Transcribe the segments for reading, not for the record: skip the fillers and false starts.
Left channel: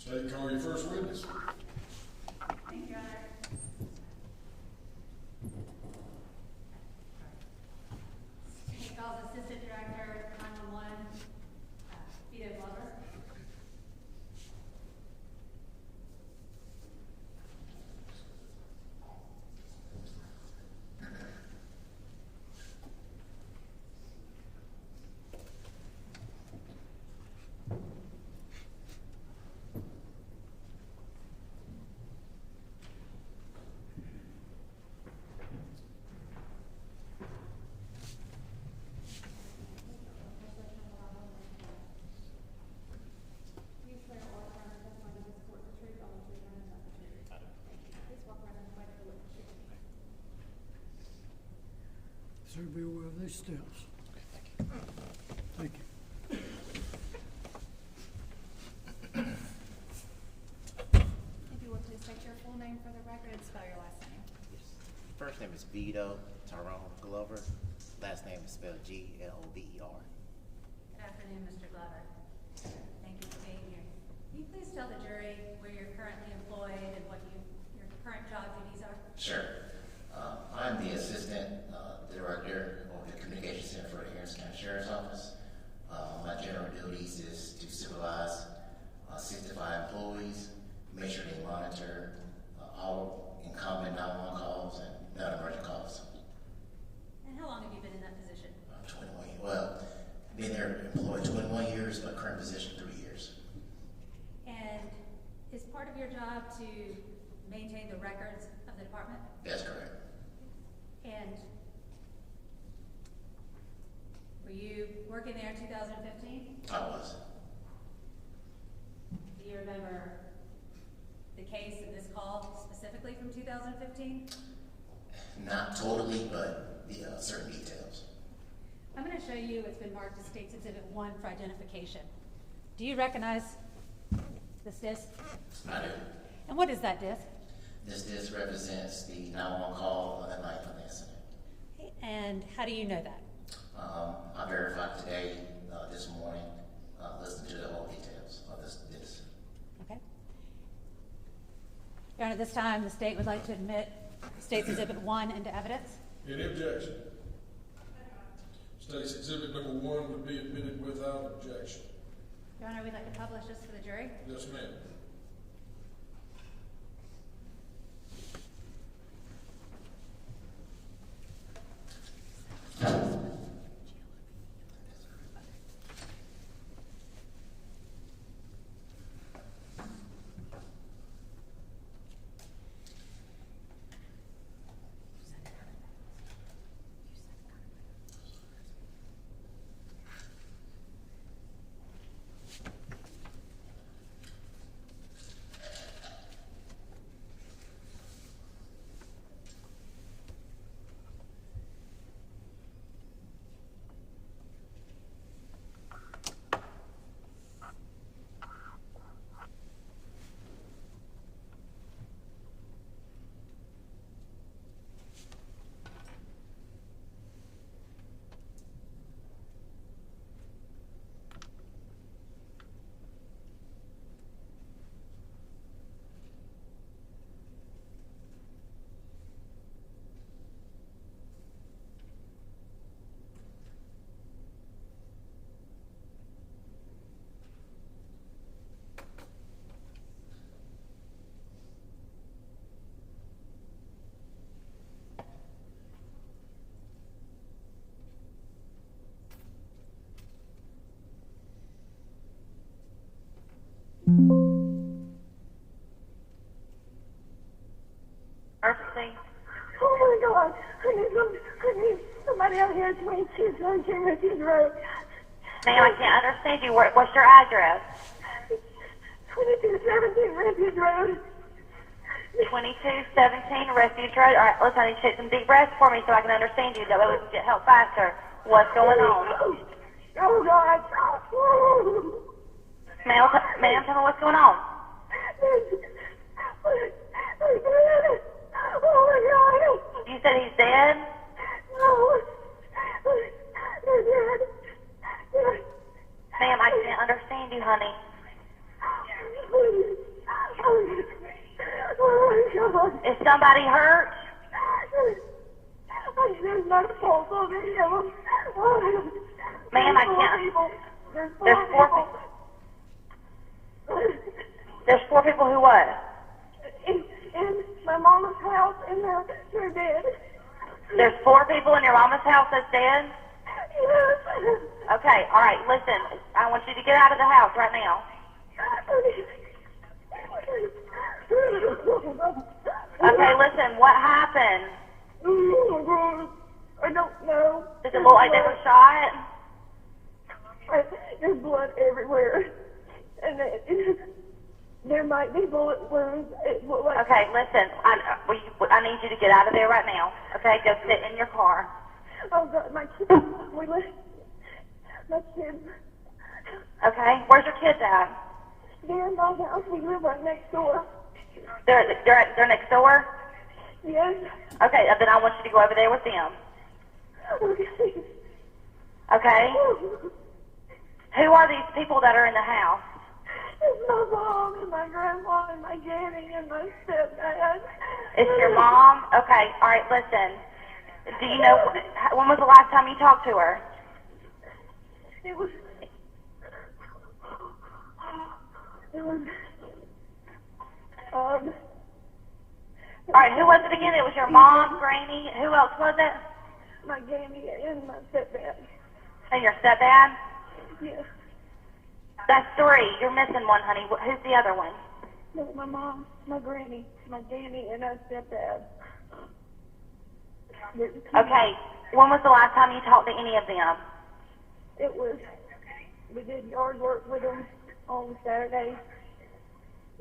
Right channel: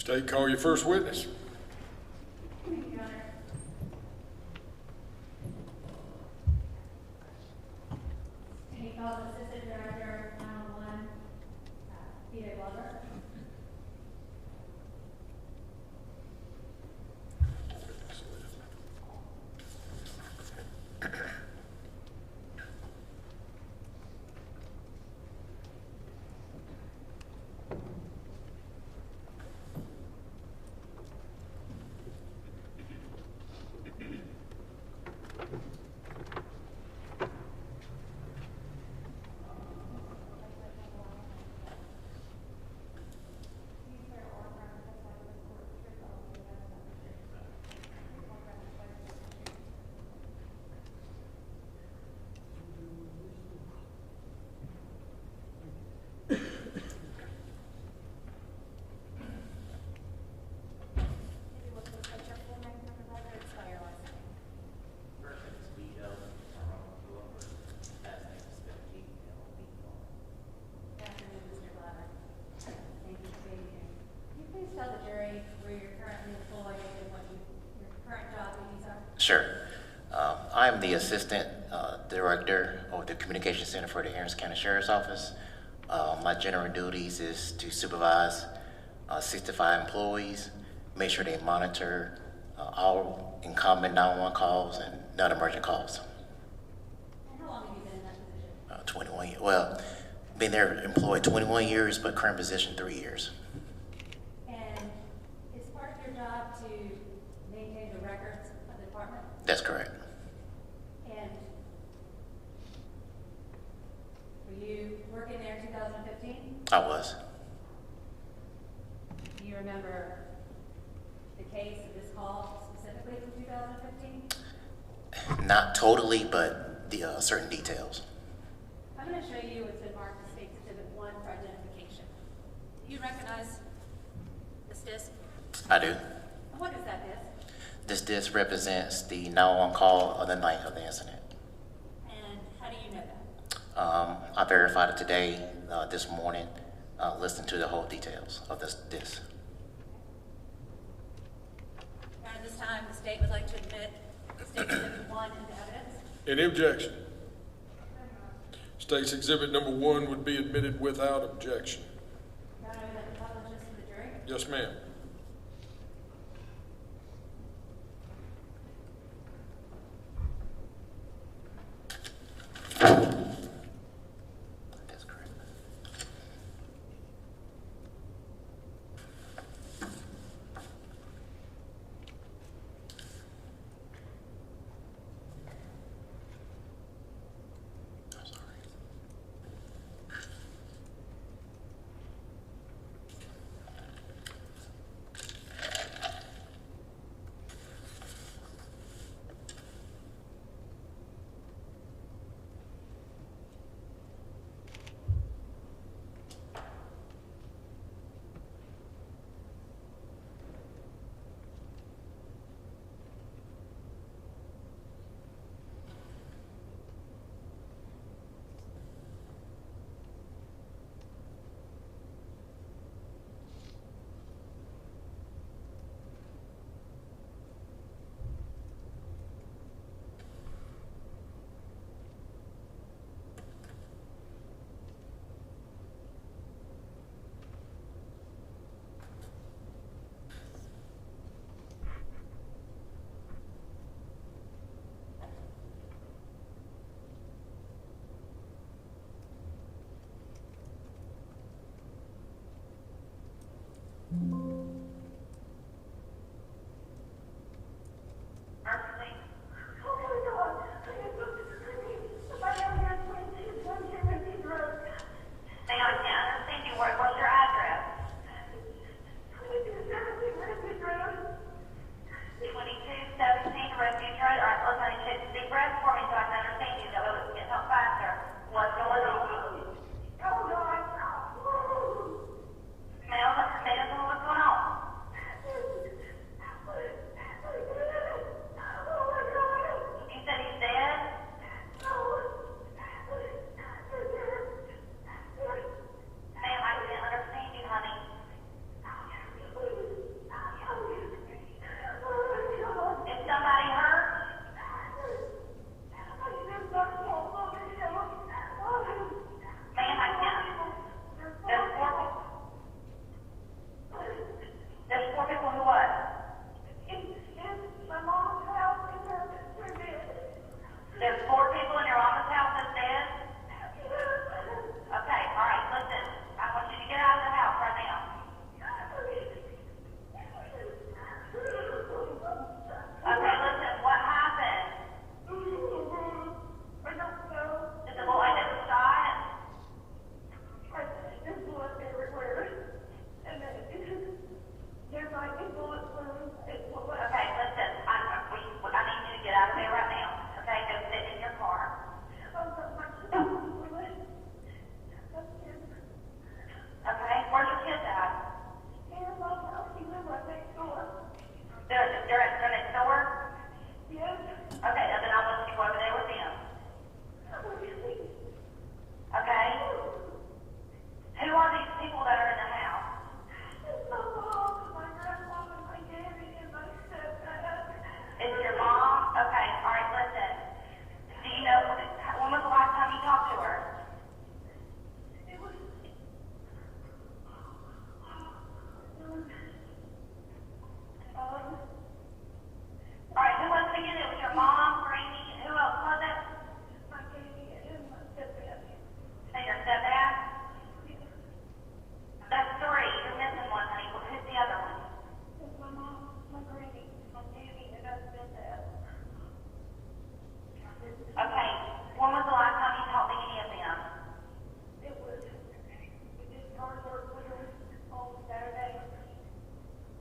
State, call your first witness. Thank you, Your Honor. He calls Assistant Director 911, Voy Glover. Sir, be aware of these steps. Thank you. If you want to state your full name for the record, spell your last name. First name is Glover. Last name is spelled Glover. Good afternoon, Mr. Glover. Thank you for being here. Can you please tell the jury where you're currently employed and what your current job duties are? Sure. I'm the Assistant Director of the Communication Center for the Erin County Sheriff's Office. My general duties is to supervise 65 employees, make sure they monitor all incoming 911 calls and non-emergent calls. And how long have you been in that position? 21 years. Well, been there employed 21 years, but current position 3 years. And is part of your job to maintain the records of the department? That's correct. And were you working there in 2015? I was. Do you remember the case of this call specifically from 2015? Not totally, but the certain details. I'm going to show you what's been marked as State's Exhibit 1 for identification. Do you recognize this disc? I do. And what is that disc? This disc represents the 911 call of the night of the incident. And how do you know that? I verified it today, this morning, listened to the whole details of this disc. Okay. Your Honor, this time the state would like to admit State's Exhibit 1 into evidence. Any objection? State's Exhibit number 1 would be admitted without objection. Your Honor, we'd like to publish this to the jury. Yes, ma'am. That's correct. I'm sorry. Emergency. Oh my God! I need somebody out here at 2217 Refuge Road. Ma'am, I can't understand you. What's your address? 2217 Refuge Road. 2217 Refuge Road. All right, listen, I need to take some deep breaths for me so I can understand you. That way we can get help faster. What's going on? Oh God! Ma'am, tell me what's going on. Oh my God! You said he's dead? No. He's dead. Ma'am, I can't understand you, honey. Please. Is somebody hurt? There's no pulse on any of them. Ma'am, I can't. There's four people. There's four people who what? In my mama's house, and they're dead. There's four people in your mama's house that's dead? Yes. Okay, all right, listen. I want you to get out of the house right now. Okay, listen, what happened? I don't know. Does it look like they were shot? There's blood everywhere. And there might be bullet wounds. Okay, listen, I need you to get out of there right now. Okay, go sit in your car. Oh, God, my kids. My kids. Okay, where's your kids at? They're in my house. We live right next door. They're next door? Yes. Okay, then I want you to go over there with them. Okay. Okay? Who are these people that are in the house? It's my mom and my grandma and my granny and my stepdad. It's your mom? Okay, all right, listen. Do you know, when was the last time you talked to her? It was all right, who was it again? It was your mom, granny. Who else was it? My granny and my stepdad. And your stepdad? Yes. That's three. You're missing one, honey. Who's the other one? No, my mom, my granny, my daddy, and my stepdad. Okay. When was the last time you talked to any of them? It was, we did yard work with them on Saturday.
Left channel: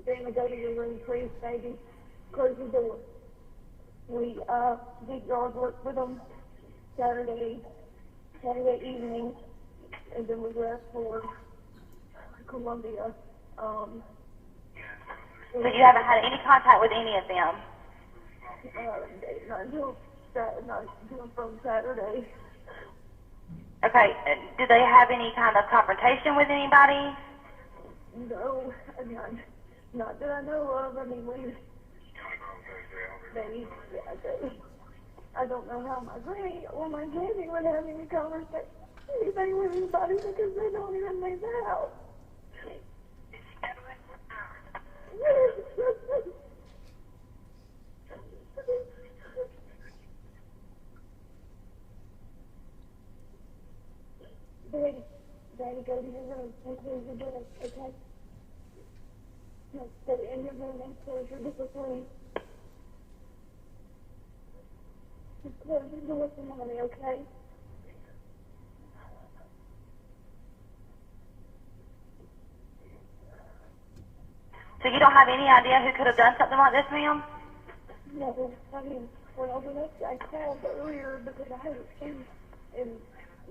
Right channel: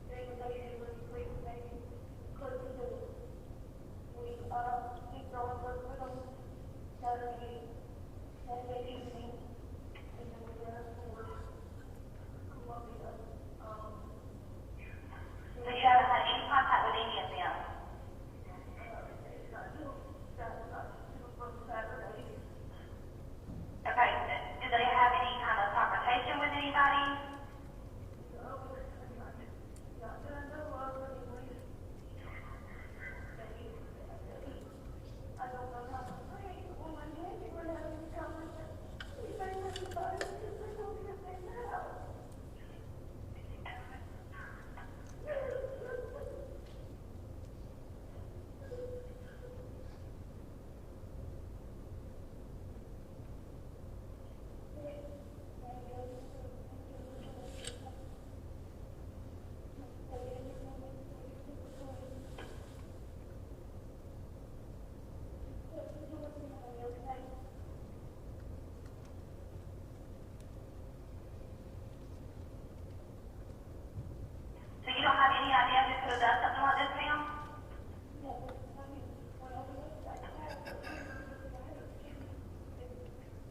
Then we go to your room, please, baby. Close the door. We did yard work with them Saturday evening, and then we left for Columbia. So you haven't had any contact with any of them? Not from Saturday. Okay. Did they have any kind of confrontation with anybody? No, not that I know of. I mean, I don't know how my granny or my daddy would have any conversation with anybody because they don't even leave the house. Daddy, go to your room and close your door, okay? Stay in your room and close your door. Just close your door for mommy, okay? So you don't have any idea who could have done something like this, ma'am? No, I mean, well, I called earlier because I had a skin, and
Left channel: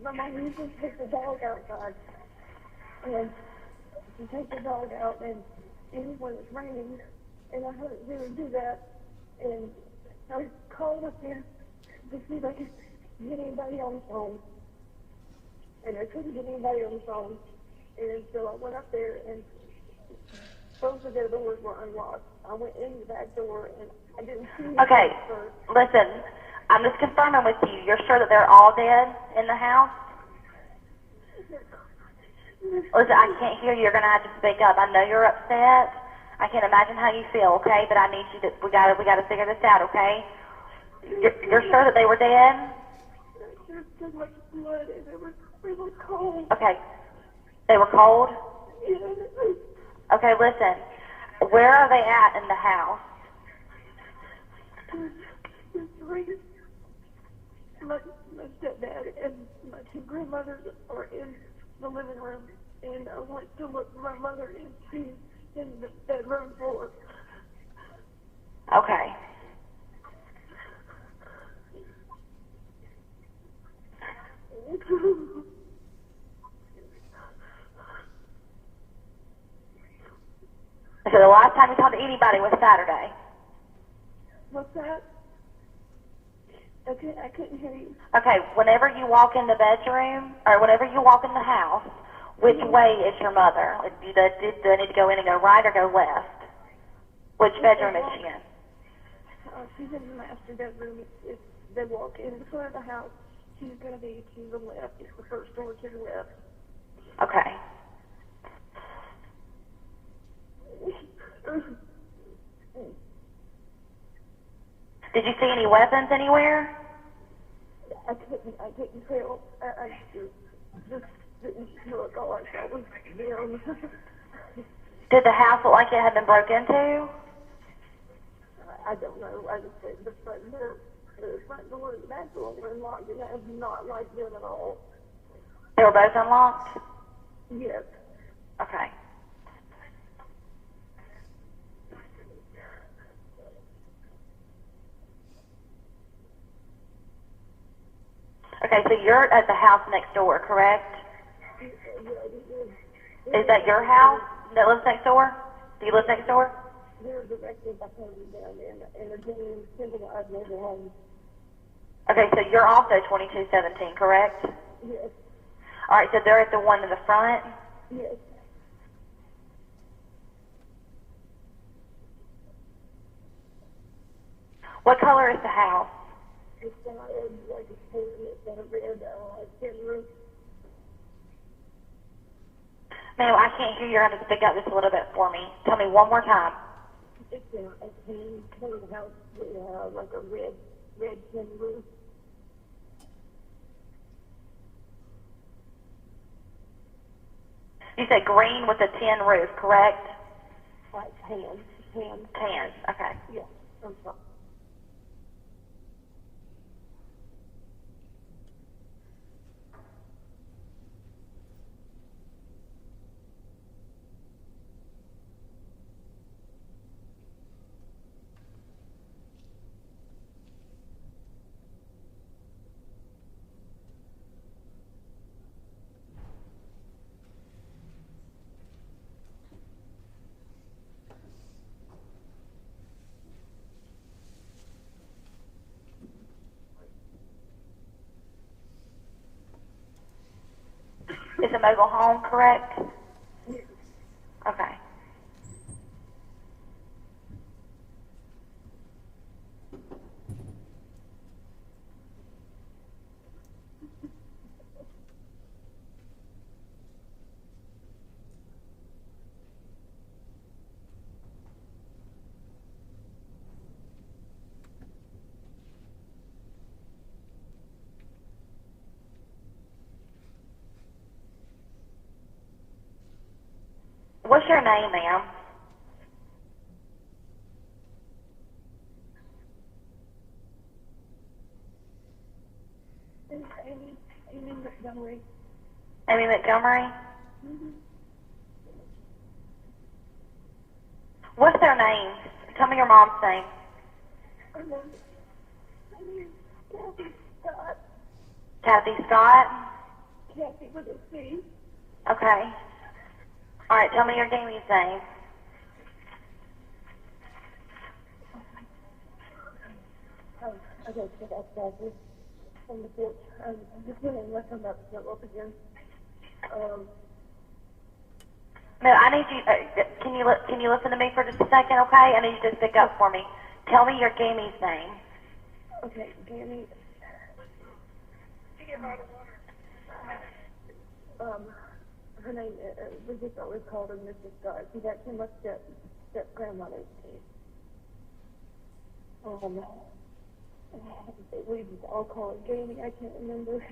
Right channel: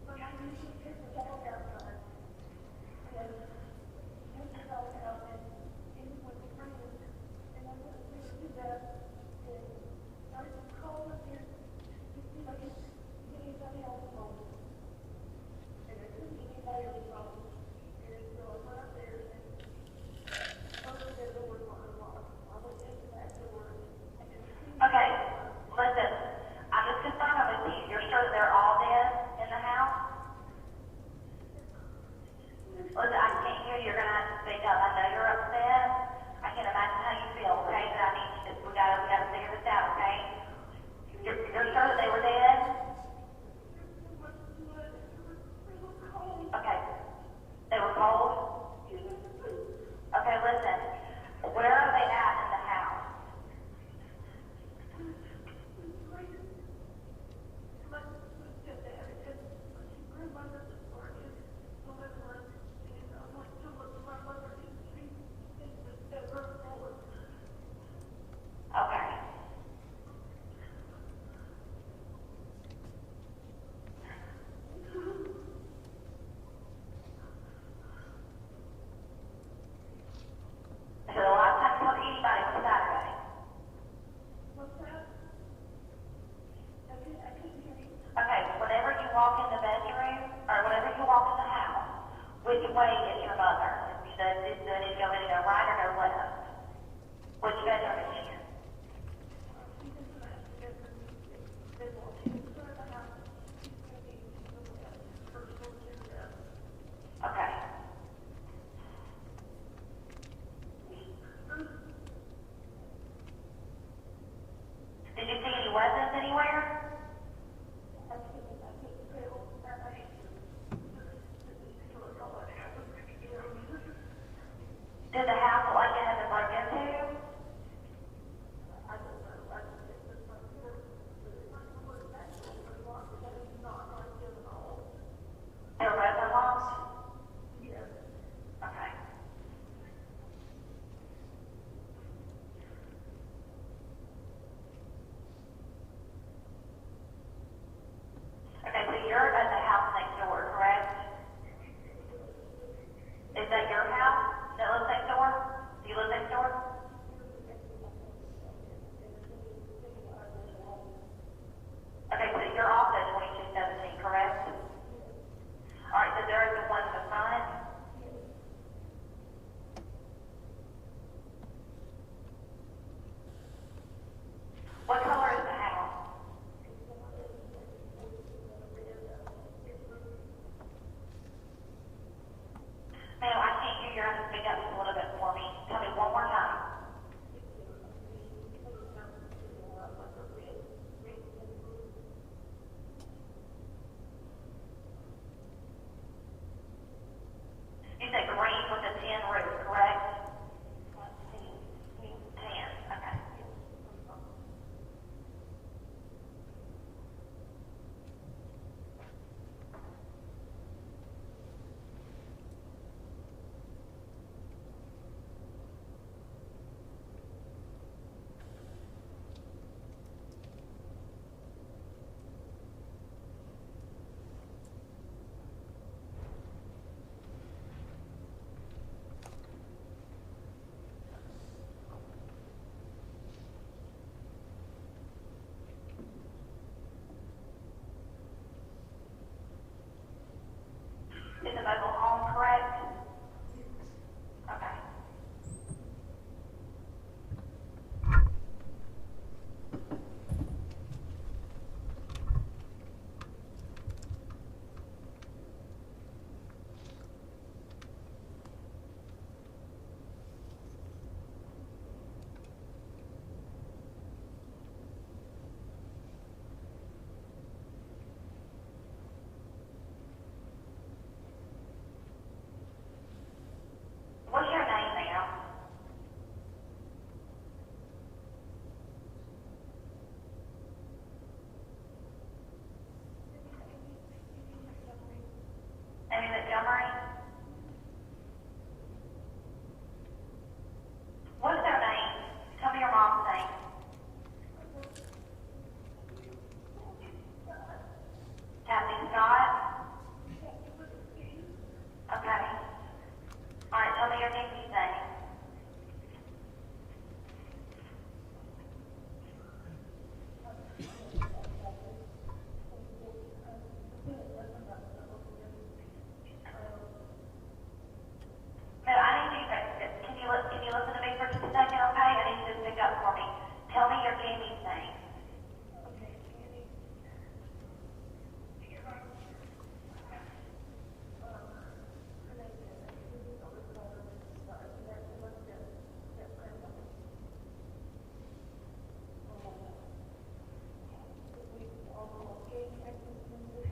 my mom usually takes the dog outside, and she takes the dog out, and even when it's raining, and I heard her do that, and I called up there to see if I could get anybody on the phone, and I couldn't get anybody on the phone, and so I went up there, and both of their doors were unlocked. I went in the back door, and I didn't see anything. Okay, listen, I'm just confirming with you. You're sure that they're all dead in the house? Listen, I can't hear you. You're going to have to speak up. I know you're upset. I can't imagine how you feel, okay? But I need you to, we got to figure this out, okay? You're sure that they were dead? There's so much blood, and they were cold. Okay. They were cold? Yeah. Okay, listen. Where are they at in the house? My stepdad and my two grandmothers are in the living room, and I went to look for my mother, and she's in the bedroom floor. Okay. So the last time you talked to anybody was Saturday? What's that? Okay, I couldn't hear you. Okay, whenever you walk in the bedroom, or whenever you walk in the house, which way is your mother? Like, do they need to go in and go right or go left? Which bedroom is she in? she's in the master bedroom. If they walk in front of the house, she's going to be to the left. It's the first door to the left. Okay. Did you see any weapons anywhere? I couldn't tell. I just didn't look. All I saw was them. Did the house look like it had been broke into? I don't know. I just said the front door and the back door were unlocked, and that was not like them at all. They were both unlocked? Yes. Okay. Okay, so you're at the house next door, correct? Is that your house that lives next door? Do you live next door? They're directly behind them in a genuine civilized mobile home. Okay, so you're also 2217, correct? Yes. All right, so they're at the one in the front? Yes. What color is the house? It's got like a pool, it's got a red tin roof. Ma'am, I can't hear you. You're going to have to speak up just a little bit for me. Tell me one more time. It's a tin color house with like a red tin roof. You said green with a tin roof, correct? Like tan. Tan, okay. Yeah, I'm sorry. It's a mobile home, correct? Okay. What's your name, ma'am? Amy Montgomery. Amy Montgomery? What's their name? Tell me your mom's name. Kathy Scott? Kathy with a C. Okay. All right, tell me your Jamie's name. Okay, so that's Kathy. On the porch. I'm just going to let her up again. No, I need you. Can you listen to me for just a second, okay? I need you to stick up for me. Tell me your Jamie's name. Okay, Jamie. Her name, we just always called her Mrs. Scott. She's actually my step-grandmother's name. We just all call her Jamie. I can't remember.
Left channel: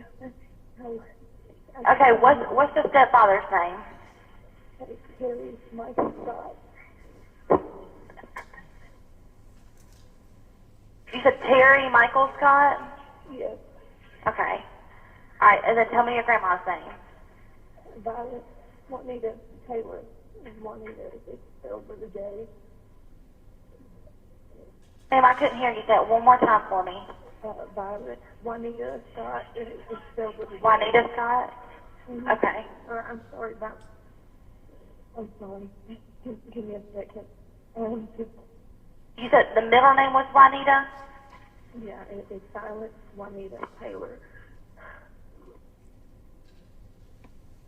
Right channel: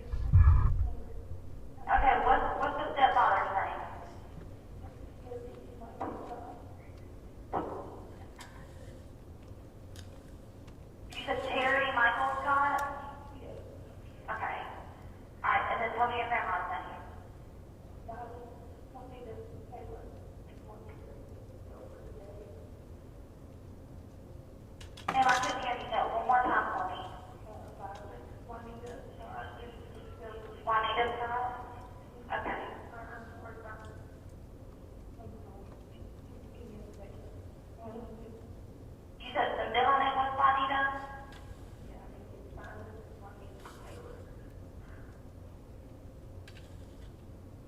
Okay, what's the stepfather's name? Terry Michael Scott. You said Terry Michael Scott? Yes. Okay. All right, and then tell me your grandma's name. Violet Juanita Taylor. Juanita is spelled with a J. Ma'am, I couldn't hear you. Say it one more time for me. Violet Juanita Scott, and it's spelled with a J. Juanita Scott? Mhm. Okay. I'm sorry about. I'm sorry. Give me a second. You said the middle name was Juanita? Yeah, it's Violet Juanita Taylor.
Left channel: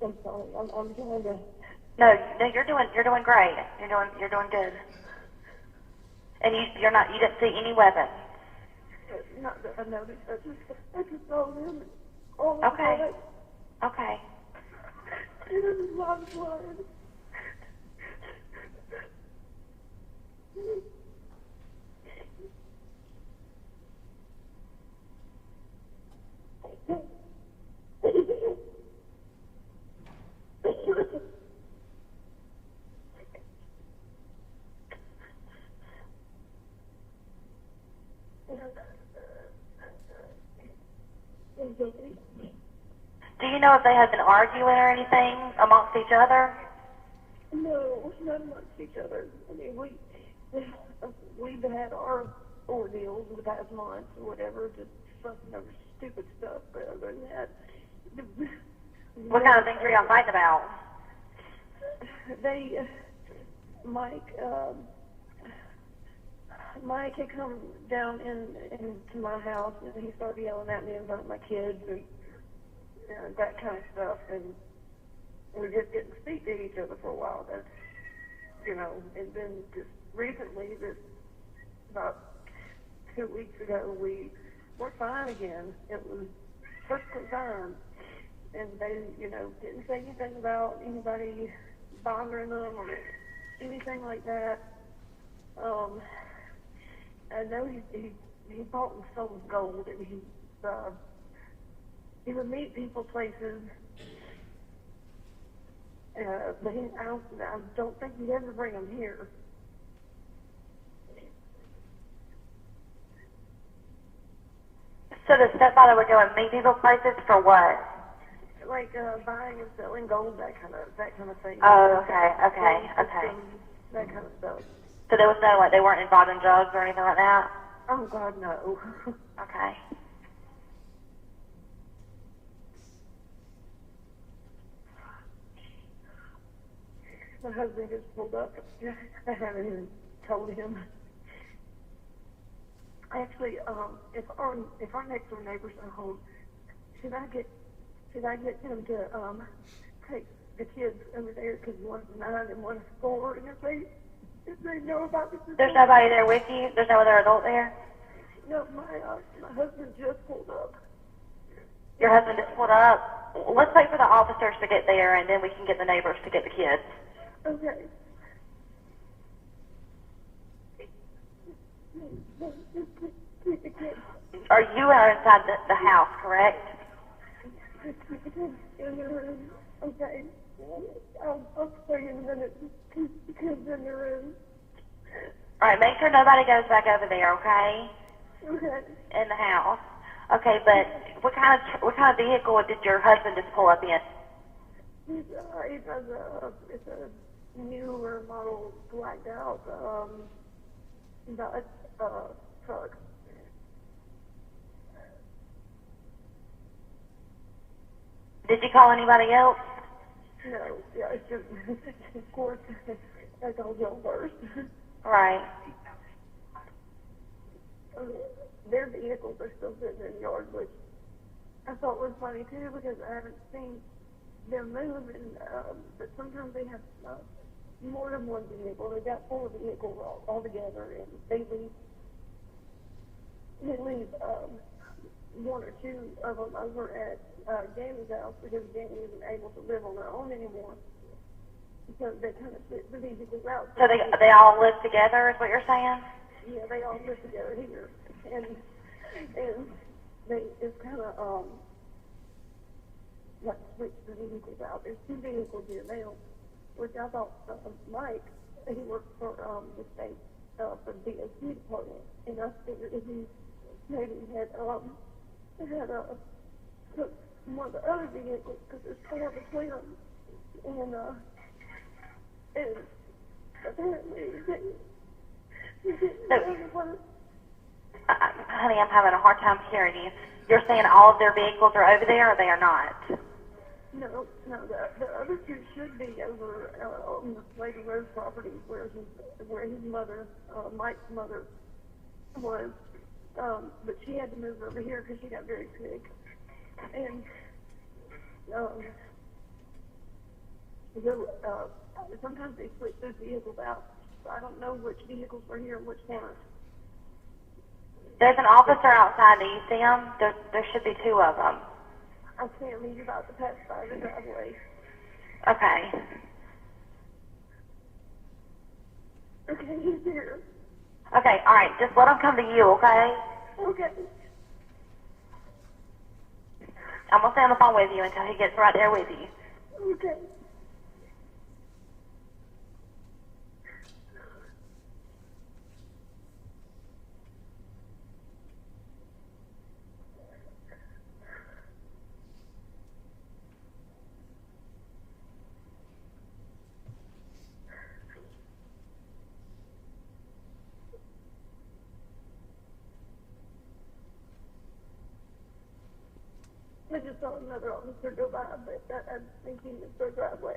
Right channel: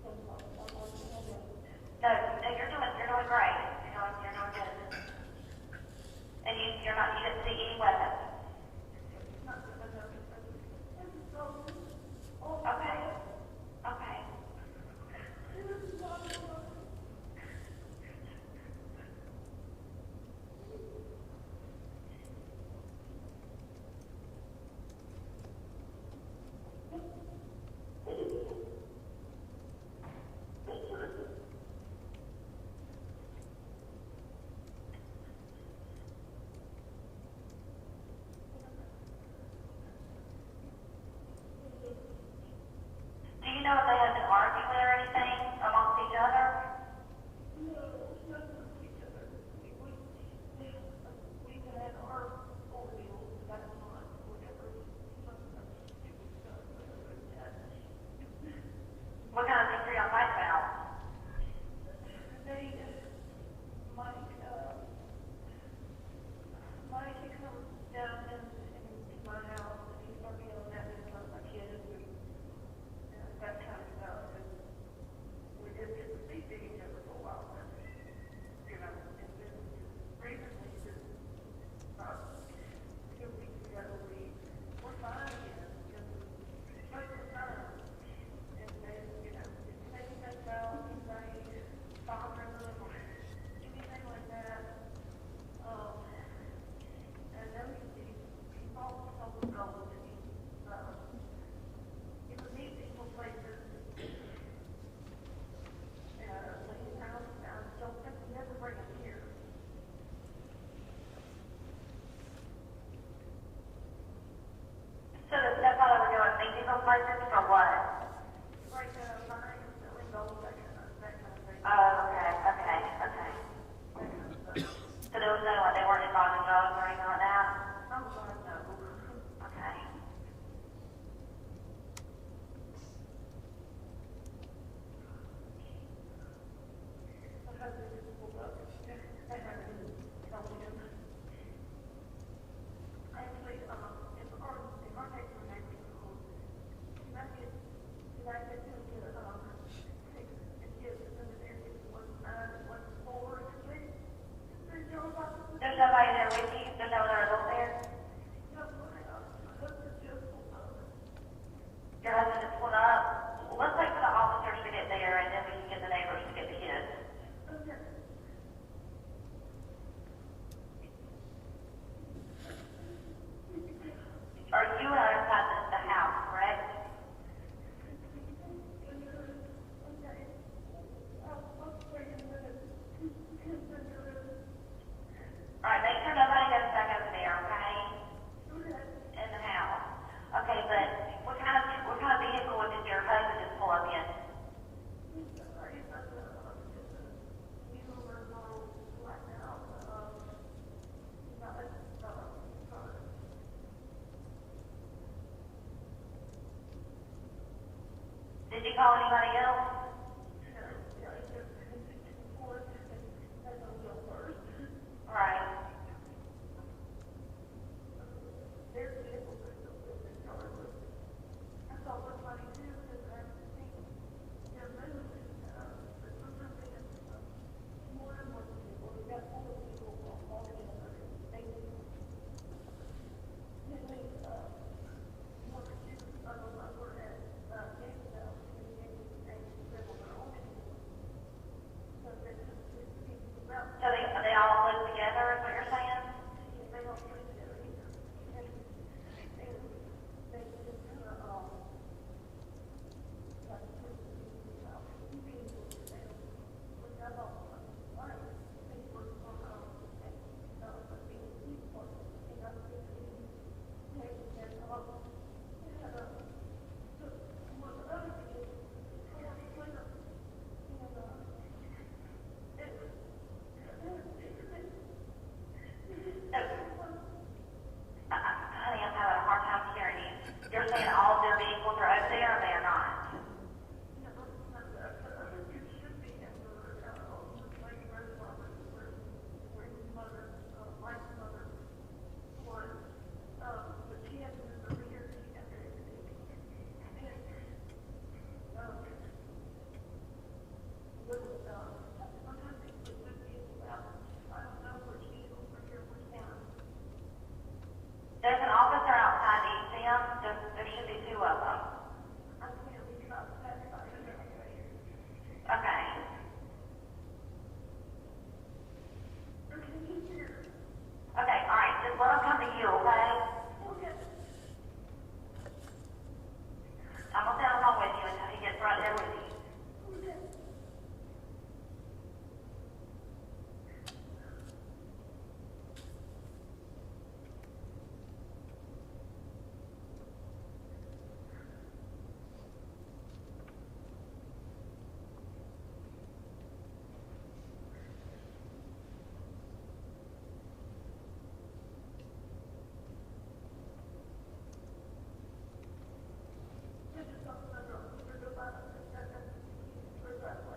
I'm sorry. I'm trying to. No, you're doing great. You're doing good. And you didn't see any weapons. Not that I noticed, I just saw them all Okay. the Okay. It was a lot of blood. Do you know if they had been arguing or anything amongst each other? No, not amongst each other. I mean, we've had our ordeals in the past month or whatever, just something over stupid stuff. But other than that, What kind of things were y'all fighting about? they, Mike had come down into my house and he started yelling at me in front of my kids and that kind of stuff. And we just didn't speak to each other for a while. That's, and then just recently, about 2 weeks ago, we were fine again. It was perfectly fine. And they, didn't say anything about anybody bothering them or anything like that. I know he bought and sold gold, and he would meet people places. But I don't think he'd ever bring them here. So the stepfather would go and meet people places for what? Like buying and selling gold, that kind of thing. Oh, okay. That kind of stuff. So there was no, they weren't involved in drugs or anything like that? Oh God, no. Okay. My husband just pulled up. I haven't even told him. Actually, if our next door neighbors are home, should I get him to take the kids over there, because one's 9 and one's 4, and if they know about this? There's nobody there with you? There's no other adult there? No, my husband just pulled up. Your husband just pulled up? Let's wait for the officers to get there, and then we can get the neighbors to get the kids. Okay. Or you are inside the house, correct? Okay. I'll stay in a minute. Keep the kids in the room. All right, make sure nobody goes back over there, okay? Okay. In the house. Okay, but what kind of vehicle did your husband just pull up in? It's a newer model blacked out truck. Did you call anybody else? No, yeah, it's just, of course, I told you first. Right. Their vehicles are still sitting in the yard, which I thought was funny too, because I haven't seen them move, but sometimes they have more than one vehicle. They've got 4 vehicles all together, and they leave 1 or 2 of them over at Jamie's house, because Jamie isn't able to live on their own anymore. So they kind of split the vehicles out. So they all live together, is what you're saying? Yeah, they all live together here, and they just kind of like switch the vehicles out. There's 2 vehicles here now, which I thought Mike, he works for the state for the Buucy department, and I figured if he maybe had took one of the other vehicles, because there's 4 between them, and apparently he didn't. Honey, I'm having a hard time hearing you. You're saying all of their vehicles are over there, or they are not? No, the other 2 should be over on the Lady Rose property where his mother, Mike's mother, was. But she had to move over here because she got very sick. And sometimes they split those vehicles out. So I don't know which vehicles were here and which weren't. There's an officer outside. Do you see him? There should be two of them. I see him. He's about to pass by the driveway. Okay. Okay, he's here. Okay, all right. Just let him come to you, okay? Okay. I'm gonna stay on the phone with you until he gets right there with you. Okay. I just saw another officer go by, but I think he was for driveway.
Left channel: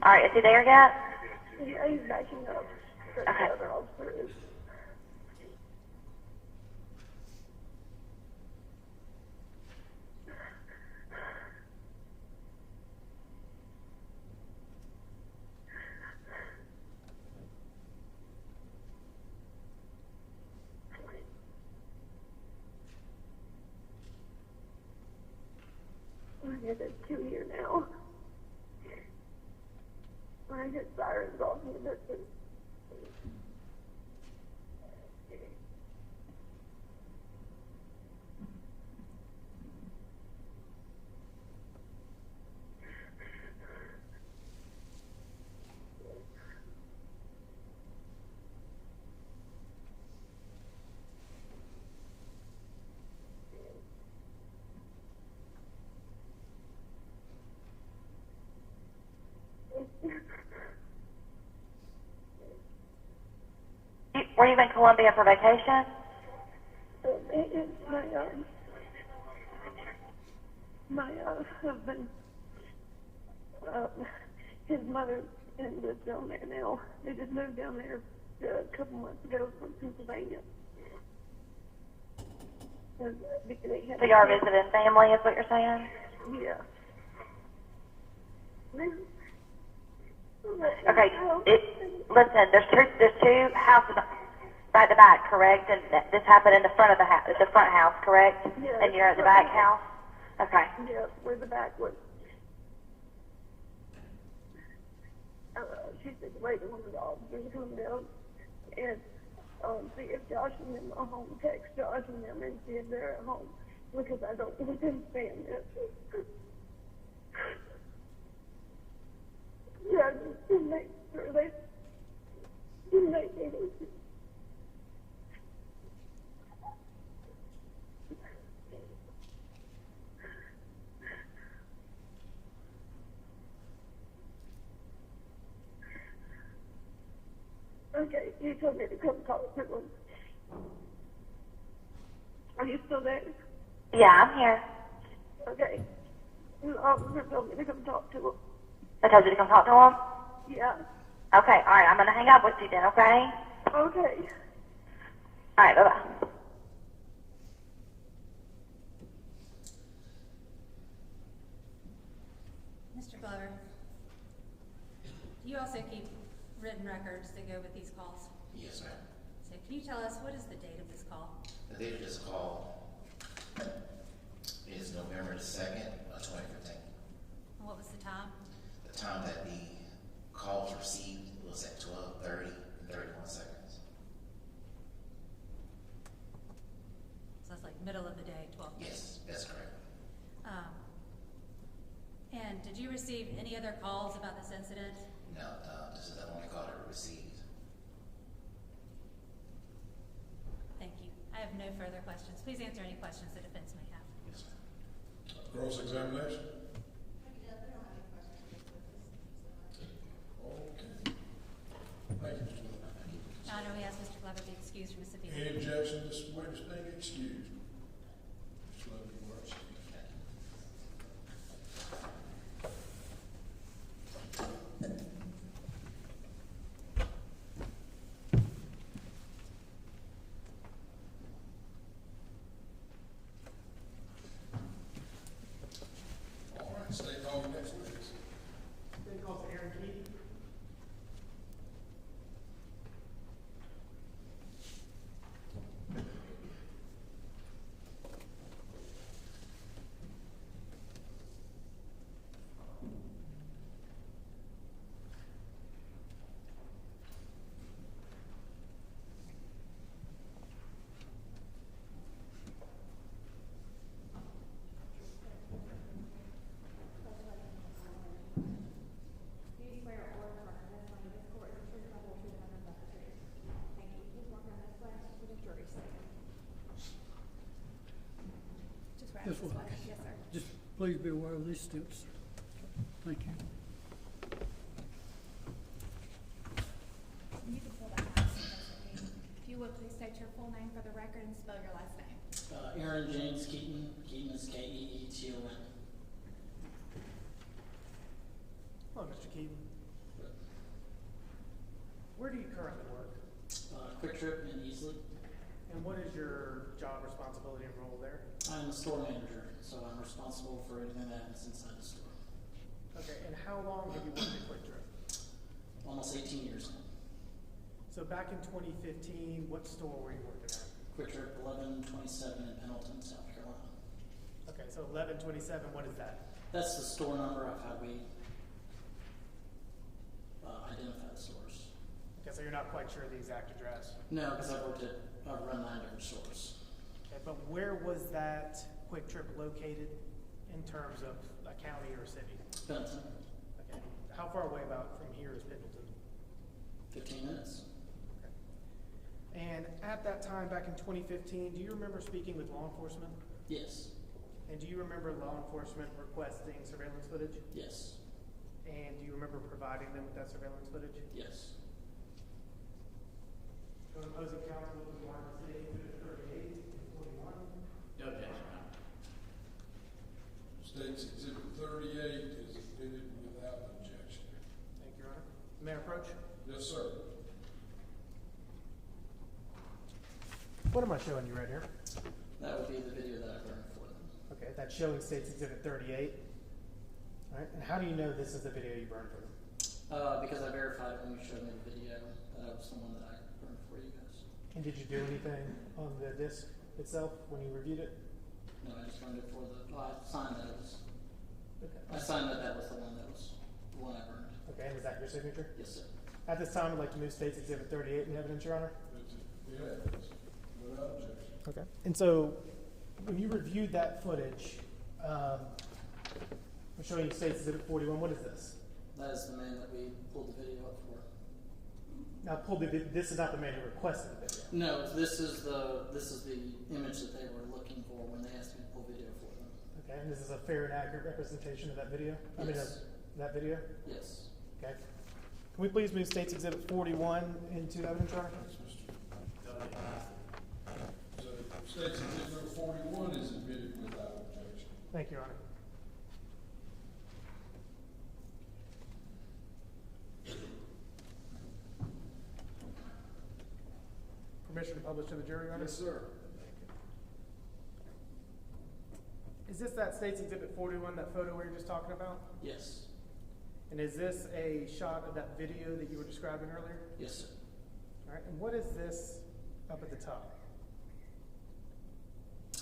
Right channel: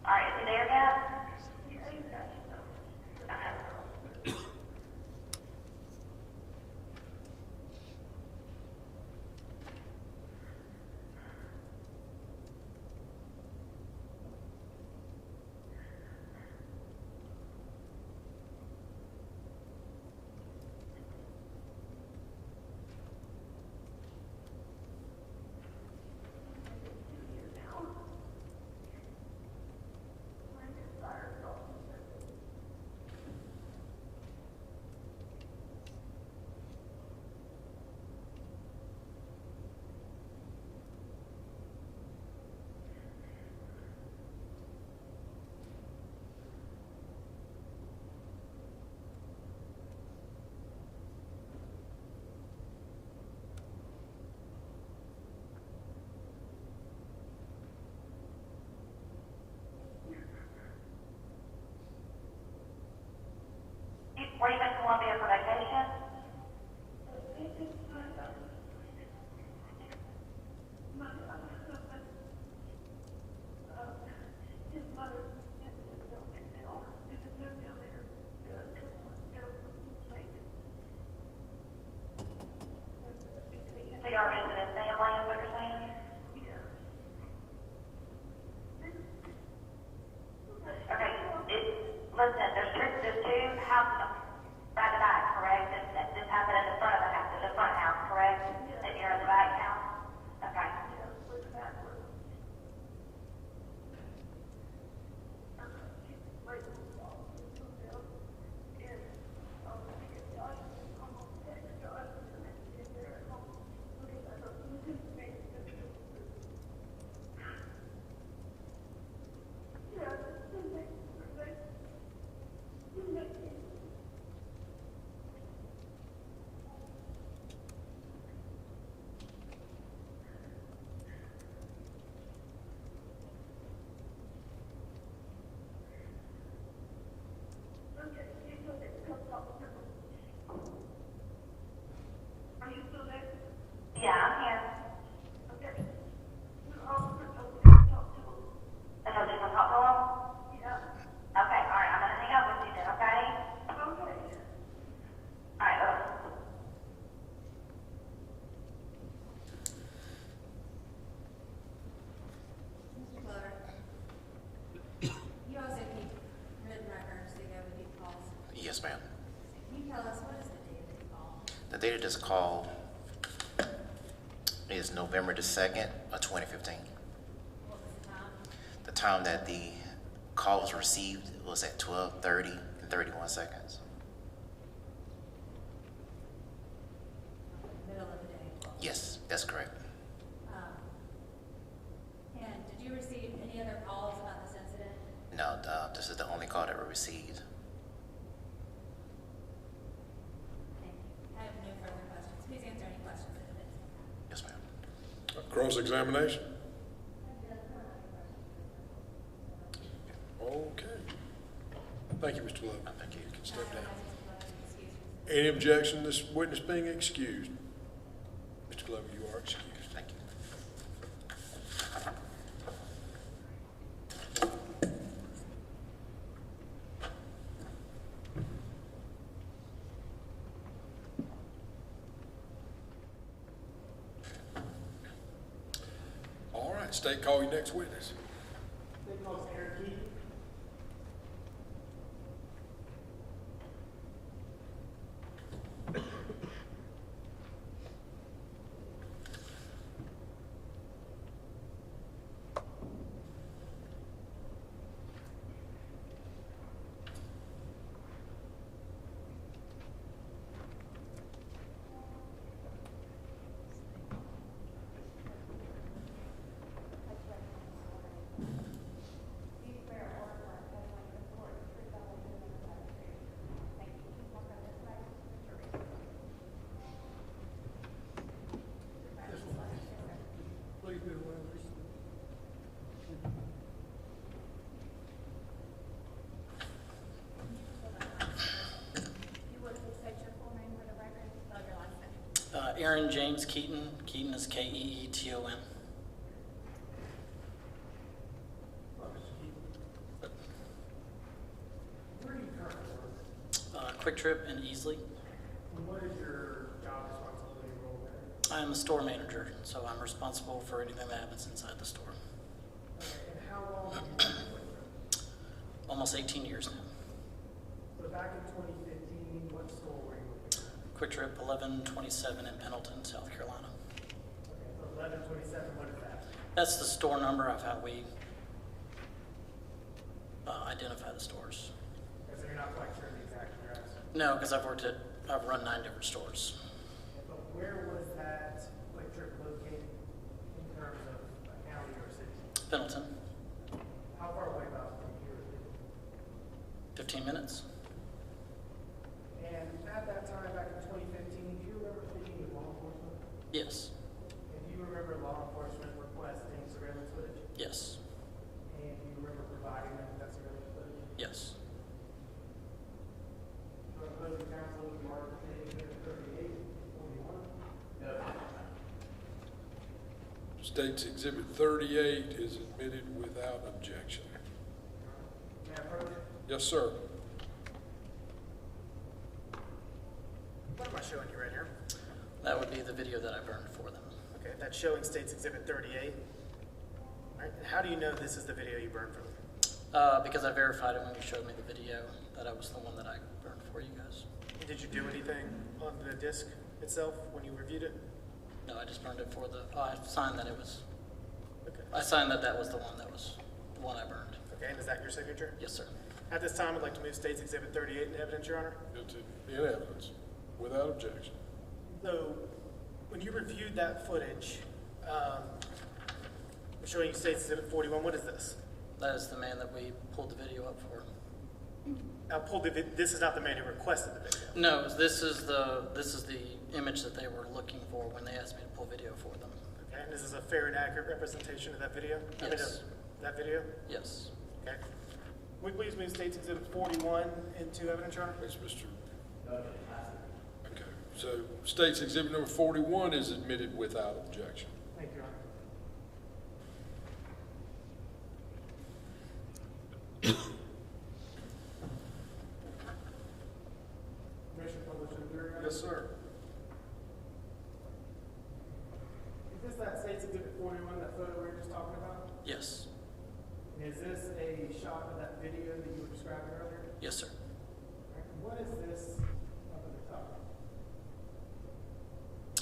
All right, is he there yet? Yeah, he's backing up. The Okay. other officer is. There's two here now. I hear sirens off in the distance. Were you in Columbia for vacation? It's my husband, his mother lives down there now. They just moved down there a couple months ago from Pennsylvania. Because they had So you are visiting family, is what you're saying? Yeah. Okay. Listen, there's two houses back to back, correct? And this happened in the front of the house, the front house, correct? Yeah. And you're at the back house. Okay. Yeah, where the back was. She's been waiting on the officers to come down and see if Josh is in my home, text Josh and them and see if they're at home because I don't understand it. Yeah, just to make sure they make it. Okay, you told me to come talk to him. Are you still there? Yeah, I'm here. Okay. The officer told me to come talk to him. I told you to come talk to him? Yeah. Okay, all right. I'm going to hang up with you then, okay? Okay. All right, bye-bye. Mr. Glover, you also keep written records to go with these calls. Yes, ma'am. So can you tell us what is the date of this call? The date of this call is November the 2nd of 2015. What was the time? The time that the call was received was at 12:30 and 31 seconds. So it's like middle of the day, 12. Yes, that's correct. And did you receive any other calls about this incident? No, this is the only call that we received. Thank you. I have no further questions. Please answer any questions that defense may have. Yes, ma'am. Cross-examination? Okay. Thank you, Mr. Glover. Thank you. You can We step ask down. Mr. Glover to be excused from this appeal. Any objection to this witness being excused? State call your next witness. State calls Erin Keaton. Please swear or affirm testimony before the truth, the whole truth, and nothing but the truth. Thank you. Please walk up this way to the jury stand. Just right This this way. way. Yes, sir. Just please be aware of these steps. Thank you. If you would, please state your full name for the record and spell your last name. Erin James Keaton. Keaton is Keeton. Hello, Mr. Keaton. Where do you currently work? Quick Trip in Easley. And what is your job responsibility and role there? I am the store manager, so I'm responsible for anything that happens inside the store. Okay, and how long have you been at Quick Trip? Almost 18 years now. So back in 2015, what store were you working at? Quick Trip 1127 in Pendleton, South Carolina. Okay, so 1127, what is that? That's the store number of how we identify the stores. Okay, so you're not quite sure the exact address. No, because I've run 9 different stores. Okay, but where was that Quick Trip located in terms of a county or city? Pendleton, How far away about from here is Pendleton? 15 minutes. And at that time, back in 2015, do you remember speaking with law enforcement? Yes, And do you remember law enforcement requesting surveillance footage? yes, And do you remember providing them with that surveillance footage? yes. One of those counsel is Mark City, 38, 21. State's Exhibit 38 is admitted without objection. Your Honor. May I approach? Yes, sir. What am I showing you right here? That would be the video that I burned for them. Okay, that's showing State's Exhibit 38. All right, and how do you know this is the video you burned from? Because I verified it when you showed me the video, that I was the one that I burned for you guys. And did you do anything on the disc itself when you reviewed it? No, I just burned it for I signed that it was, Okay. I signed that was the one I burned. Okay, and is that your signature? Yes, sir. At this time, I'd like to move State's Exhibit 38 into evidence, Your Honor. It's in evidence without objection. Okay. And so, when you reviewed that footage, I'm showing you State's Exhibit 41. What is this? That is the man that we pulled the video up for. Now, this is not the man who requested the video. No, this is the image that they were looking for when they asked me to pull video for them. Okay, and this is a fair and accurate representation of that video? Yes. That video? Yes. Okay. Can we please move State's Exhibit 41 into evidence, Your Honor? Yes, Mr. Okay, so State's Exhibit number 41 is admitted without objection. Thank you, Your Honor. Permission to publish to the jury, Your Honor? Yes, sir. Is this that State's Exhibit 41, that photo we were just talking about? Yes. And is this a shot of that video that you were describing earlier? Yes, sir. All right, and what is this up at the top?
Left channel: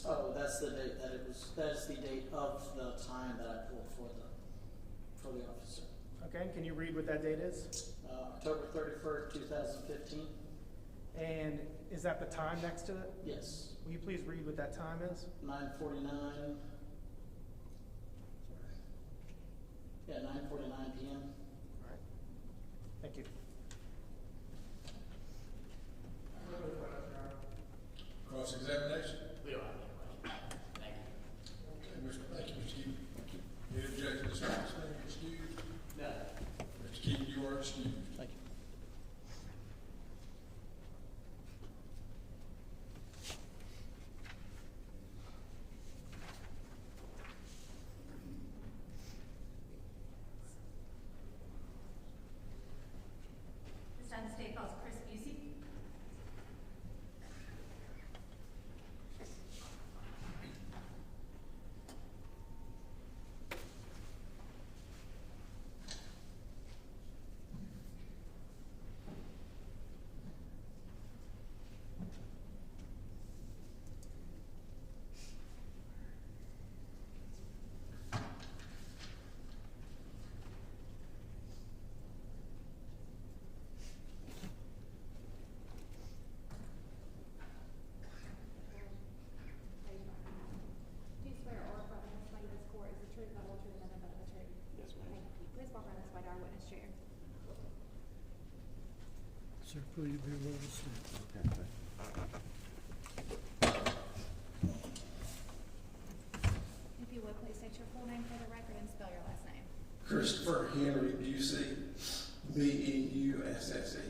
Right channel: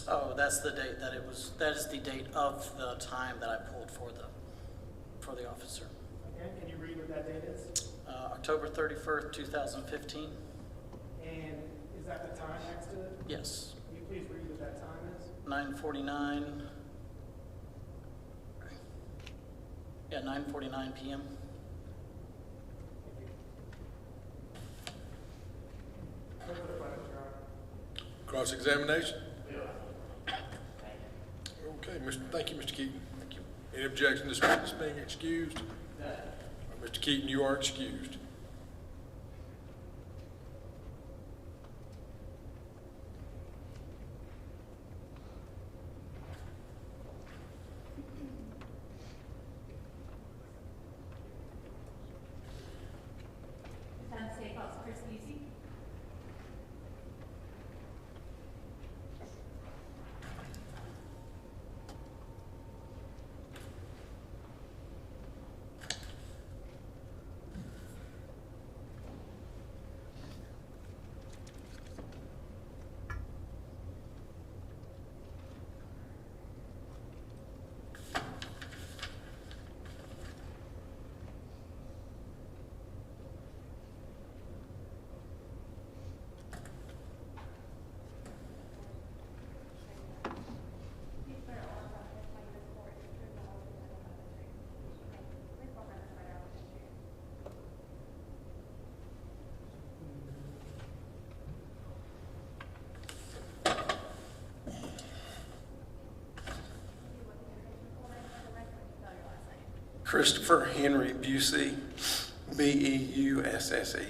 Oh, that's the date that that is the date of the time that I pulled for the officer. Okay, can you read what that date is? October 31st, 2015. And is that the time next to it? Yes. Will you please read what that time is? 9:49. Yeah, 9:49 p.m. Thank you. No further questions, Your Honor. Cross-examination? Okay, thank you, Mr. Keaton. Thank you. Any objection to this witness being excused? No. Mr. Keaton, you are excused. This time the state calls Chris Buucy. Christopher Henry Buucy, B-E-U-S-S-E. Good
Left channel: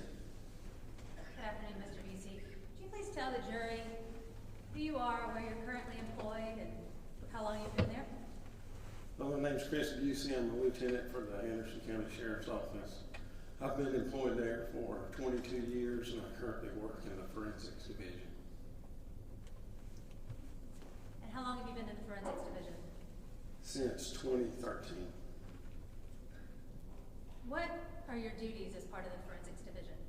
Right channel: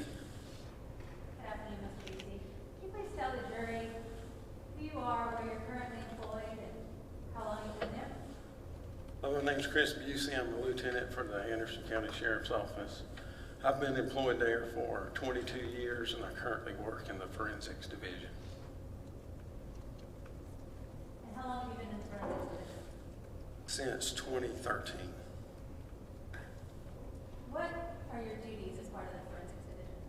afternoon, Mr. Buucy. Could you please tell the jury who you are, where you're currently employed, and how long you've been there? Well, my name's Chris Buucy. I'm a lieutenant for the Anderson County Sheriff's Office. I've been employed there for 22 years, and I currently work in the Forensics Division. And how long have you been in the forensics division? Since 2013. What are your duties as part of the forensics division?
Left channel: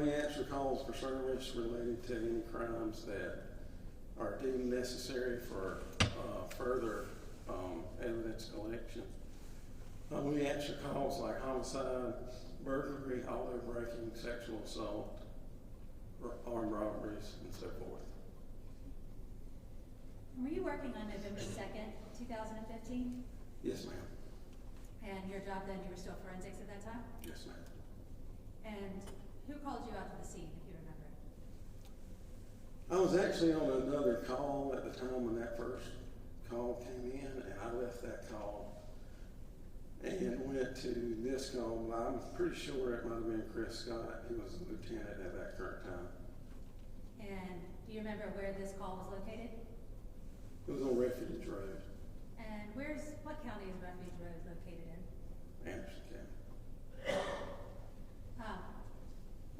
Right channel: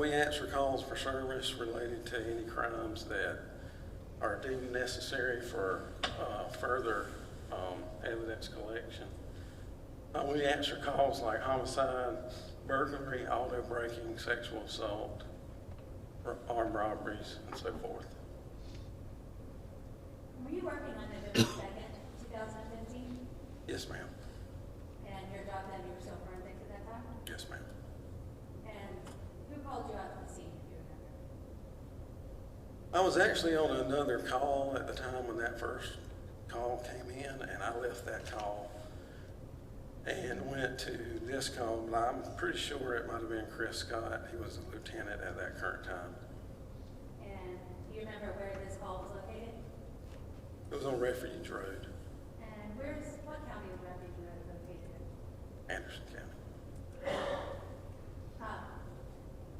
We answer calls for service related to any crimes that are deemed necessary for further evidence collection. We answer calls like homicide, burglary, auto breaking, sexual assault, armed robberies, and so forth. Were you working on November 2nd, 2015? Yes, ma'am. And your job then, you were still forensics at that time? Yes, ma'am. And who called you out to the scene, if you remember? I was actually on another call at the time when that first call came in, and I left that call and went to this call. I'm pretty sure it might have been Chris Scott. He was a lieutenant at that current time. And do you remember where this call was located? It was on Refuge Road, And what county is Refuge Road located in? Anderson County.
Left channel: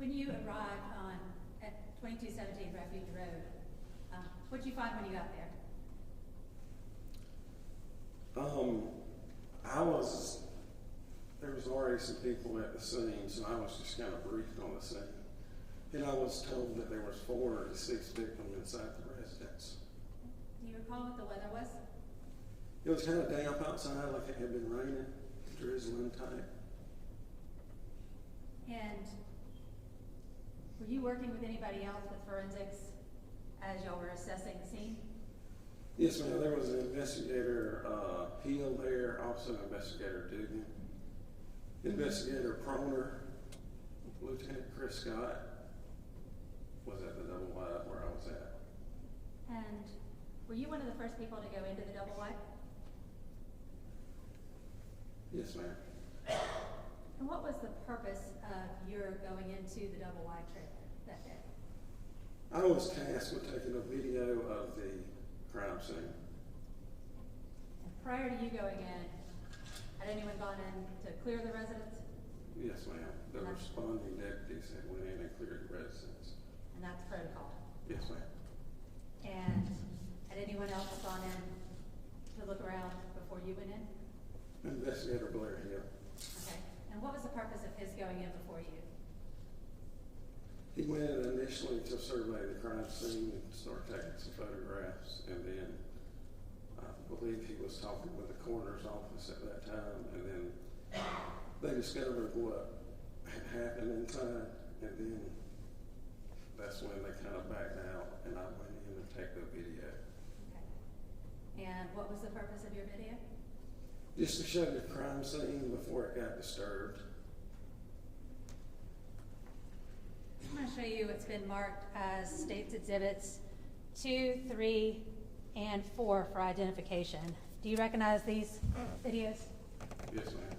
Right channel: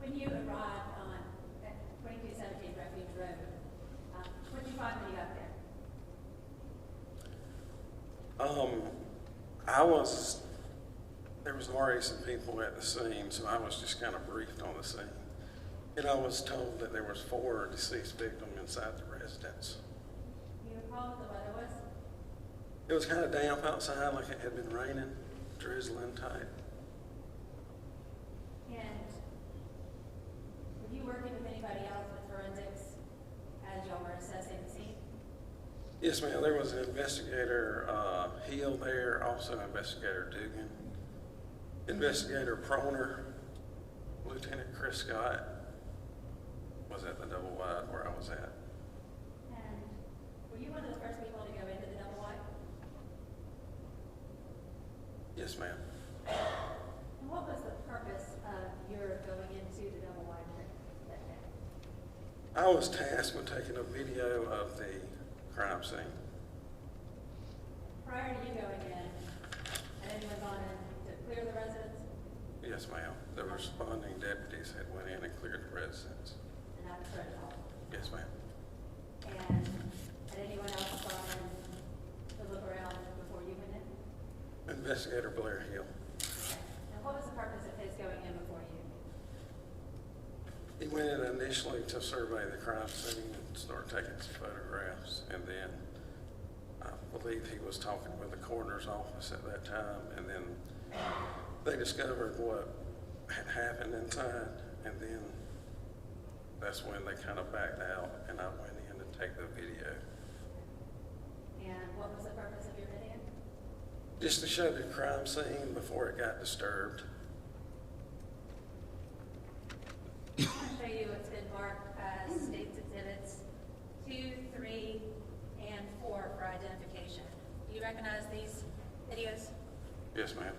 When you arrived at 2217 Refuge Road, what did you find when you got there? There was already some people at the scene, so I was just kind of briefed on the scene. And I was told that there was 4 deceased victims inside the residence. Do you recall what the weather was? It was kind of damp outside, like it had been raining, drizzling type. And were you working with anybody else with forensics as y'all were assessing the scene? Yes, ma'am. There was an investigator Hill there, also investigator Dugan, investigator Proner, Lieutenant Chris Scott was at the double wide where I was at. And were you one of the first people to go into the double wide? Yes, ma'am. And what was the purpose of your going into the double wide that day? I was tasked with taking a video of the crime scene. Prior to you going in, had anyone gone in to clear the residence? Yes, ma'am. The responding deputies had went in and cleared the residence. And that's protocol. Yes, ma'am. And had anyone else gone in to look around before you went in? Investigator Blair Hill. Okay. And what was the purpose of his going in before you? He went in initially to survey the crime scene and start taking some photographs, and then I believe he was talking with the coroner's office at that time, and then they discovered what had happened inside, and then that's when they kind of backed out, and I went in to take the video. And what was the purpose of your video? Just to show the crime scene before it got disturbed. I'm going to show you what's been marked as State's Exhibits 2, 3, and 4 for identification. Do you recognize these videos? Yes, ma'am.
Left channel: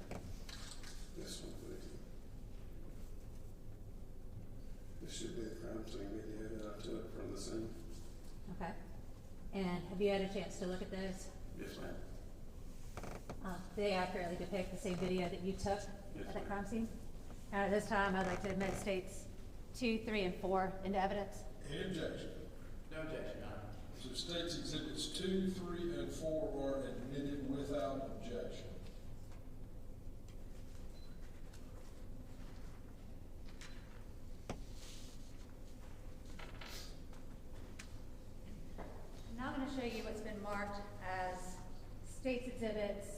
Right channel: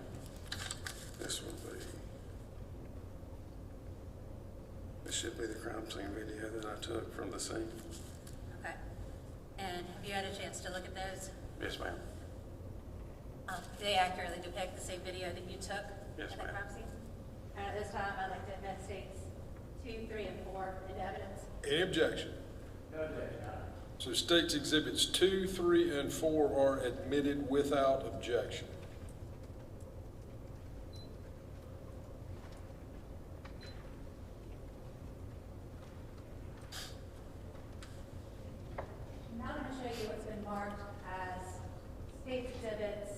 This should be the crime scene video that I took from the scene. Okay. And have you had a chance to look at those? Yes, ma'am. Do they accurately depict the same video that you took Yes, at the ma'am. crime scene? This time, I'd like to admit States 2, 3, and 4 into evidence. Any objection? No objection, Your Honor. So States Exhibits 2, 3, and 4 are admitted without objection. Now I'm going to show you what's been marked as State's Exhibits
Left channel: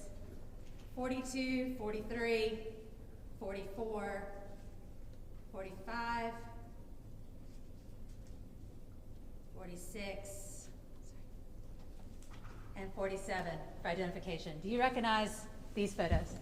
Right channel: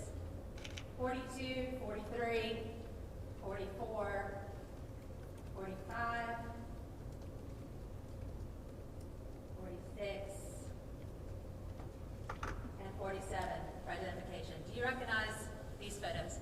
42, 43, 44, 45, 46, and 47 for identification. Do you recognize these photos?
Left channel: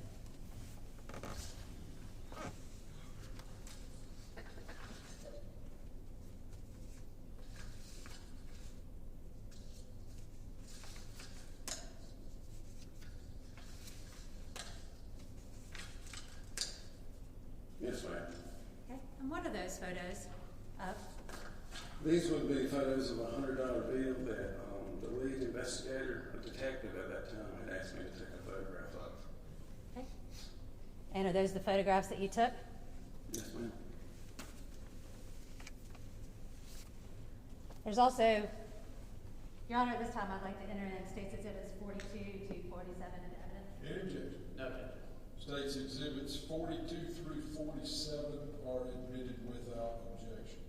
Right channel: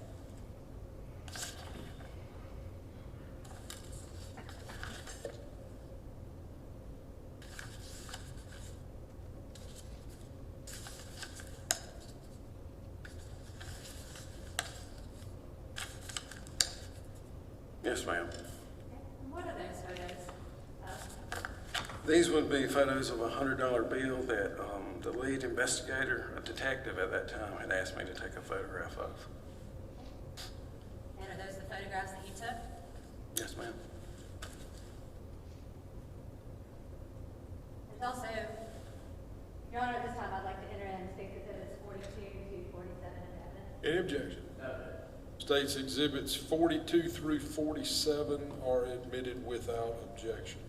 These would be photos of a $100 bill that the lead investigator, a detective at that time, had asked me to take a photograph of. Okay. And are those the photographs that you took? Yes, ma'am. There's also, Your Honor, this time I'd like to enter in State's Exhibits 42 to 47 into evidence. Any objection? No. State's Exhibits 42 through 47 are admitted without objection.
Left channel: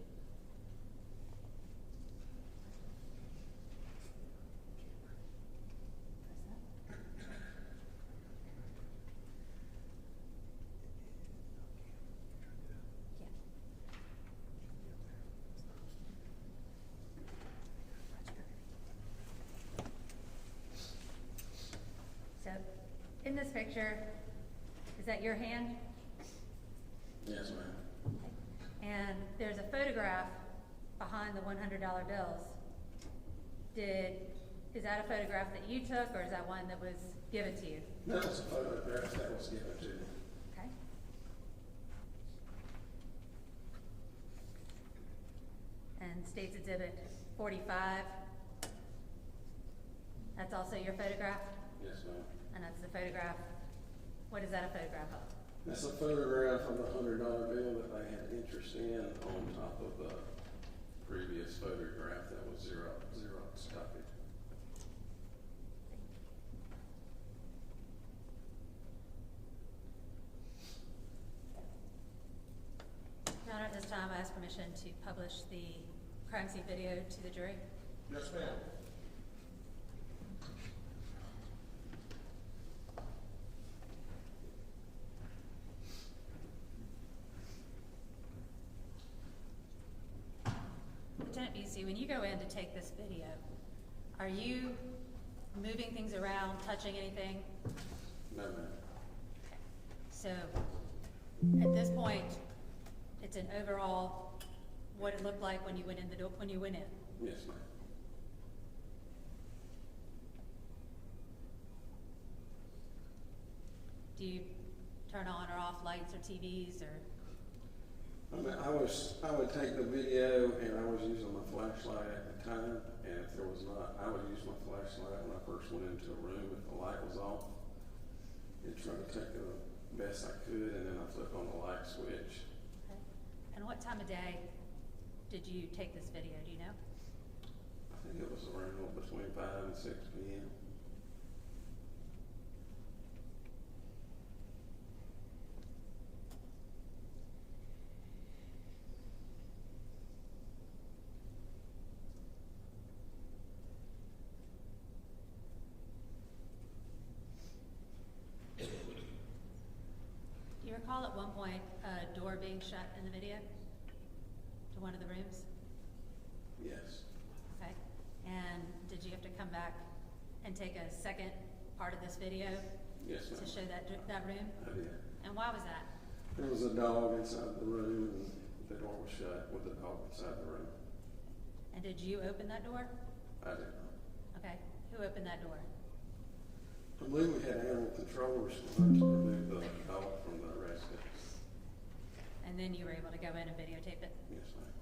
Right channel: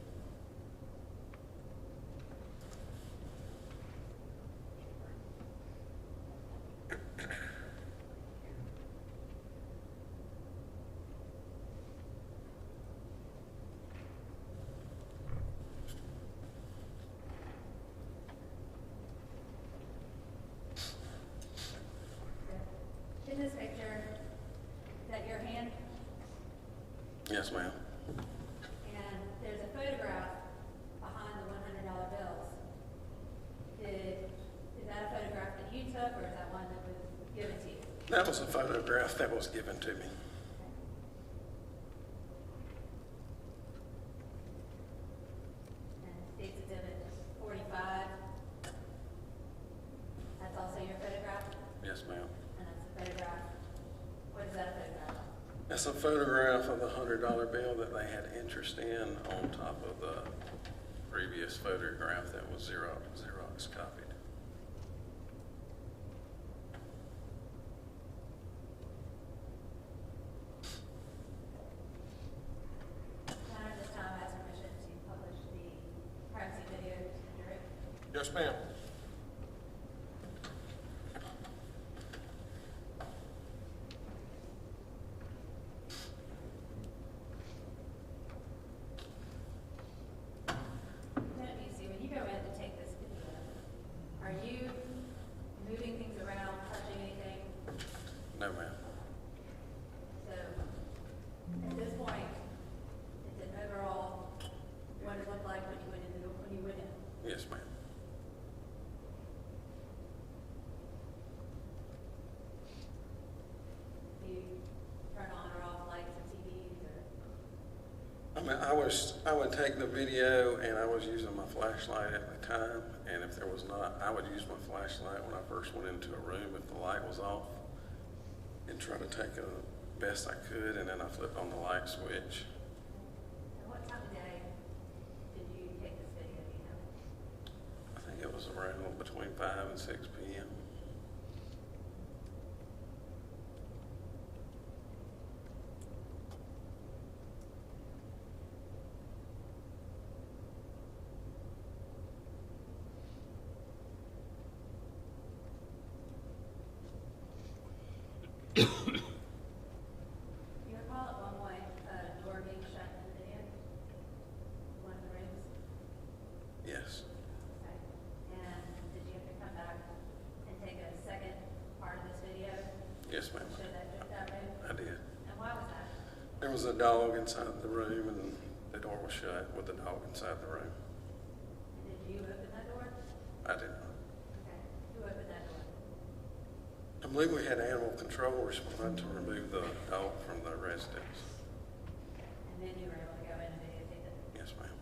So, in this picture, is that your hand? Yes, ma'am. And there's a photograph behind the $100 bills. Is that a photograph that you took, or is that one that was given to you? That was a photograph that was given to me. Okay. And State's Exhibit 45, that's also your photograph? Yes, ma'am. And that's the photograph, what is that a photograph of? That's a photograph of the $100 bill that they had interest in on top of the previous photograph that was Xerox copied. Your Honor, at this time, I ask permission to publish the crime scene video to the jury. Yes, ma'am. Lieutenant Buucy, when you go in to take this video, are you moving things around, touching anything? No, ma'am. So, at this point, it's an overall, what it looked like when you went in the door, when you went in. Yes, ma'am. Do you turn on or off lights or TVs or? I mean, I would take the video and I was using my flashlight at the time, and if there was not, I would use my flashlight when I first went into a room if the light was off, and try to take the best I could, and then I flip on the light switch. And what time of day did you take this video, do you know? I think it was around between 5 and 6 p.m. Do you recall at one point a door being shut in the video to one of the rooms? Yes. Okay. And did you have to come back and take a second part of this video Yes, to ma'am. show that room? I did. And why was that? There was a dog inside the room, and the door was shut with the dog inside the room. And did you open that door? I did not. Okay. Who opened that door? I believe we had animal control respond to remove the dog from the residence. And then you were able to go in and videotape it? Yes, ma'am.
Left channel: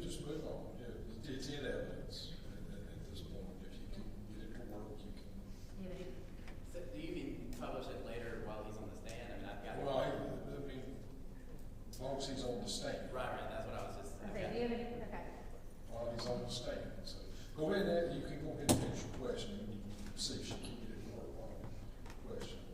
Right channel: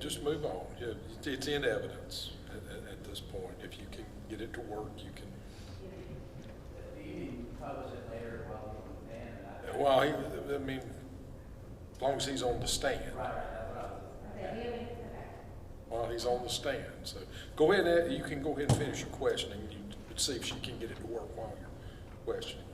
just move on. Yeah, it's in evidence at this point. If you can get it to work, you can. So do you need to publish it later while he's on the stand? Well, I mean, as long as he's on the stand. Right, that's what I was just. Okay. While he's on the stand. So go ahead, you can go ahead and finish your questioning. You see if she can get it to work while you're questioning him.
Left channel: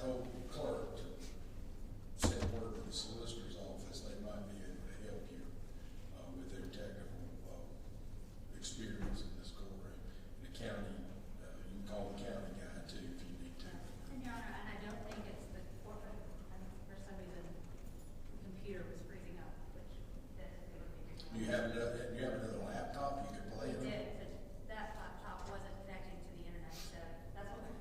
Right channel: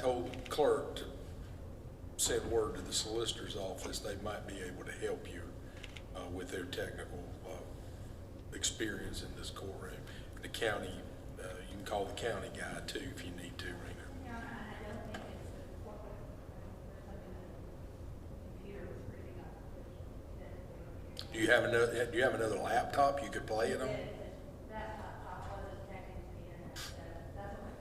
told the clerk to send word to the solicitor's office. They might be able to help you with their technical experience in this courtroom. The county, you can call the county guy too if you need to, Rena. Your Honor, and I don't think it's the corporate, for some reason, the computer was freezing up, which Do you have another laptop you could play it on? that laptop wasn't connecting to the internet, so that's what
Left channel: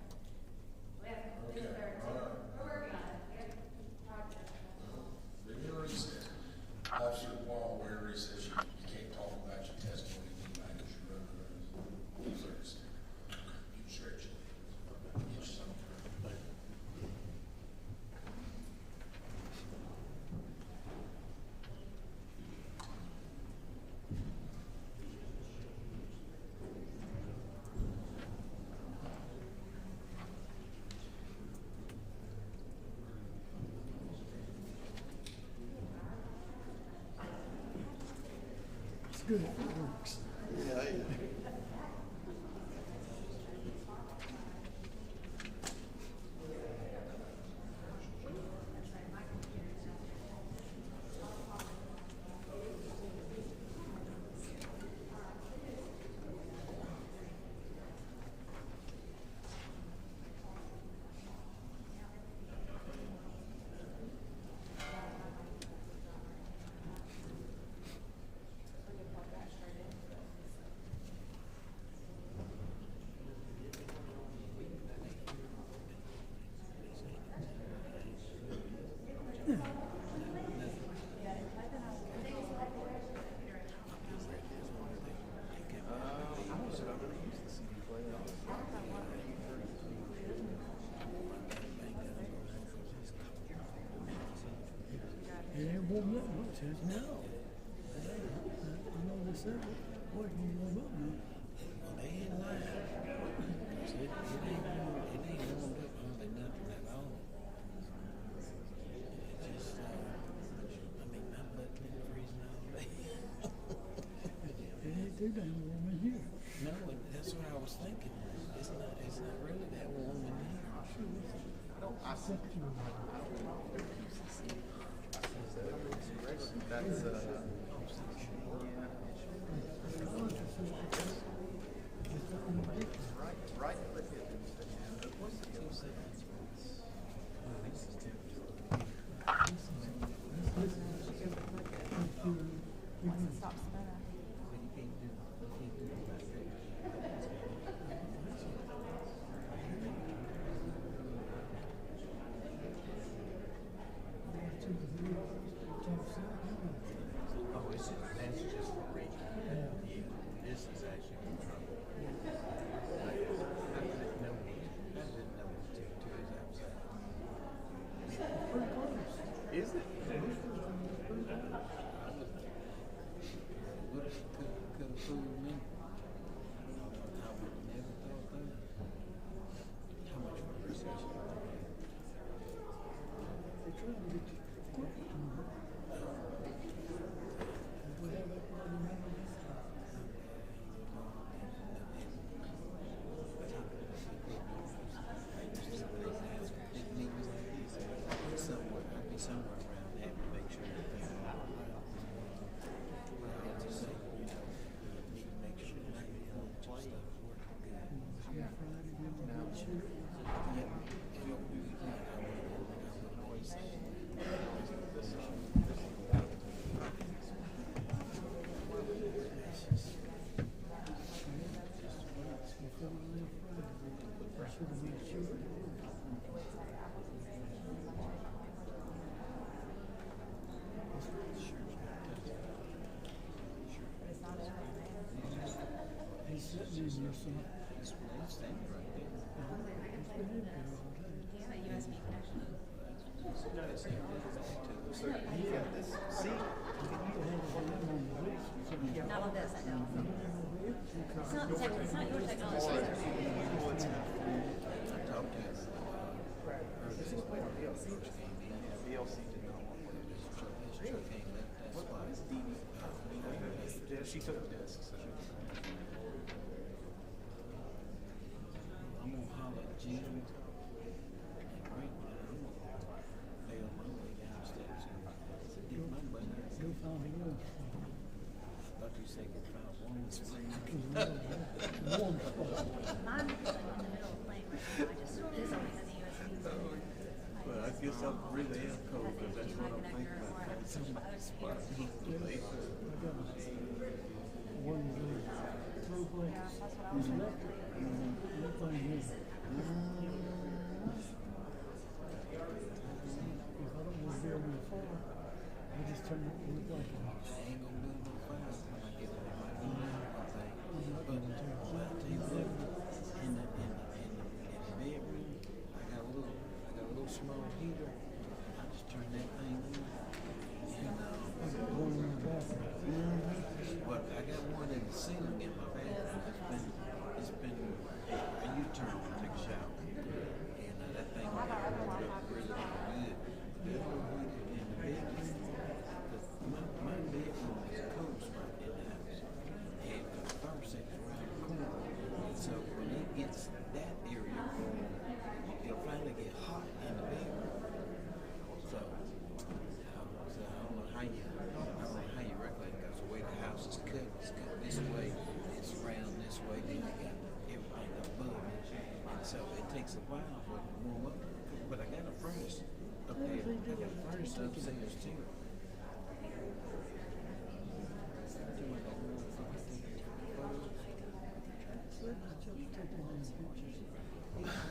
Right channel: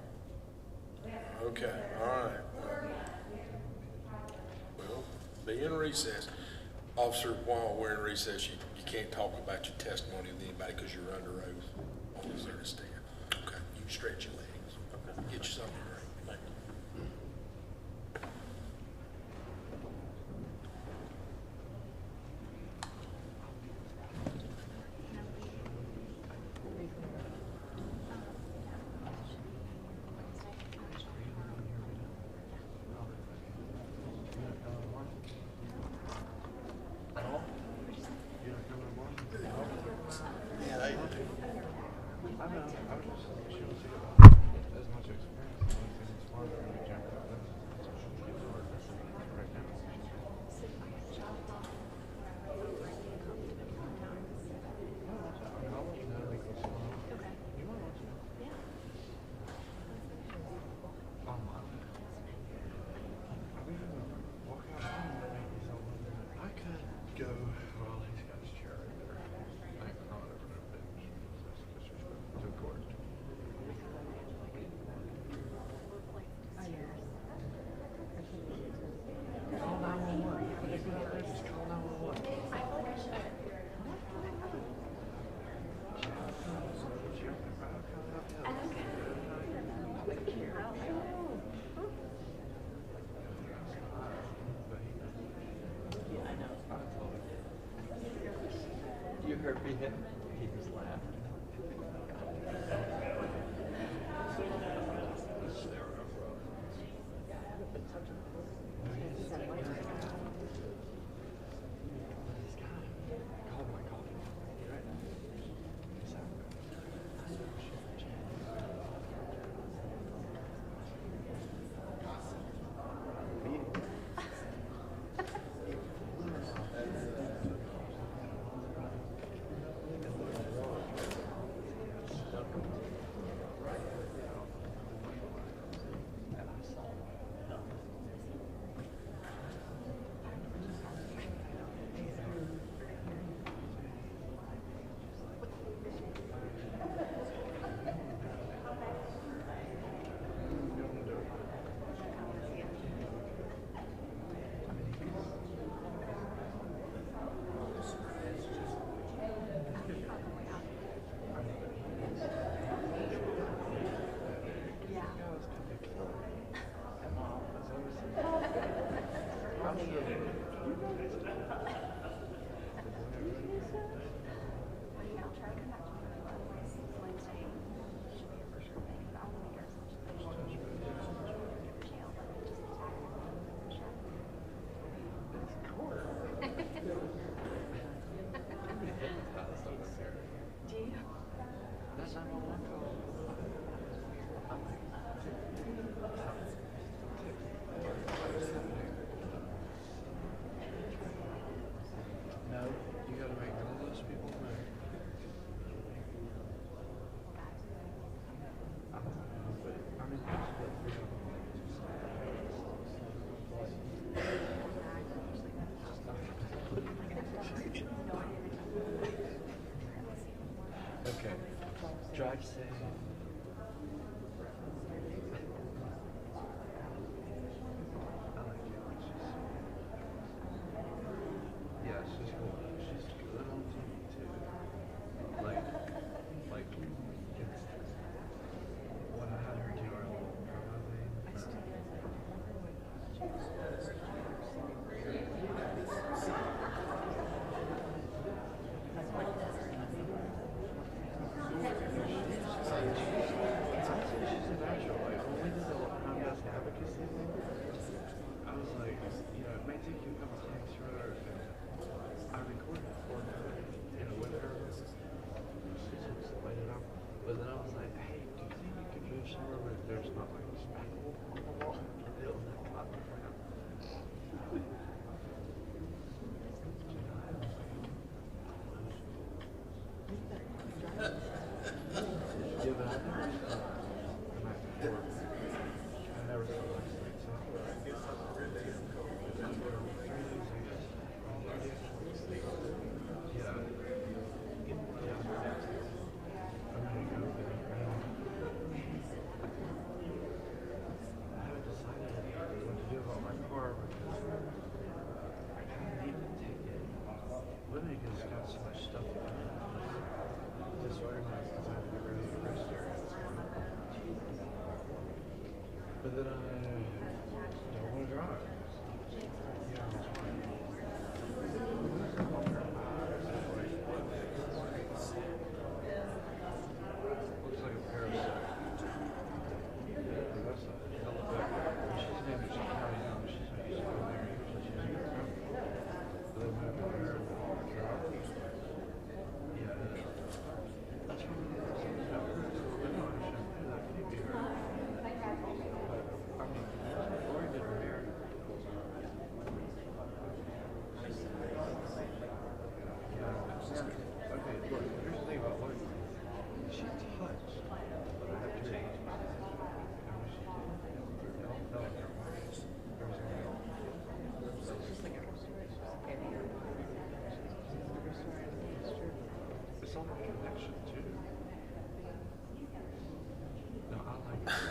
we have. Okay, all right. We're working on it. We have to try to. Well, be in recess. Officer, while we're in recess, you can't talk about your testimony with anybody because you're under oath. Always there to stand. Okay, you can stretch your legs. Get you something to drink. Good.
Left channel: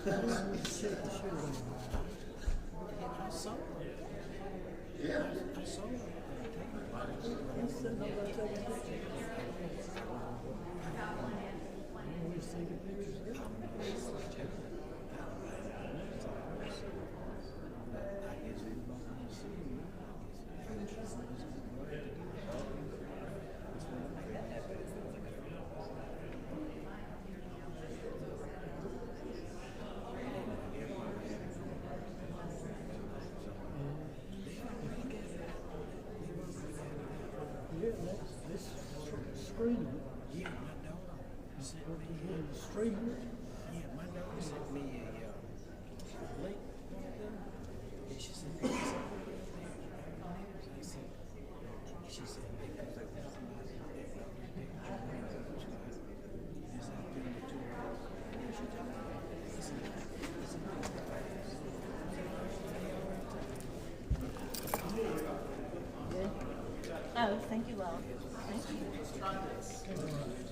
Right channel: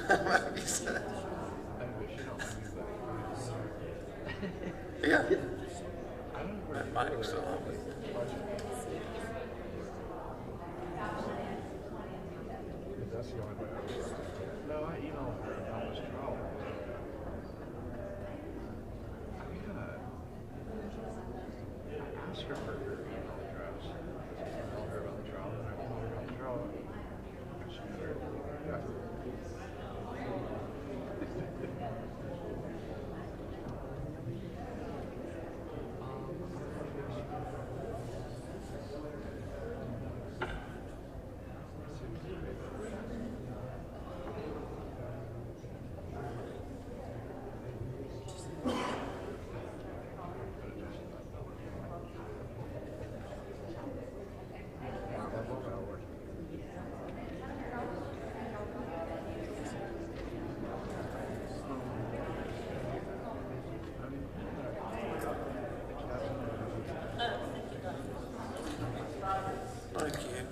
Yeah. That mic's still on. Oh, thank you, love. Thank you.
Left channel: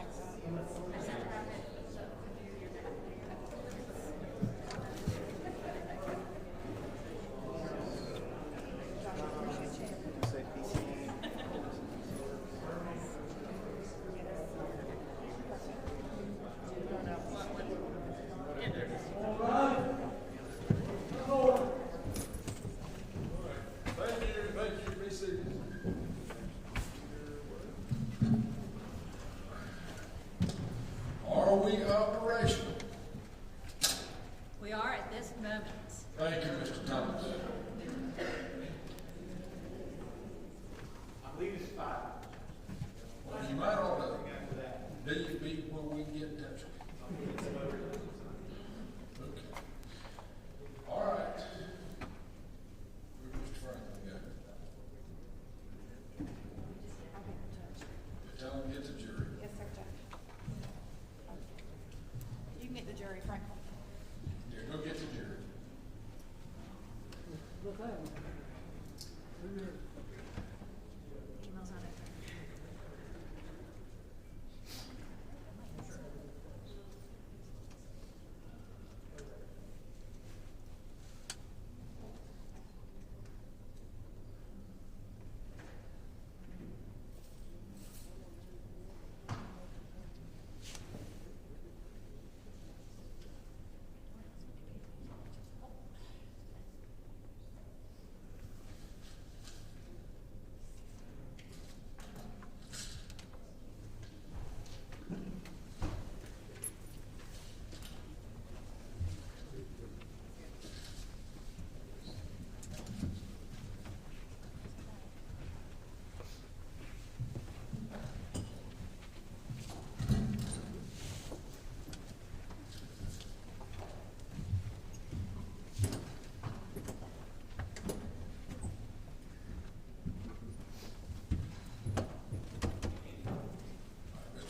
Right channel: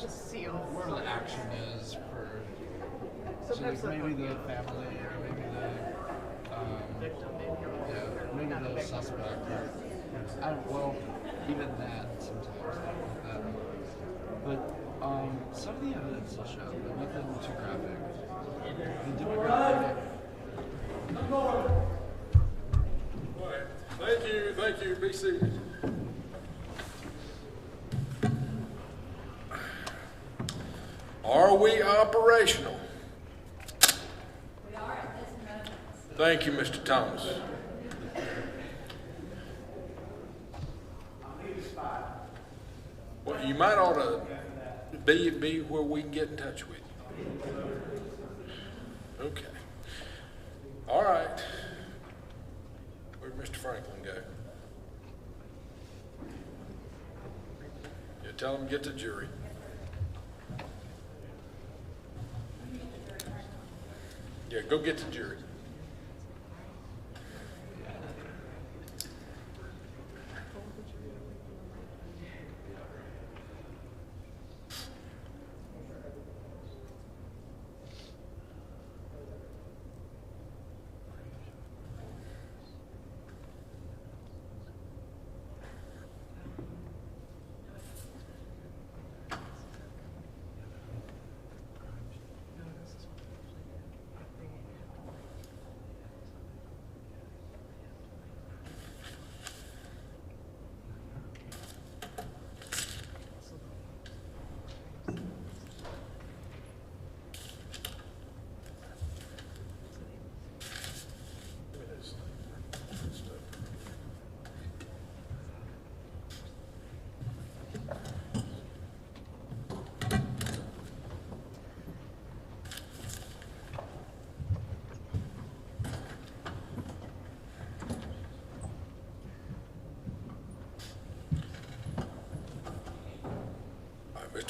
Just see where the action is for maybe the family, maybe the suspect. Well, even that sometimes. But some of the evidence will show that nothing was too graphic. The demographic. Thank you, be seated. Are we operational? We are at this moment. Thank you, Mr. Thomas. Well, you might ought to be where we can get in touch with you. Okay. All right. Where'd Mr. Franklin go? Yeah, tell him to get the jury. You can get the jury question. Yeah, go get the jury.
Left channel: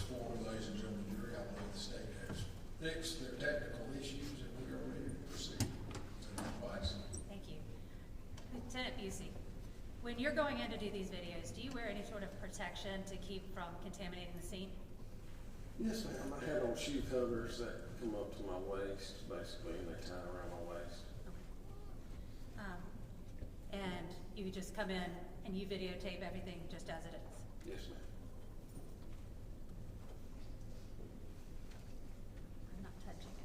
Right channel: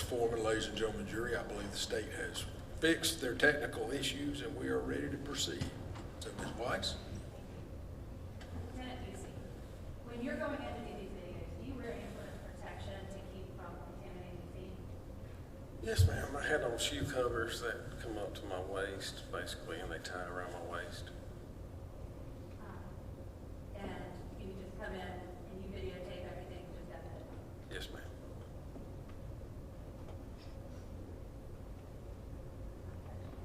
Foreman, ladies and gentlemen, jury, I believe the state has fixed their technical issues and we are ready to proceed. So, Ms. Weiss? Thank you. Lieutenant Buucy, when you're going in to do these videos, do you wear any sort of protection to keep from contaminating the scene? Yes, ma'am. I had on shoe covers that come up to my waist, basically, and they tie around my waist. And you just come in and you videotape everything just as it is? Yes, ma'am. Not touching it.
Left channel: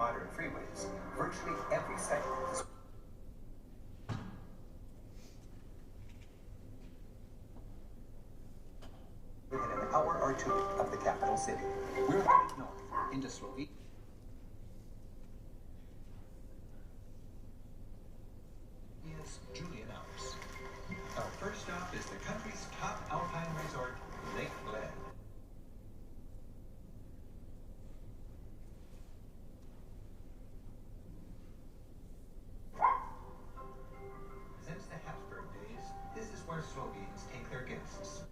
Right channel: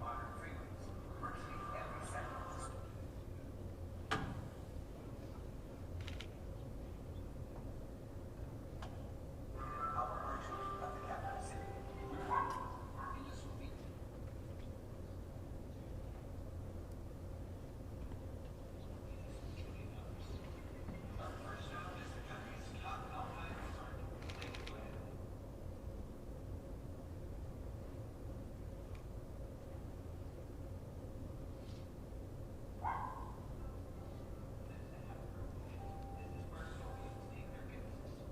modern freeways, virtually every segment is within an hour or two of the capital city. We're headed north into Slovenia. Julian hours. Our first stop is the country's top alpine resort, Lake Bled. Since the Habsburg days, this is where Slovenes take their guests.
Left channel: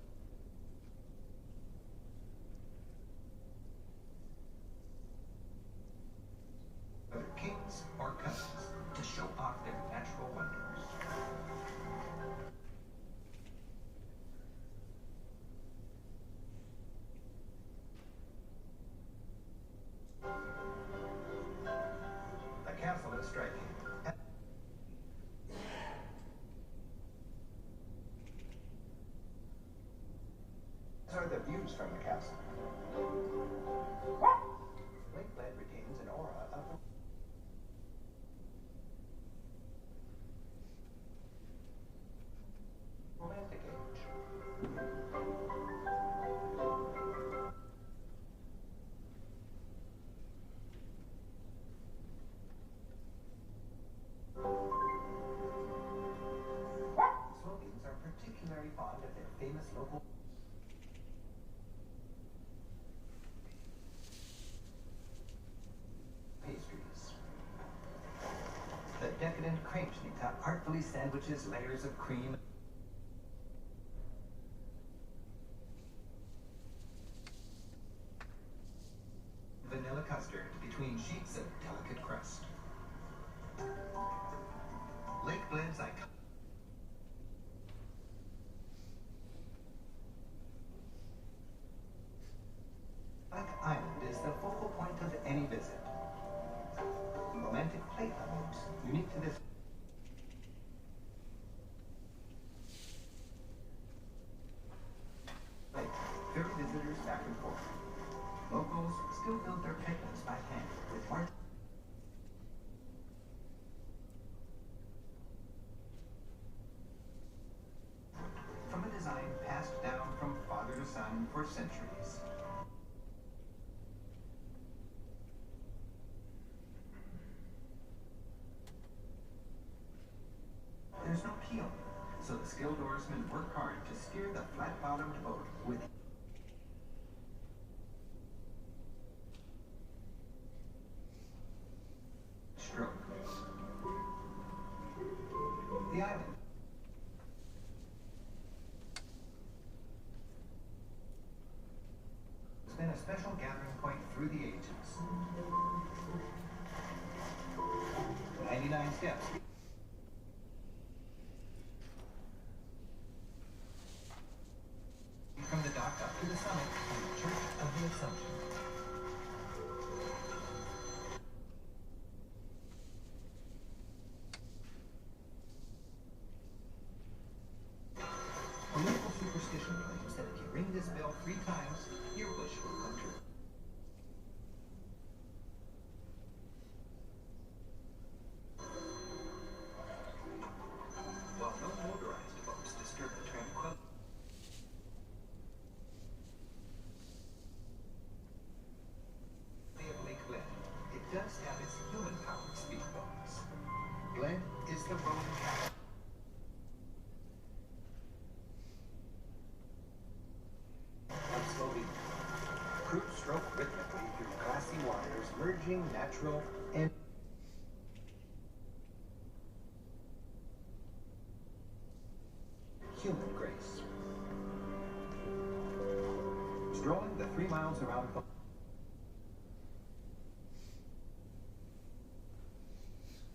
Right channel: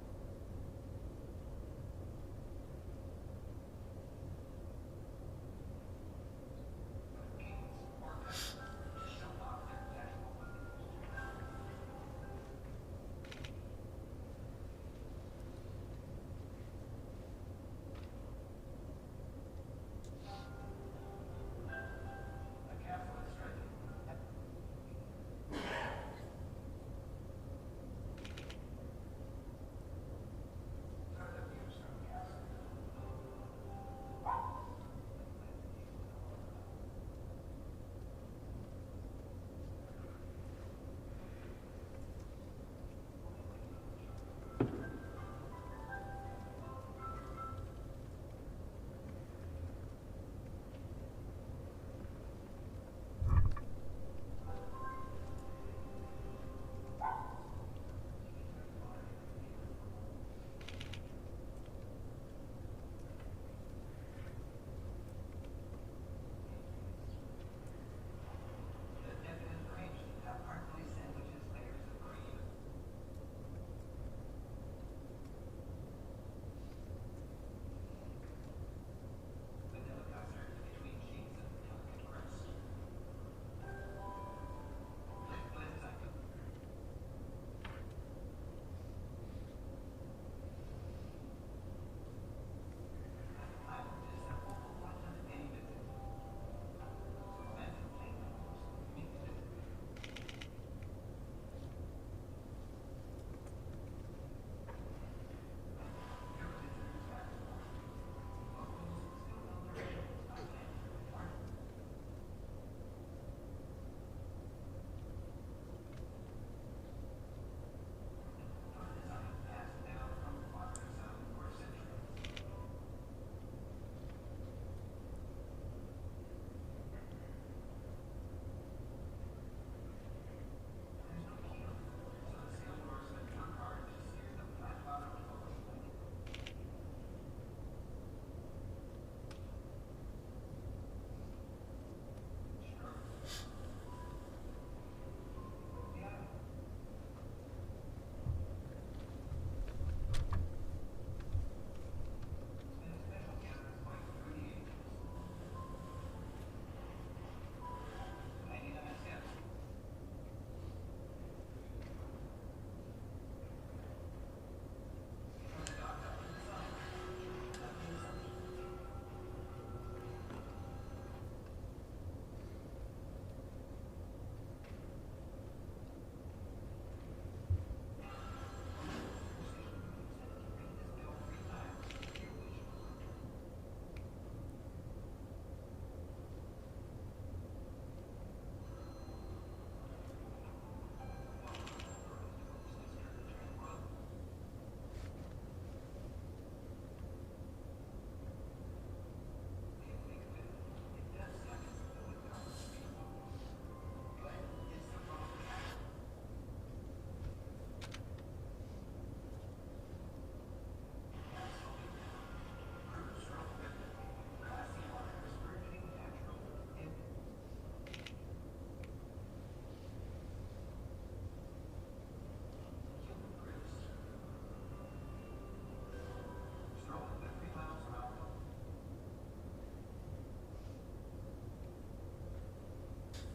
Whether kings or cousins, to show off their natural wonders. The castle is striking. These are the views from the castle. Lake Bled retains an aura of romantic age. Slovenes are particularly fond of their famous local pastries. The decadent cremeschnita artfully sandwiches layers of cream. Vanilla custard between sheets of delicate crust. Lake Bled's icon. Lake Island is the focal point of any visit. Romantic playgrounds unique to this. Lake ferry visitors back and forth. Locals still build their cabins by hand with large. From a design passed down from father to son for centuries. There's no keel, so the skilled oarsmen work hard to steer the flat-bottomed boat with stroke. The island. It's been a special gathering point through the ages. 99 steps. From the dock up to the summit of the Church of the Assumption. A local superstition claims that if you ring this bell 3 times, your wish will come true. While no motorized boats disturb the tranquility. Of Lake Bled, it does have its human-powered speedboats. Bled is the Roman capital. Of Slovenia. Crews stroke rhythmically through glassy waters, merging natural and human grace. Strolling the 3 miles around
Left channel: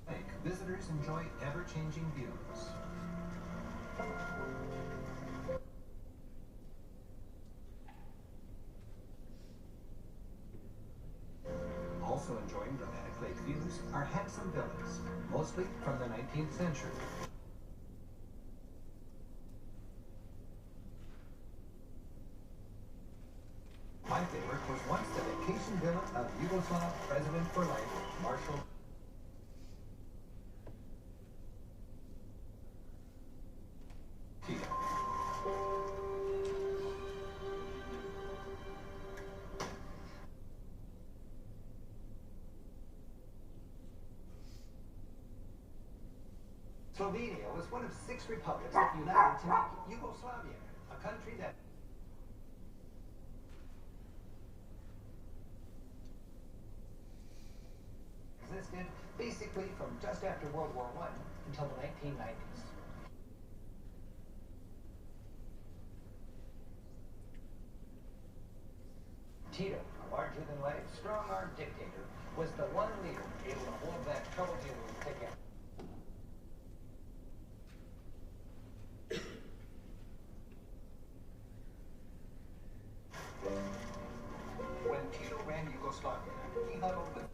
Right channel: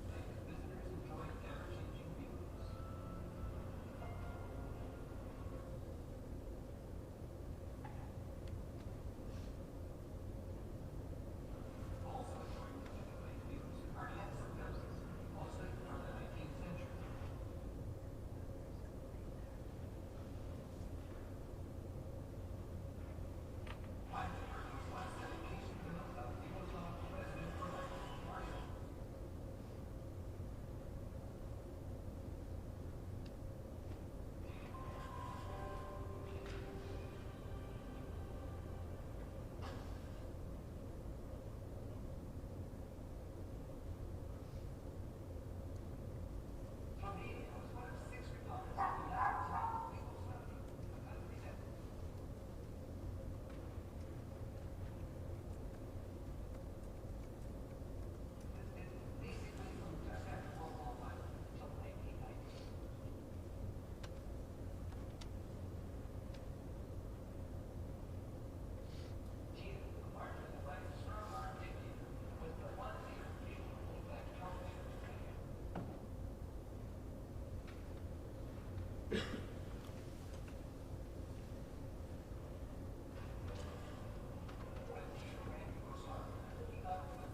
Lake, visitors enjoy ever-changing views. Also enjoying dramatic lake views are handsome villas, mostly from the 19th century. My favorite was once the vacation villa of Yugoslav president for life, Slovenia was one of 6 republics that united to make Yugoslavia, a country that existed basically from just after World War I until the 1990s. Tito, a larger-than-life, strong-arm dictator, was the one leader able to hold that troubled Italy together. When Tito ran Yugoslavia, he huddled with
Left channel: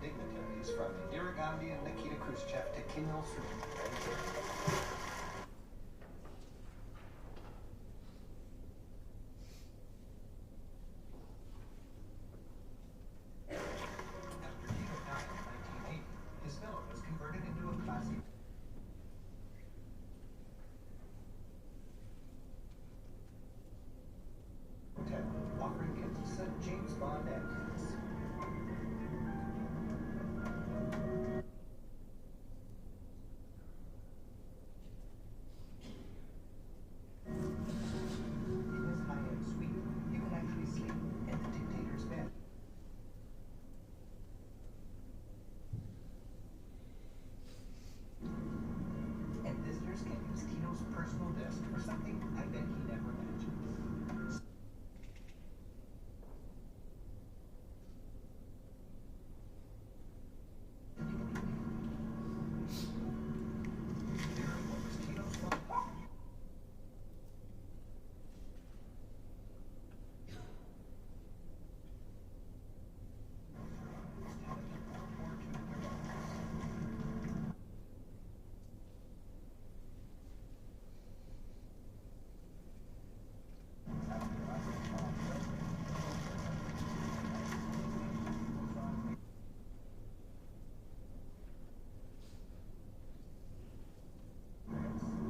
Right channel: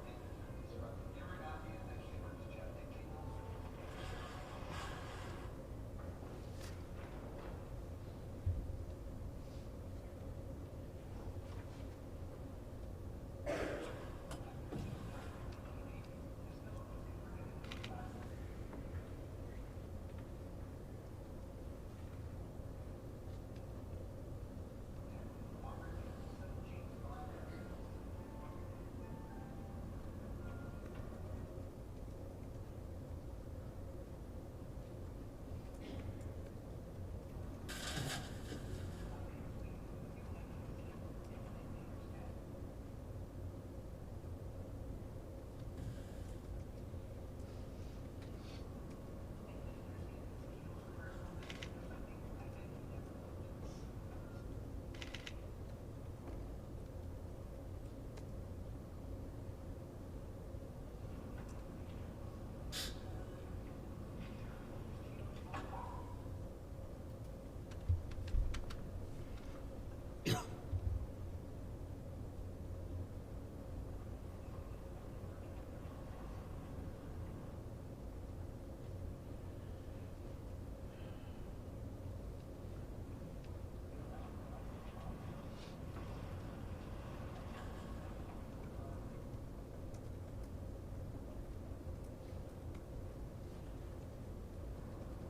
dignitaries from Indira Gandhi and Nikita Khrushchev to Kim Il-sung. After Tito died in 1980, his villa was converted into a classy. Hotel, offering gifts of James Bond antiques. In this high-end suite, you can actually sleep in the dictator's bed. And visitors can use Tito's personal desk for something I bet he never imagined. There was Tito's phone.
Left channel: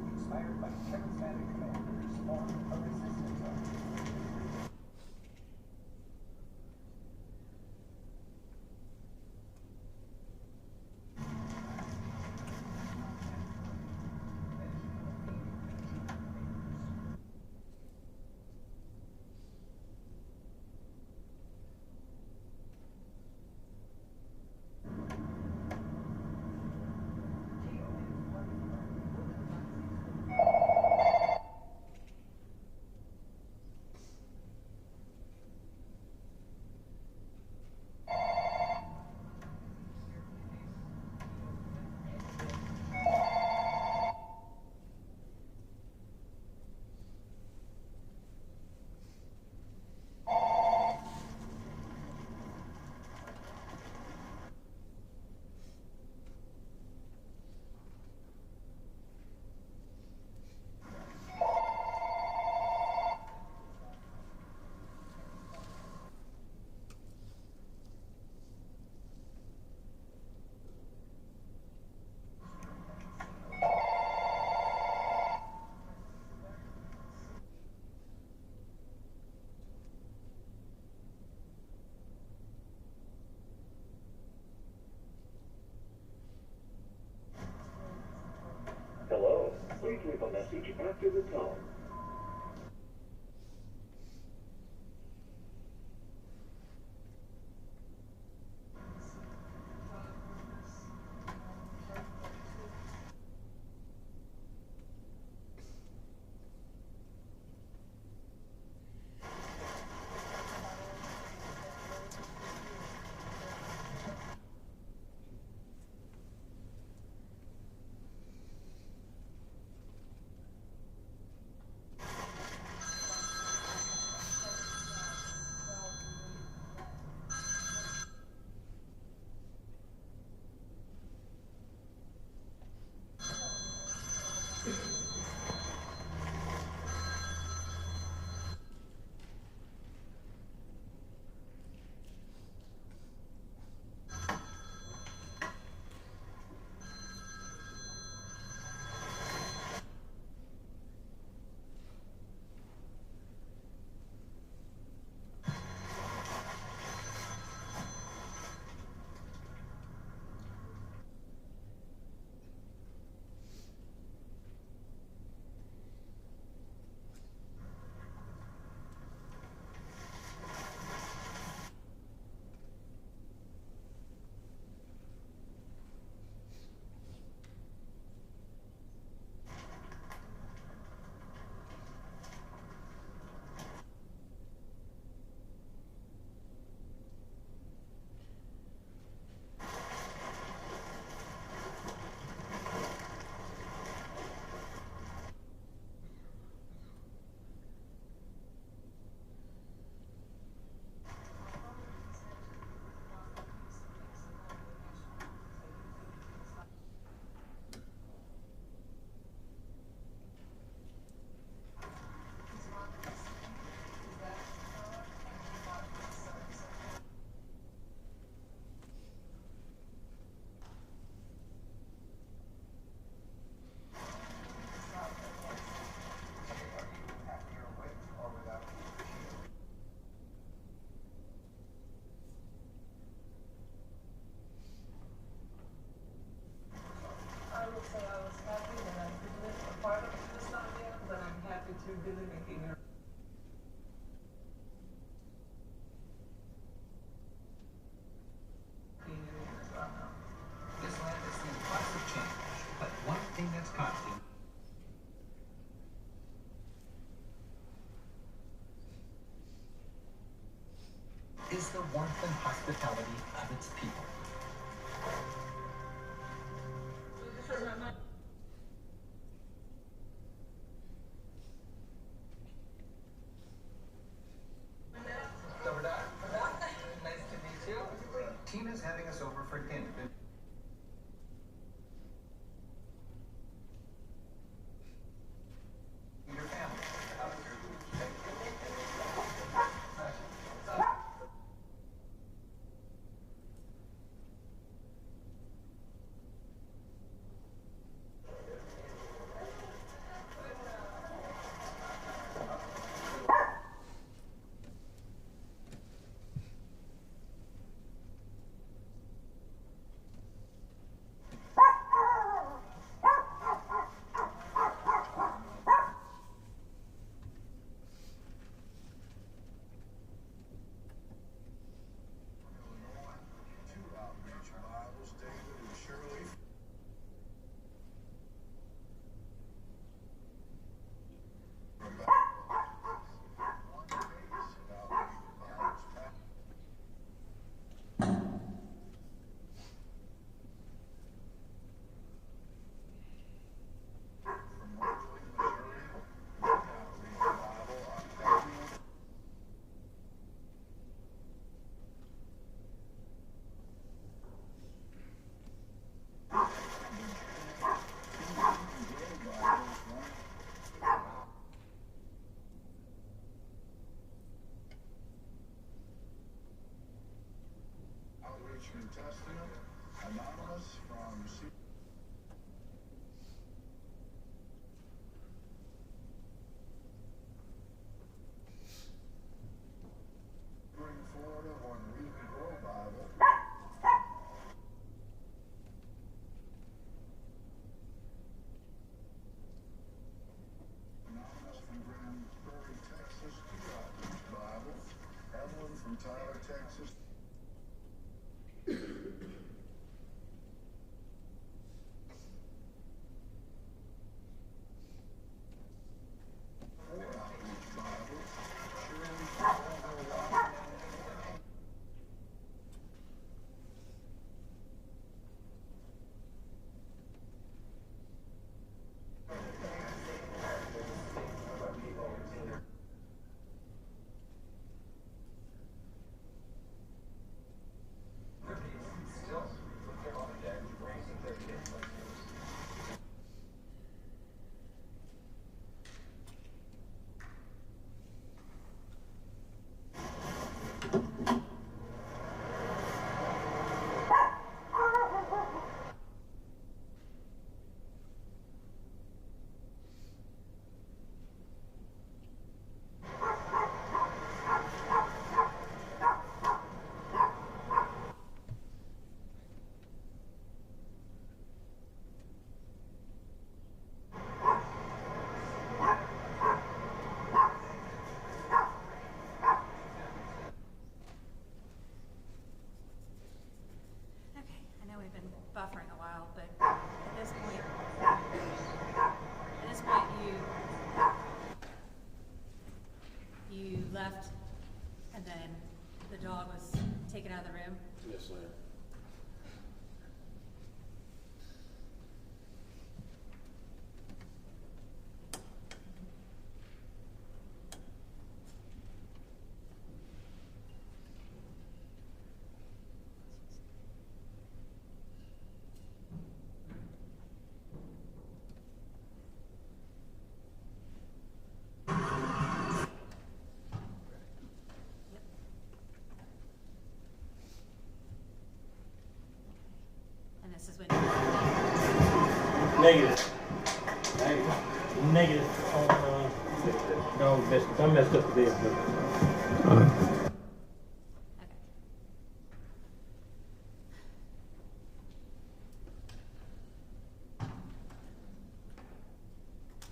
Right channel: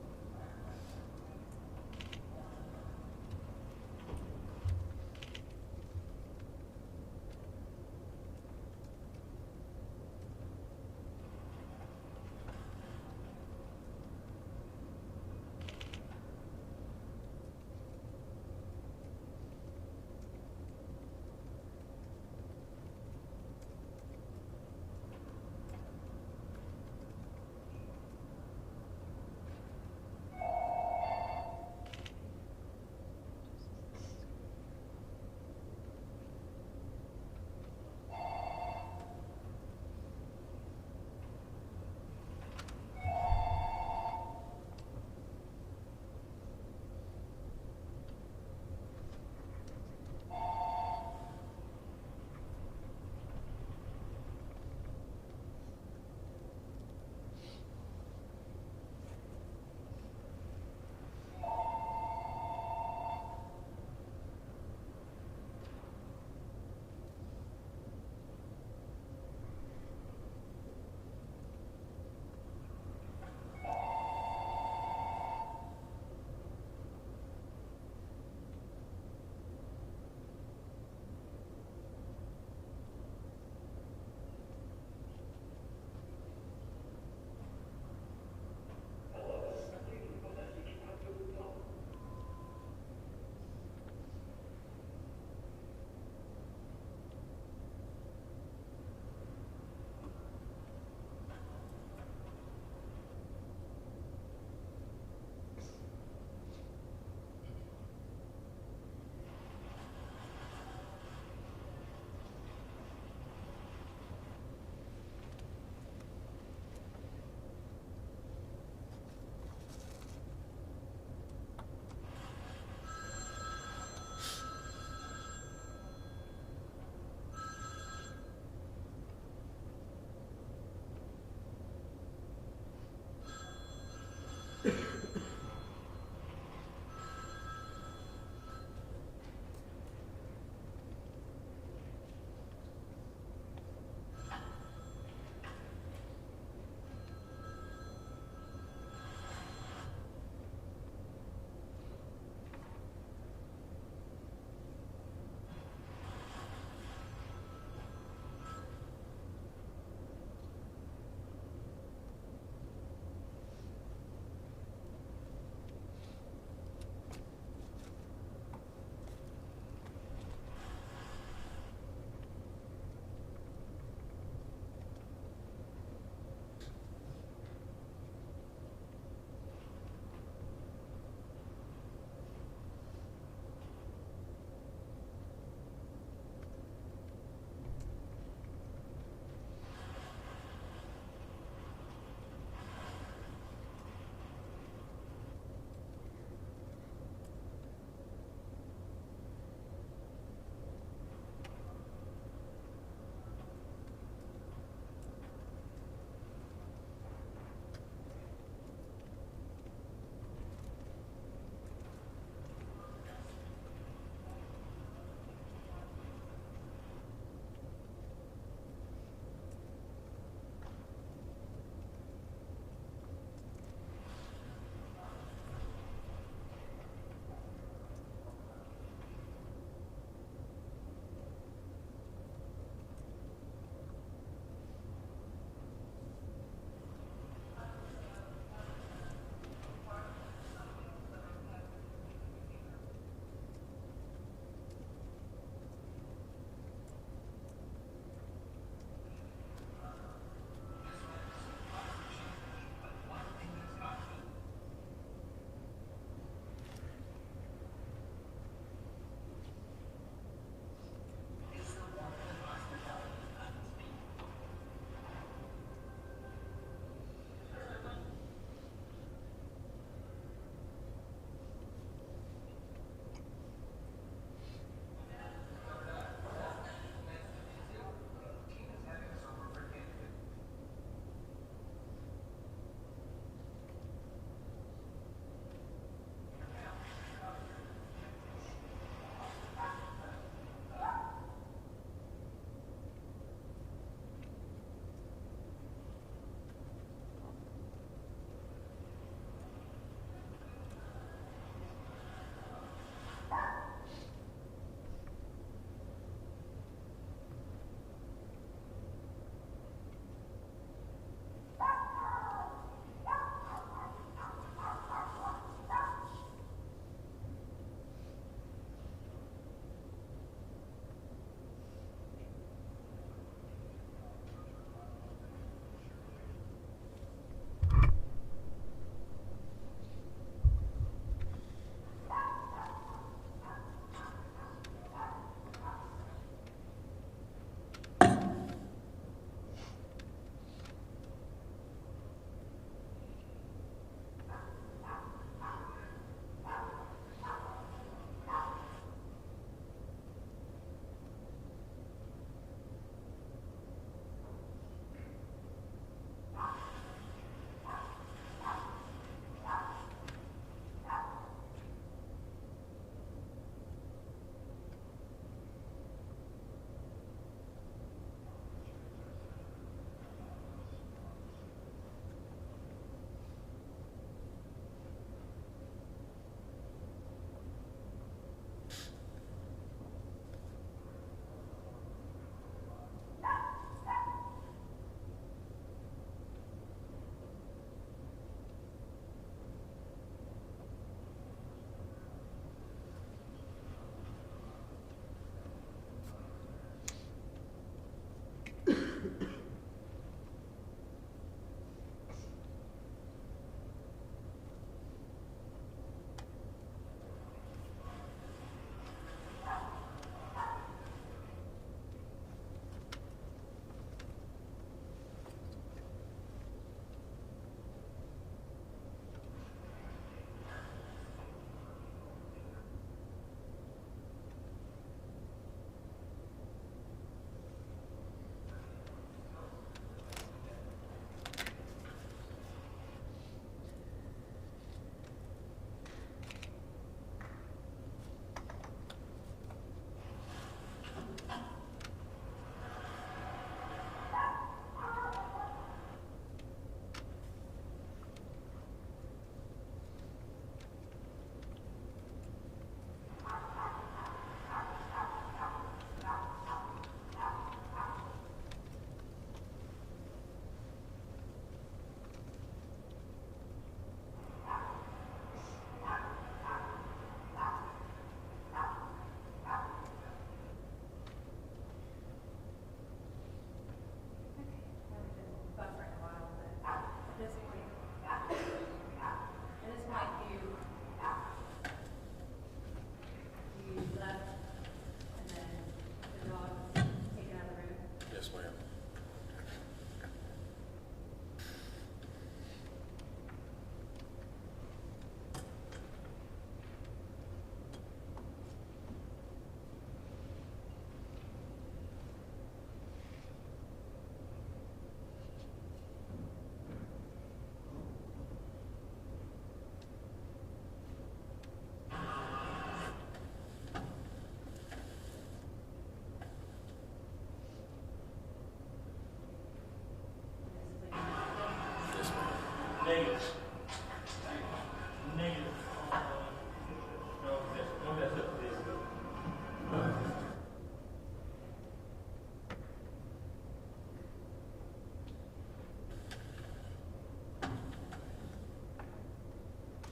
Inspired by charismatic commanders, formed a resistance army. Hello, please leave a message after the tone. Negative. Negative on, no, I messed up the bid, but.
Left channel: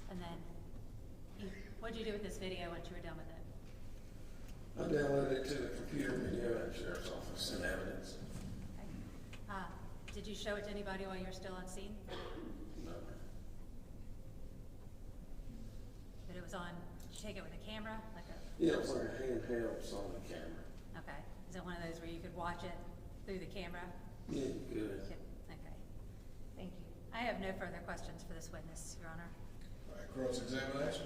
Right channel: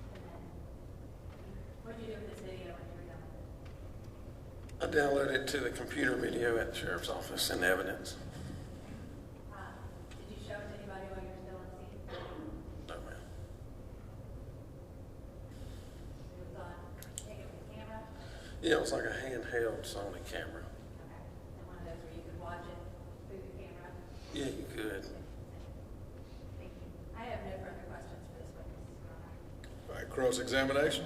And then, what'd you do with this video once you were done with it? I downloaded it to the computer video at the sheriff's office in evidence. Did you show it to anybody while you were still on scene? No, ma'am. But it was on, did you take it with a camera? Yeah, it was like a handheld Sony camera. Okay. Is it one of those where you could watch it through the camera? Yeah, you could. Okay. Thank you. I have no further questions for this witness, Your Honor. All right, cross-examination.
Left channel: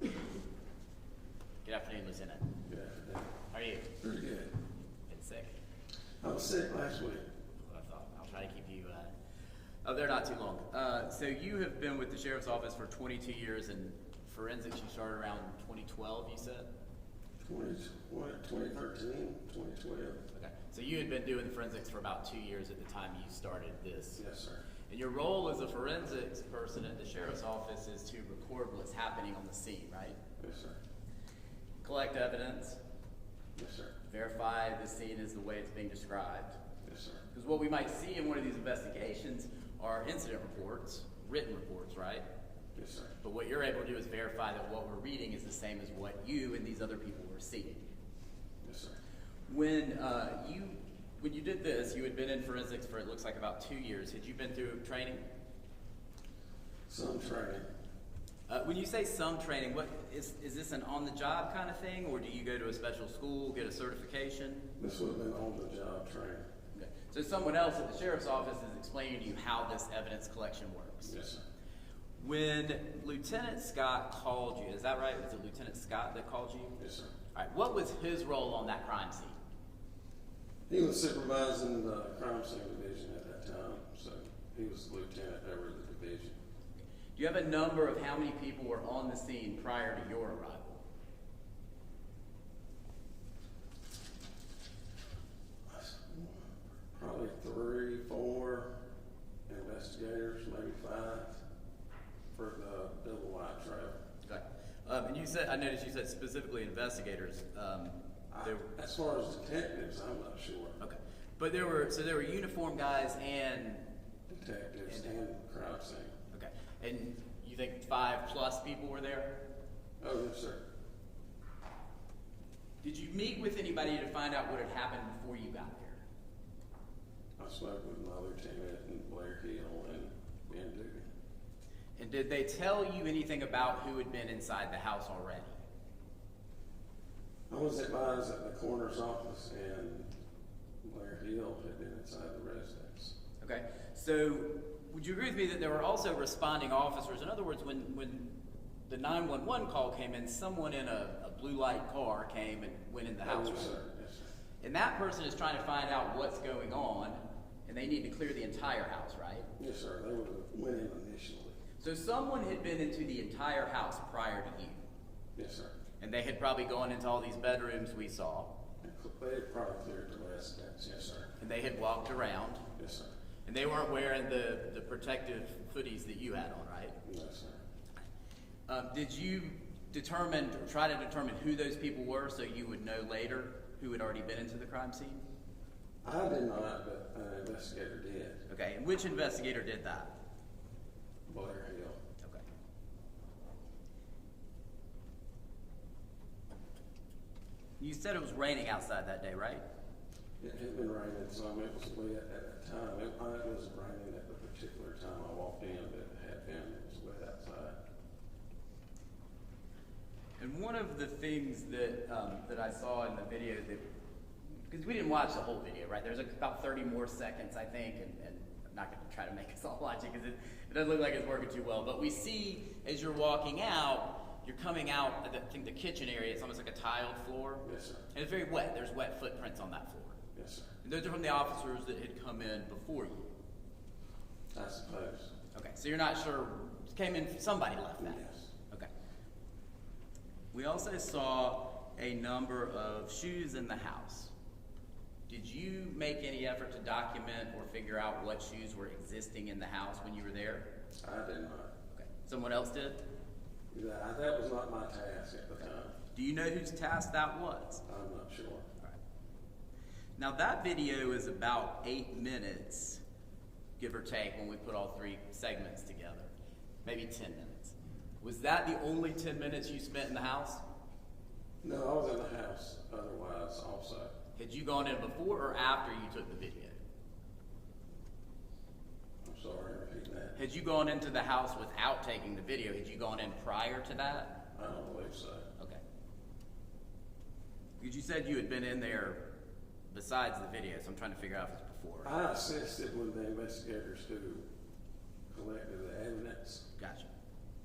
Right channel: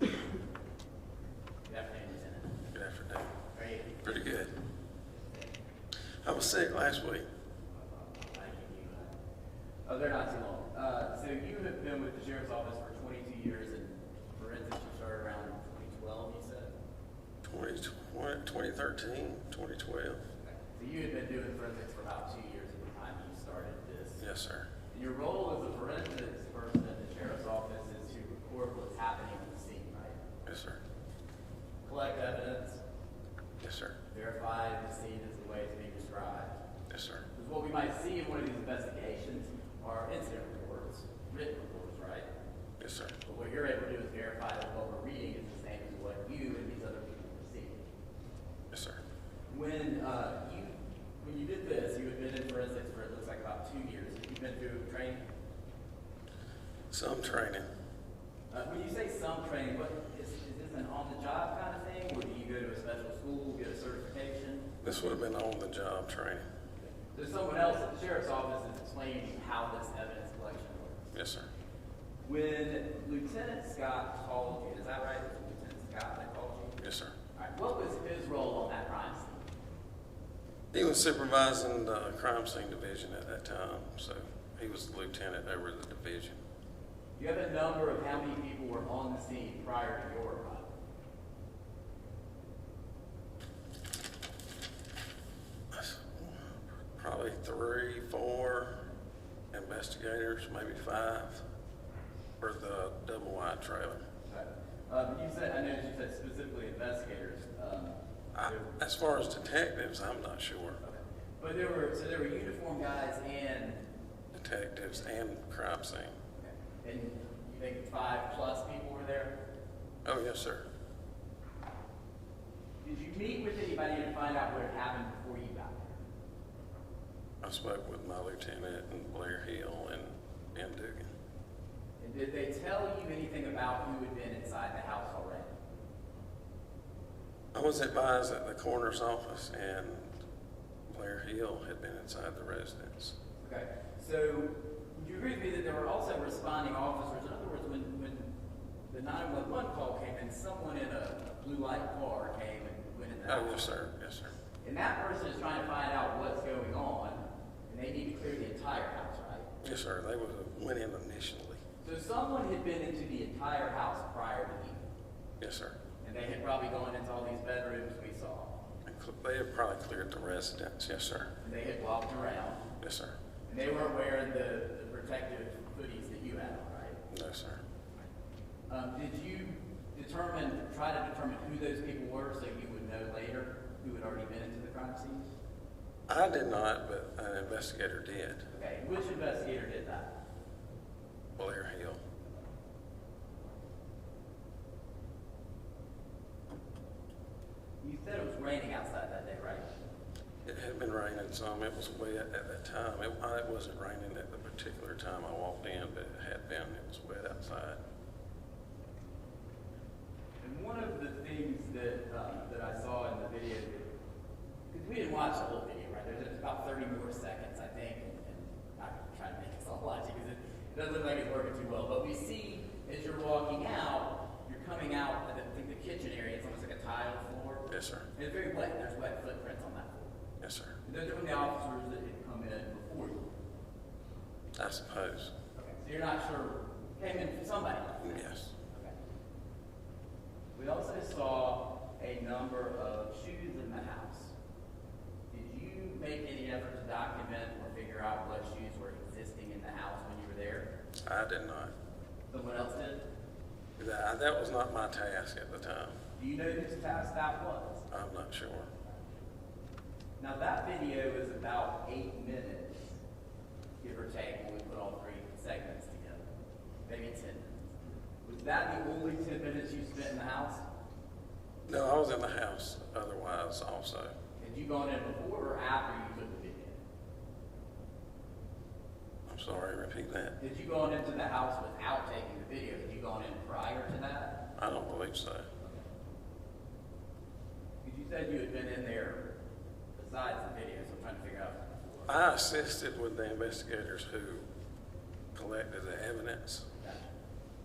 Good afternoon, Lieutenant. Good afternoon. How are you? Pretty good. Good, sick. I was sick last week. I'll try to keep you, oh, they're not too long. So you have been with the Sheriff's Office for 22 years, and forensics you started around 2012, you said? 2013, 2012. Okay. So you had been doing forensics for about 2 years at the time you started this. Yes, sir. And your role as a forensics person at the Sheriff's Office is to record what's happening on the scene, right? Yes, sir. Collect evidence, Yes, sir. verify the scene is the way it's being described. Yes, sir. Because what we might see in one of these investigations are incident reports, written reports, right? Yes, sir. But what you're able to do is verify that what we're reading is the same as what you and these other people were seeing. Yes, sir. When you did this, you had been in forensics for it looks like about 2 years. Have you been through training? Some training. When you say some training, what is this an on-the-job kind of thing, or do you go to a special school, get a certification? This would have been on-the-job training. So someone else at the Sheriff's Office is explaining to you how this evidence collection works. Yes, sir. When Lieutenant Scott called you, is that right? Was it Lieutenant Scott that called you? Yes, sir. All right. What was his role on that crime scene? He was supervising the crime scene division at that time, so he was the lieutenant over the division. Do you have a number of how many people were on the scene prior to your arrival? Probably 3, 4 investigators, maybe 5 for the double wide trailer. Okay. And you said, I noticed you said specifically investigators. As far as detectives, I'm not sure. Okay. But there were uniformed guys and Detectives and crime scene. okay. And you think 5+ people were there? Oh, yes, sir. Did you meet with anybody to find out what had happened before you got there? I spoke with my lieutenant and Blair Hill and Ben Dugan. And did they tell you anything about who had been inside the house already? I was advised that the coroner's office and Blair Hill had been inside the residence. Okay. So would you agree with me that there were also responding officers? In other words, when the 911 call came in, someone in a blue light car came and went in the house. Oh, yes, sir. Yes, sir. And that person is trying to find out what's going on, and they need to clear the entire house, right? Yes, sir. They went in initially. So someone had been into the entire house prior to you. Yes, sir. And they had probably gone into all these bedrooms we saw. They had probably cleared the residence. Yes, sir. And they had walked around. Yes, sir. And they weren't wearing the protective hoodies that you had on, right? No, sir. Did you try to determine who those people were so you would know later who had already been into the crime scene? I did not, but an investigator did. Okay, which investigator did that? Blair Hill. Okay. You said it was raining outside that day, right? It had been raining some. It was wet at that time. It wasn't raining at the particular time I walked in, but it had been. It was wet outside. And one of the things that I saw in the video, because we didn't watch the whole video, right? There's about 30 more seconds, I think, and I'm not going to try to make us all watch it because it doesn't look like it's working too well. But we see as you're walking out, you're coming out, I think the kitchen area, it's almost like a tiled floor. Yes, sir. And it's very wet. There's wet footprints on that floor. Yes, sir. And those are from the officers that had come in before you. I suppose. Okay, so you're not sure, came in, somebody left that. Yes. Okay. We also saw a number of shoes in the house. Did you make any effort to document or figure out what shoes were existing in the house when you were there? I did not. Someone else did? That was not my task at the time. Do you know whose task that was? I'm not sure. Now that video is about 8 minutes, give or take, when we put all 3 segments together. Maybe 10 minutes. Was that the only 10 minutes you spent in the house? No, I was in the house otherwise also. Had you gone in before or after you took the video? I'm sorry, repeat that. Had you gone into the house without taking the video? Had you gone in prior to that? I don't believe so. Okay. Because you said you had been in there besides the video, so I'm trying to figure out if it was before. I assisted with the investigators who collected the evidence. Gotcha.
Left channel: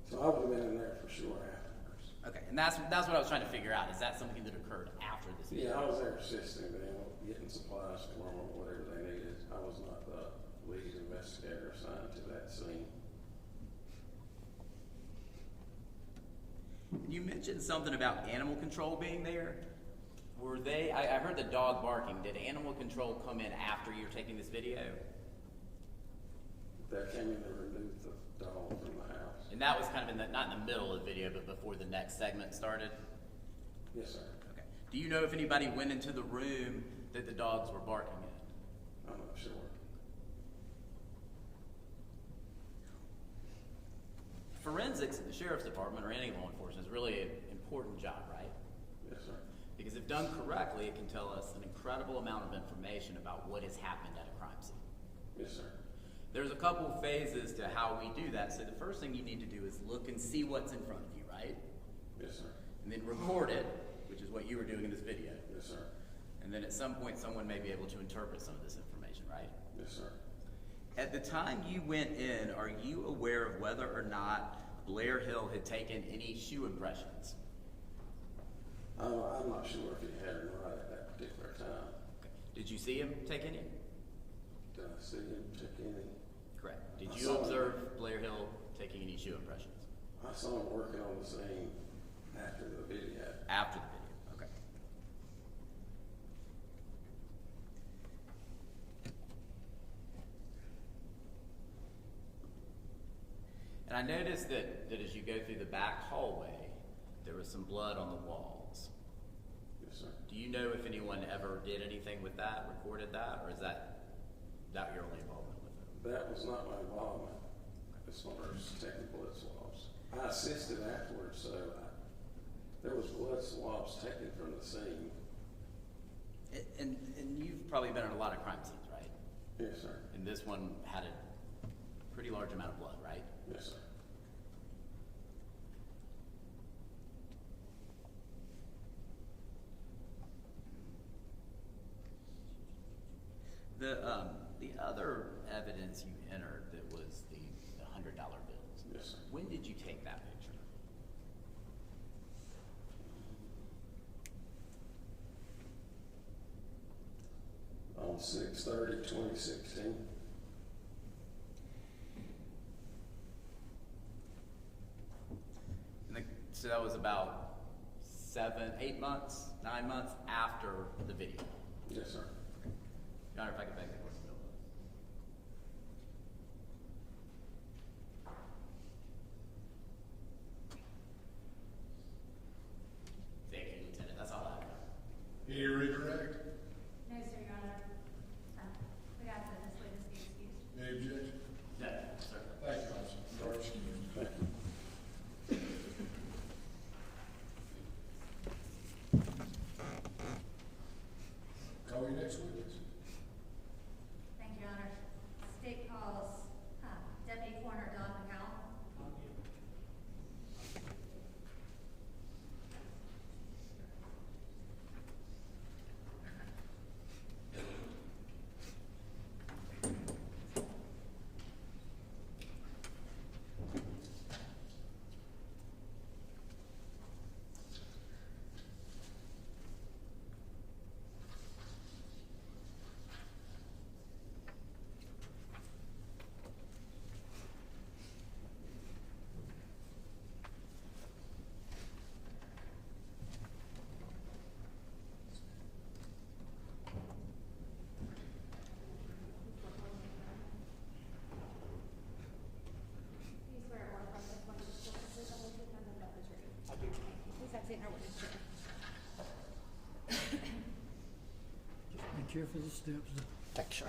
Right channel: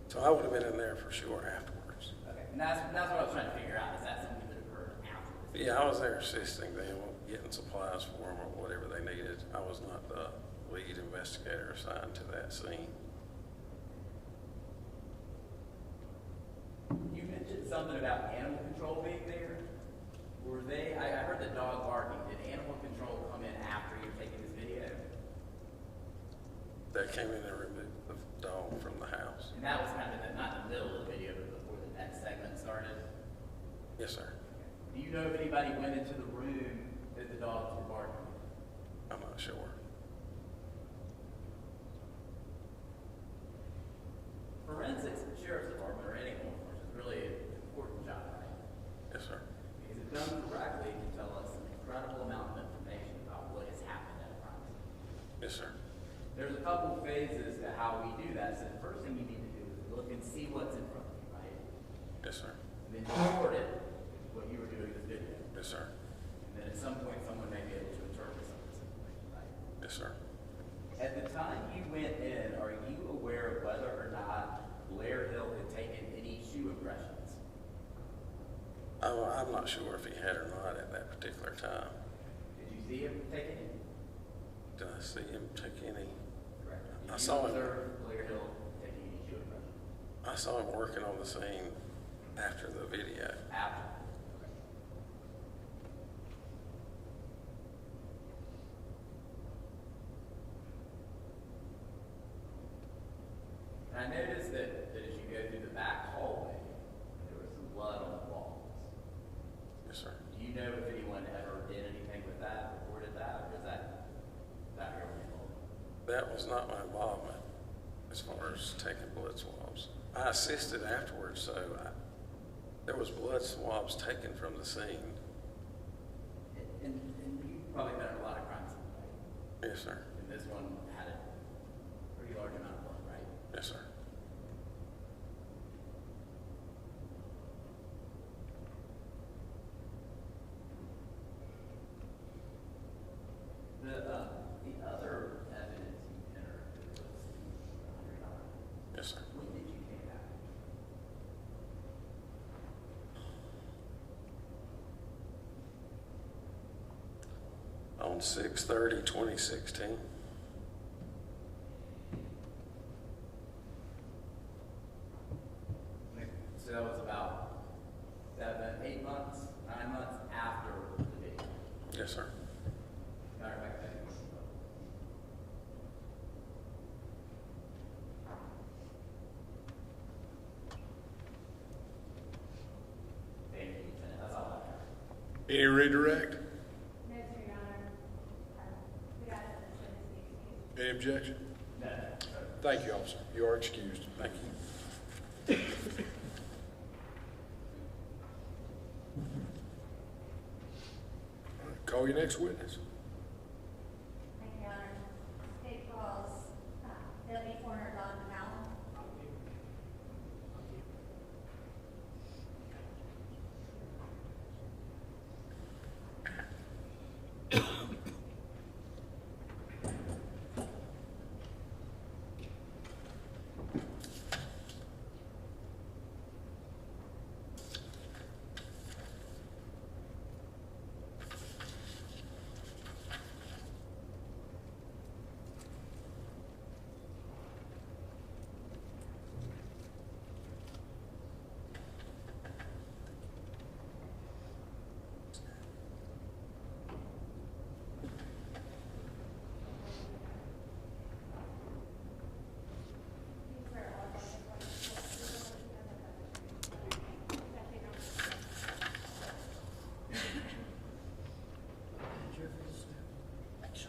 So I would have been in there for sure afterwards. Okay, and that's what I was trying to figure out. Is that something that occurred after this video? Yeah, I was there assisting them, getting supplies for them or whatever they needed. I was not the lead investigator assigned to that scene. You mentioned something about animal control being there. Were they, I heard the dog barking. Did animal control come in after you were taking this video? They came in and removed the dog from the house. And that was kind of not in the middle of the video, but before the next segment started? Yes, sir. Okay. Do you know if anybody went into the room that the dogs were barking in? I'm not sure. Forensics in the sheriff's department or any law enforcement is really an important job, right? Yes, sir. Because if done correctly, it can tell us an incredible amount of information about what has happened at a crime scene. Yes, sir. There's a couple phases to how we do that. So the first thing you need to do is look and see what's in front of you, right? Yes, sir. And then record it, which is what you were doing in this video. Yes, sir. And then at some point, someone may be able to interpret some of this information, right? Yes, sir. At the time you went in, are you aware of whether or not Blair Hill had taken any shoe impressions? I'm not sure if he had or not at that particular time. Did you see him take any? Did I see him take any? Correct. Did I you saw him. observe Blair Hill taking any shoe impressions? I saw him working on the scene after the video. After the video, okay. And I noticed that as you go through the back hallway, there was some blood on the walls. Yes, sir. Do you know if anyone ever did anything with that, reported that, or is that your only involvement? That was not my involvement as far as taking blood swabs. I assisted afterwards, so there was blood swabs taken from the scene. And you've probably been in a lot of crime scenes, right? Yes, sir. And this one had a pretty large amount of blood, right? Yes, sir. The other evidence you entered that was the $100 bills. Yes, sir. When did you take that picture? On 6/30/2016. So that was about 8 months, 9 months after the video. Yes, sir. Matter of fact, maybe more. Thank you, Lieutenant. That's all I have. Any redirect? No, sir, Your Honor. We got this witness be excused. Any objection? No, sir. Thank you, officer. You are excused. Thank you. Call your next witness. Thank you, Your Honor. State calls Deputy Coroner Don Macauan. Thanks.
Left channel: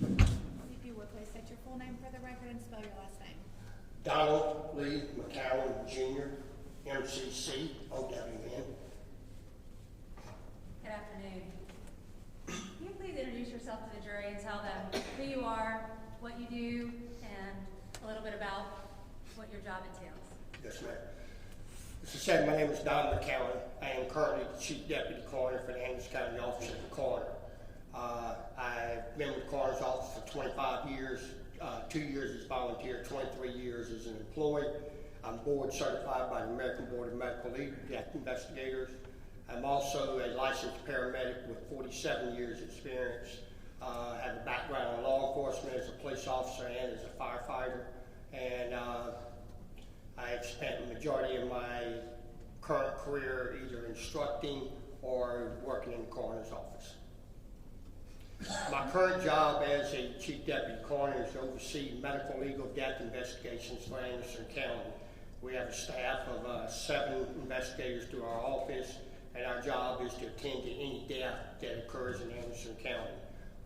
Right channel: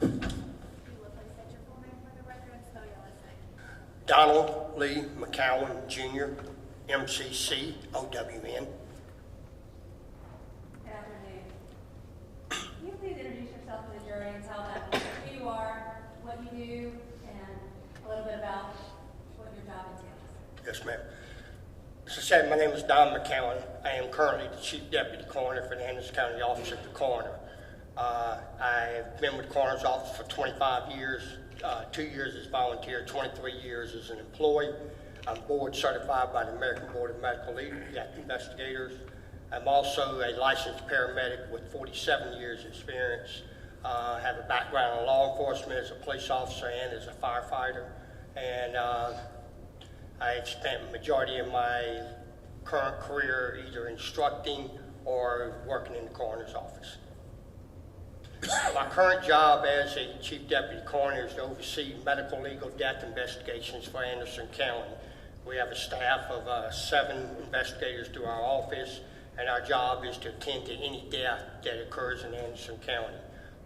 If you would please state your full name for the record and spell your last name. Donald Lee Macauan Jr., MCCOWN. Good afternoon. Can you please introduce yourself to the jury and tell them who you are, what you do, and a little bit about what your job entails? Yes, ma'am. As I said, my name is Don Macauan. I am currently the Chief Deputy Coroner for the Anderson County Office of the Coroner. I've been with the Coroner's Office for 25 years, 2 years as volunteer, 23 years as an employee. I'm board certified by the American Board of Medical Legal Investigators. I'm also a licensed paramedic with 47 years experience. I have a background in law enforcement as a police officer and as a firefighter. And I spent the majority of my current career either instructing or working in the coroner's office. My current job as a Chief Deputy Coroner is to oversee medical legal death investigations for Anderson County. We have a staff of 7 investigators to our office, and our job is to attend to any death that occurs in Anderson County.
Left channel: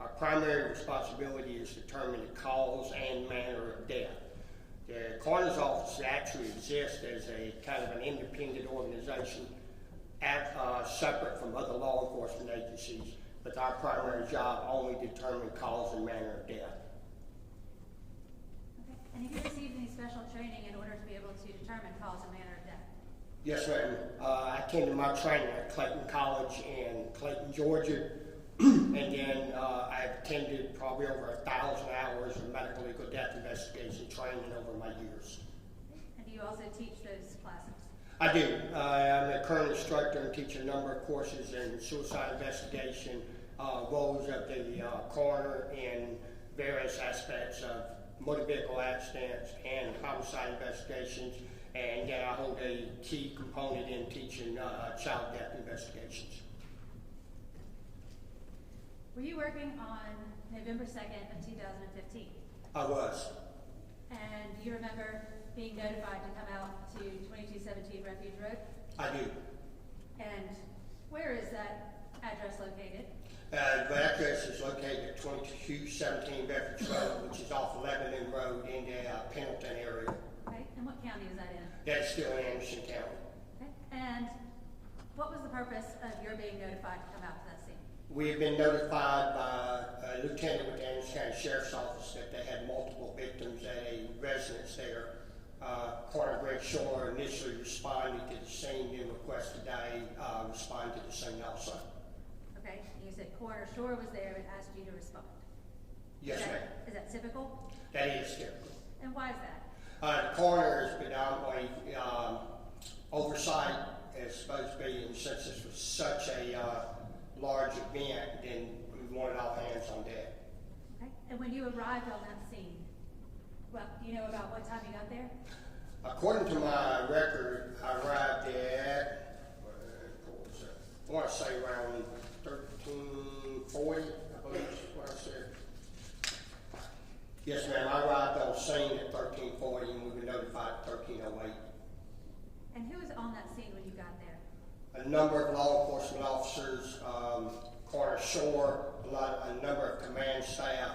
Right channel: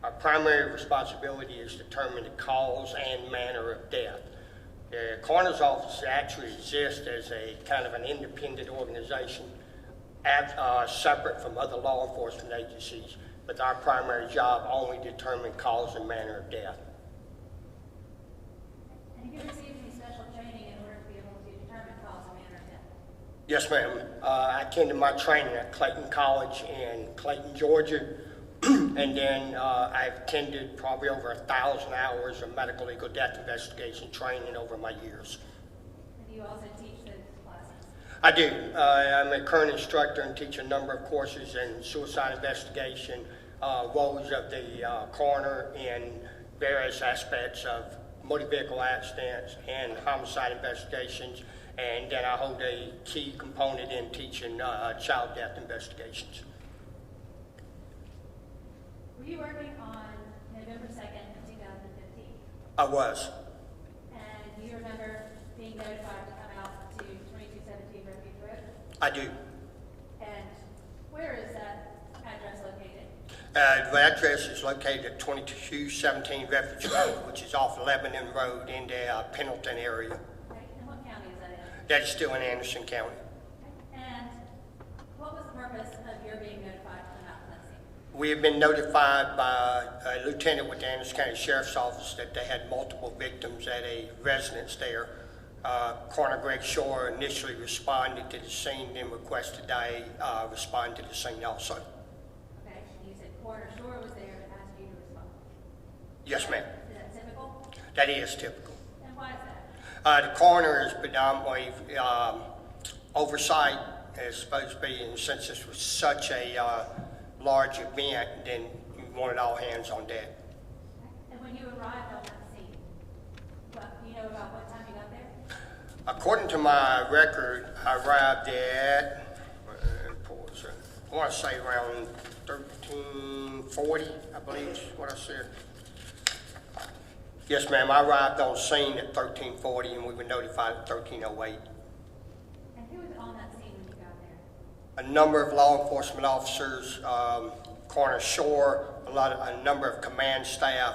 Our primary responsibility is to determine the cause and manner of death. The Coroner's Office actually exists as a kind of an independent organization, separate from other law enforcement agencies, but our primary job only determines cause and manner of death. And have you received any special training in order to be able to determine cause and manner of death? Yes, ma'am. I attended my training at Clayton College in Clayton, Georgia, and then I've attended probably over 1,000 hours of medical legal death investigation training over my years. And do you also teach those classes? I do. I'm a current instructor and teach a number of courses in suicide investigation, roles of the coroner in various aspects of motor vehicle accidents and homicide investigations, and then I hold a key component in teaching child death investigations. Were you working on November 2nd of 2015? I was. And do you remember being notified to come out to 2217 Refuge Road? I do. And where is that address located? The address is located at 2217 Refuge Road, which is off Lebanon Road in the Pendleton area. Okay. And what county is that in? That's still in Anderson County. Okay. And what was the purpose of your being notified to come out to that scene? We have been notified by a lieutenant with the Anderson County Sheriff's Office that they had multiple victims at a residence there. Coroner Greg Shore initially responded to the scene, then requested I respond to the scene also. Okay. And you said Coroner Shore was there and asked you to respond. Yes, ma'am. Is that typical? That is typical. And why is that? The coroner is predominantly oversight is supposed to be, and since this was such a large event, then we wanted all hands on deck. Okay. And when you arrived on that scene, well, do you know about what time you got there? According to my record, I arrived at, I want to say around 1340, I believe is what I said. Yes, ma'am, I arrived on scene at 1340 and we were notified at 1308. And who was on that scene when you got there? A number of law enforcement officers, Coroner Shore, a number of command staff.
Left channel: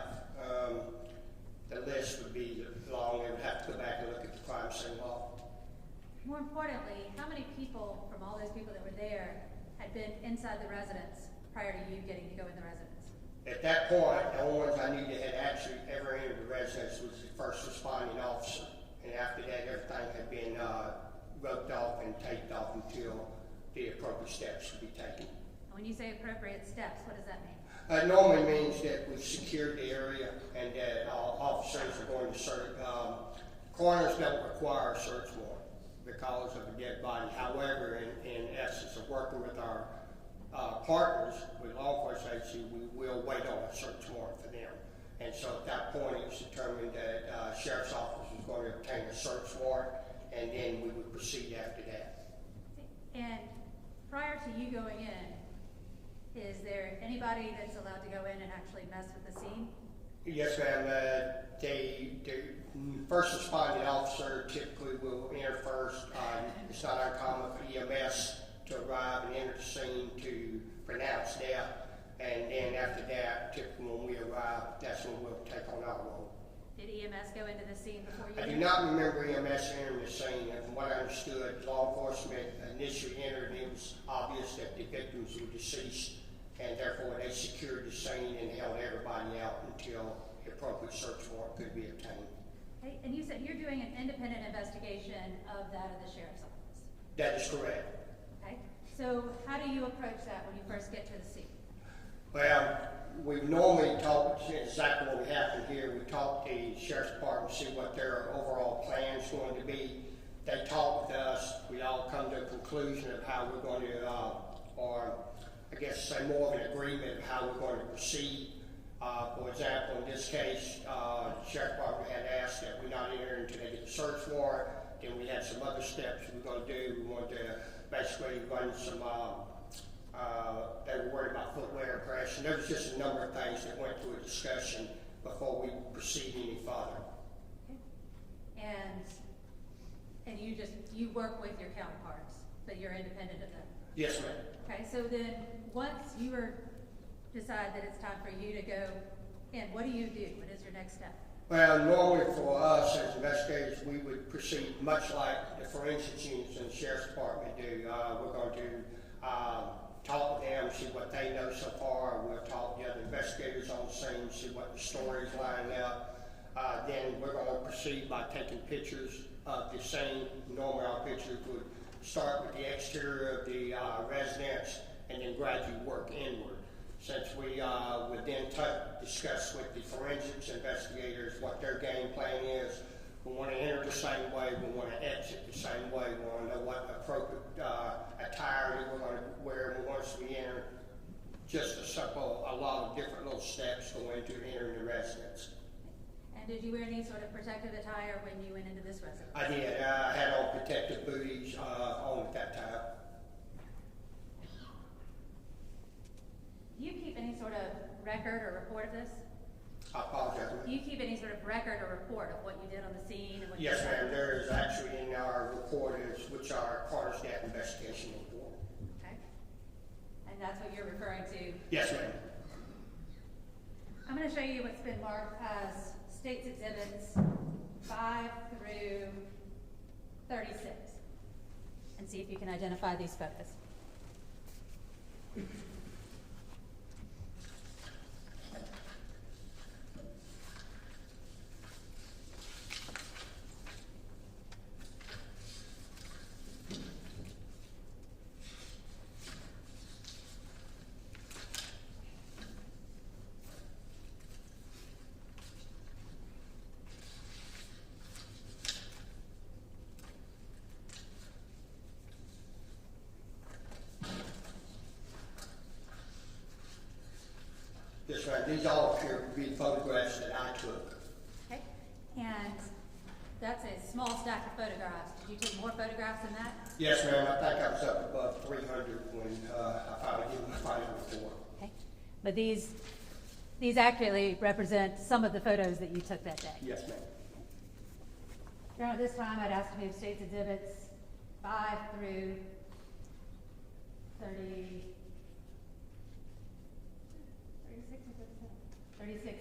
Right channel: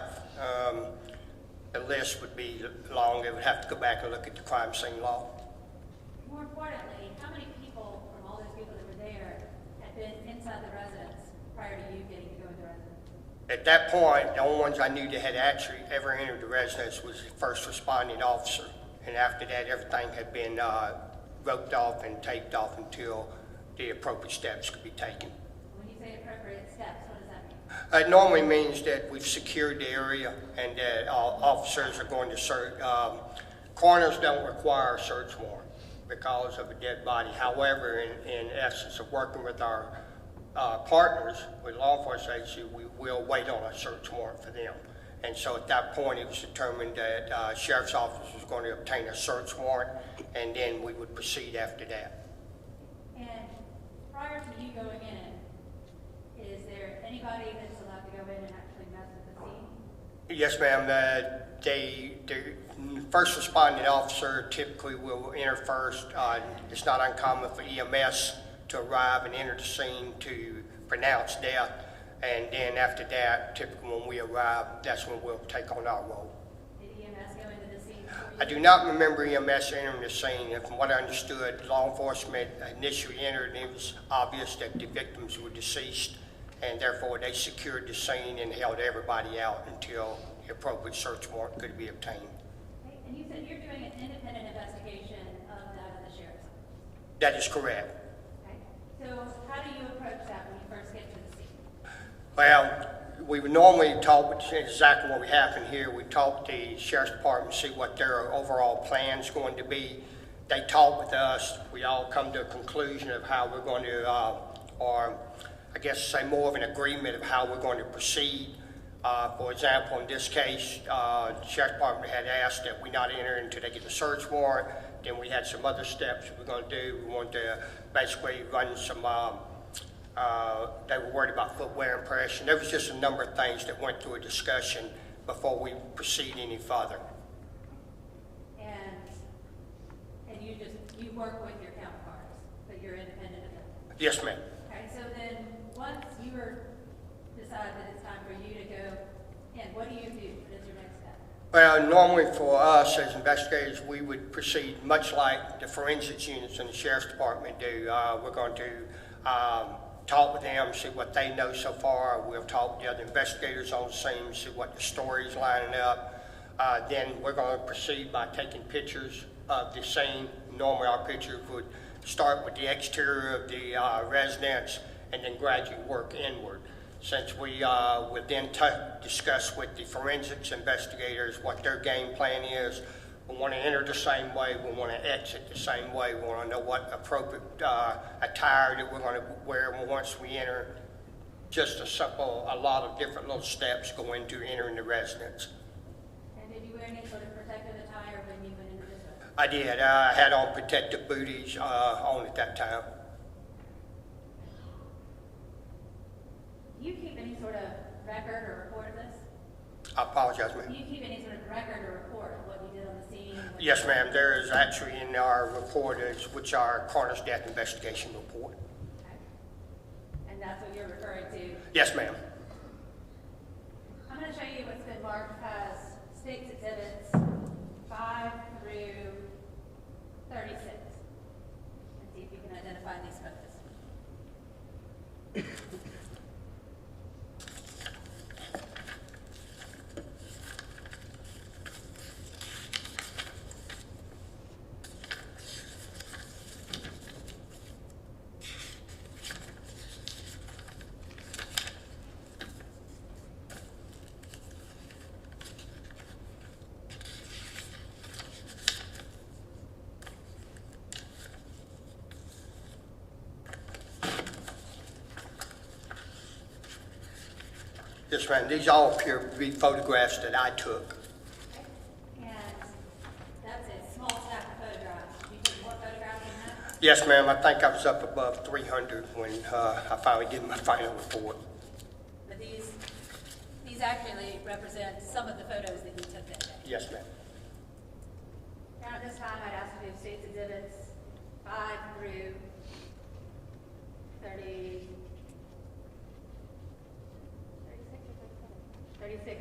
The list would be long. It would have to go back and look at the crime scene law. More importantly, how many people from all those people that were there had been inside the residence prior to you getting to go in the residence? At that point, the only ones I knew that had actually ever entered the residence was the first responding officer. And after that, everything had been roped off and taped off until the appropriate steps could be taken. When you say appropriate steps, what does that mean? It normally means that we've secured the area and that all officers are going to search. Coroners don't require a search warrant because of a dead body. However, in essence of working with our partners with law enforcement agencies, we will wait on a search warrant for them. And so at that point, it was determined that Sheriff's Office was going to obtain a search warrant, and then we would proceed after that. And prior to you going in, is there anybody that's allowed to go in and actually mess with the scene? Yes, ma'am. The first responding officer typically will enter first. It's not uncommon for EMS to arrive and enter the scene to pronounce death. And then after that, typically when we arrive, that's when we'll take on our role. Did EMS go into the scene before you? I do not remember EMS entering the scene, and from what I understood, law enforcement initially entered, and it was obvious that the victims were deceased, and therefore they secured the scene and held everybody out until the appropriate search warrant could be obtained. Okay, and you said you're doing an independent investigation of that of the sheriff's office. That is correct. Okay, so how do you approach that when you first get to the scene? Well, we would normally talk, which is exactly what we happened here. We talk to the sheriff's department, see what their overall plan's going to be. They talk with us. We all come to a conclusion of how we're going to, or I guess say more of an agreement of how we're going to proceed. For example, in this case, the sheriff's department had asked that we not enter until they get the search warrant. Then we had some other steps we were going to do. We wanted to basically run some, they were worried about footwear impression. There was just a number of things that went through a discussion before we proceed any further. And you work with your counterparts, but you're independent of them? Yes, ma'am. Okay, so then once you decide that it's time for you to go in, what do you do? What is your next step? Well, normally for us as investigators, we would proceed much like the forensics units in the sheriff's department do. We're going to talk with them, see what they know so far. We'll talk with the other investigators on the scene, see what the story's lining up. Then we're going to proceed by taking pictures of the scene. Normally our pictures would start with the exterior of the residence and then gradually work inward. Since we would then discuss with the forensics investigators what their game plan is, we want to enter the same way, we want to exit the same way, we want to know what appropriate attire that we're going to wear once we enter. Just a lot of different little steps go into entering the residence. And did you wear any sort of protective attire when you went into this residence? I did. I had on protective booties on at that time. Do you keep any sort of record or report of this? I apologize, ma'am. Do you keep any sort of record or report of what you did on the scene? Yes, ma'am. There is actually in our report, which our coroner's death investigation report. Okay. And that's what you're referring to? Yes, ma'am. I'm going to show you what's been marked as State's Exhibits 5 through 36 and see if you can identify these photos. Yes, ma'am. These all appear to be photographs that I took. Okay. And that's a small stack of photographs. You took more photographs than that? Yes, ma'am. I think I was up above 300 when I finally did my final report. Okay. But these accurately represent some of the photos that you took that day? Yes, ma'am. Your Honor, this time I'd ask to move State's Exhibits 5 through 36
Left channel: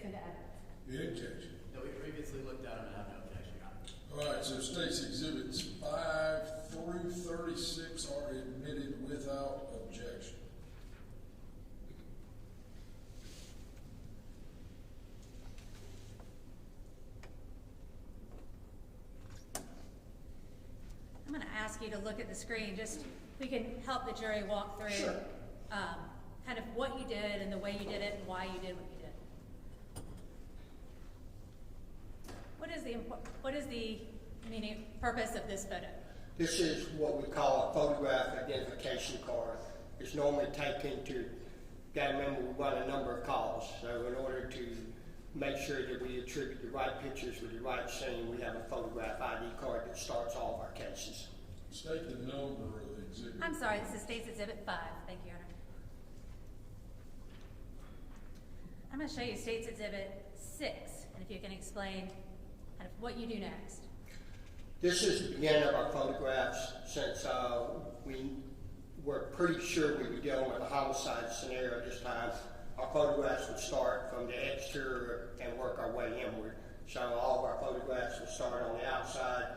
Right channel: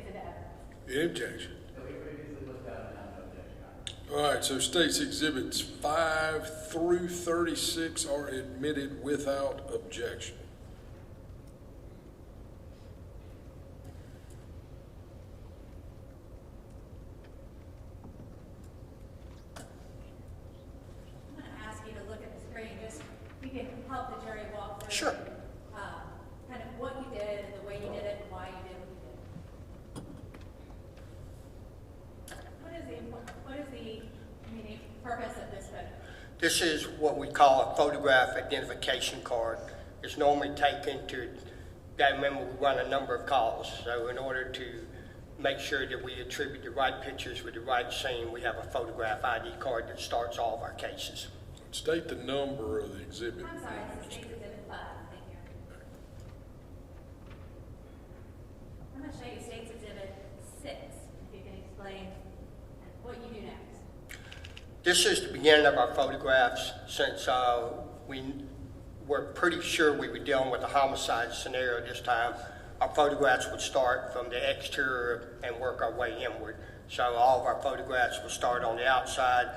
into evidence. Any objection? So we previously looked at and have no objection, Your Honor. All right, so State's Exhibits 5 through 36 are admitted without objection. I'm going to ask you to look at the screen, just we can help the jury walk through. Sure. Kind of what you did and the way you did it and why you did what you did. What is the purpose of this photo? This is what we call a photograph identification card. It's normally taken to, you gotta remember we run a number of calls. So in order to make sure that we attribute the right pictures with the right scene, we have a photograph ID card that starts all of our cases. State the number of the exhibit. I'm sorry, this is State's Exhibit 5. Thank you, Your Honor. I'm going to show you State's Exhibit 6, and if you can explain kind of what you do next. This is the beginning of our photographs. Since we were pretty sure we were dealing with a homicide scenario this time, our photographs would start from the exterior and work our way inward. So all of our photographs will start on the outside.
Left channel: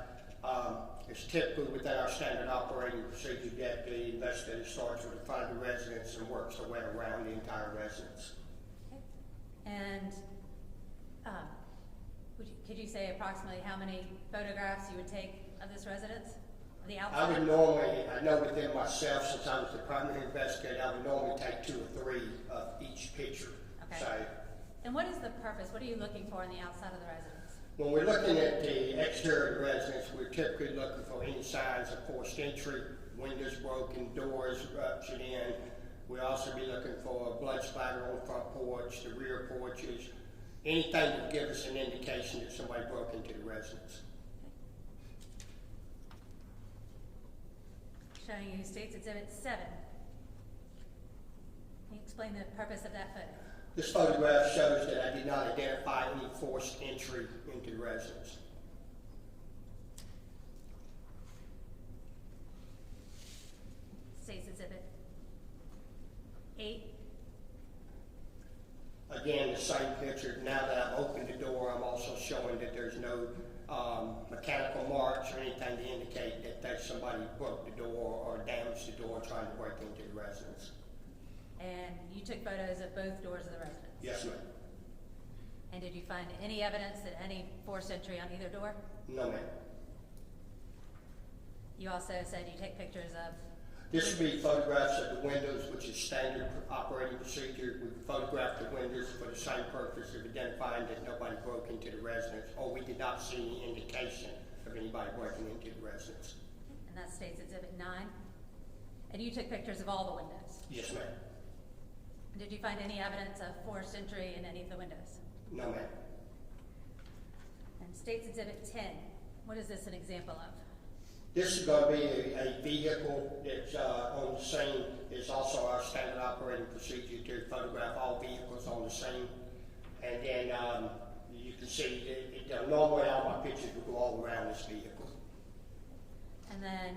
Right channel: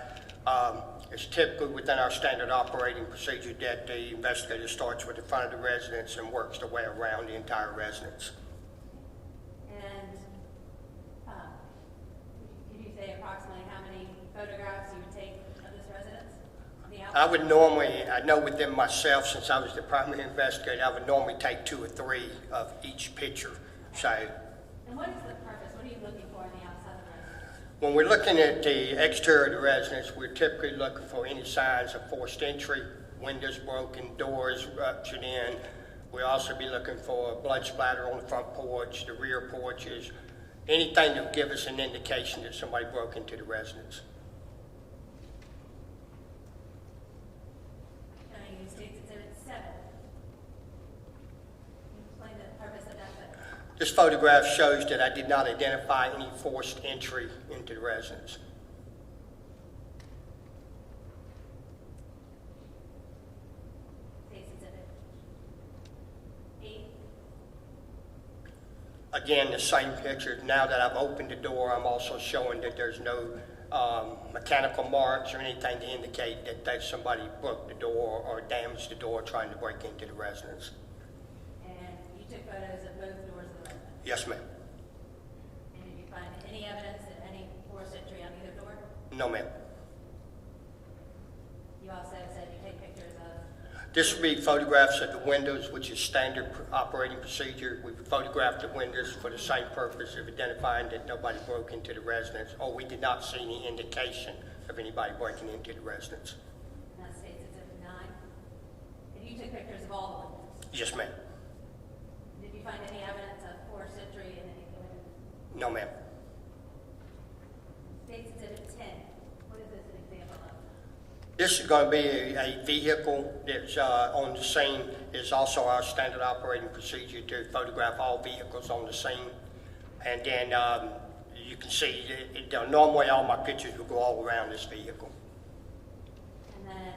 It's typically within our standard operating procedure that the investigator starts with the front of the residence and works their way around the entire residence. And could you say approximately how many photographs you would take of this residence? The outside? I would normally, I know within myself, since I was the primary investigator, I would normally take 2 or 3 of each picture. Okay. So, and what is the purpose? What are you looking for on the outside of the residence? when we're looking at the exterior of the residence, we're typically looking for any signs of forced entry, windows broken, doors ruptured in. We'll also be looking for blood splatter on the front porch, the rear porches, anything that will give us an indication that somebody broke into the residence. Showing you State's Exhibit 7. Can you explain the purpose of that photo? This photograph shows that I did not identify any forced entry into the residence. State's Exhibit 8. Again, the same picture. Now that I've opened the door, I'm also showing that there's no mechanical marks or anything to indicate that somebody broke the door or damaged the door trying to break into the residence. And you took photos of both doors of the residence? Yes, ma'am. And did you find any evidence that any forced entry on either door? No, ma'am. You also said you take pictures of? This would be photographs of the windows, which is standard operating procedure. We photographed the windows for the same purpose of identifying that nobody broke into the residence, or we did not see any indication of anybody breaking into the residence. And that's State's Exhibit 9. And you took pictures of all the windows? Yes, ma'am. And did you find any evidence of forced entry in any of the windows? No, ma'am. And State's Exhibit 10, what is this an example of? This is going to be a vehicle that's on the scene. It's also our standard operating procedure to photograph all vehicles on the scene. And then you can see, normally all my pictures will go all around this vehicle. And then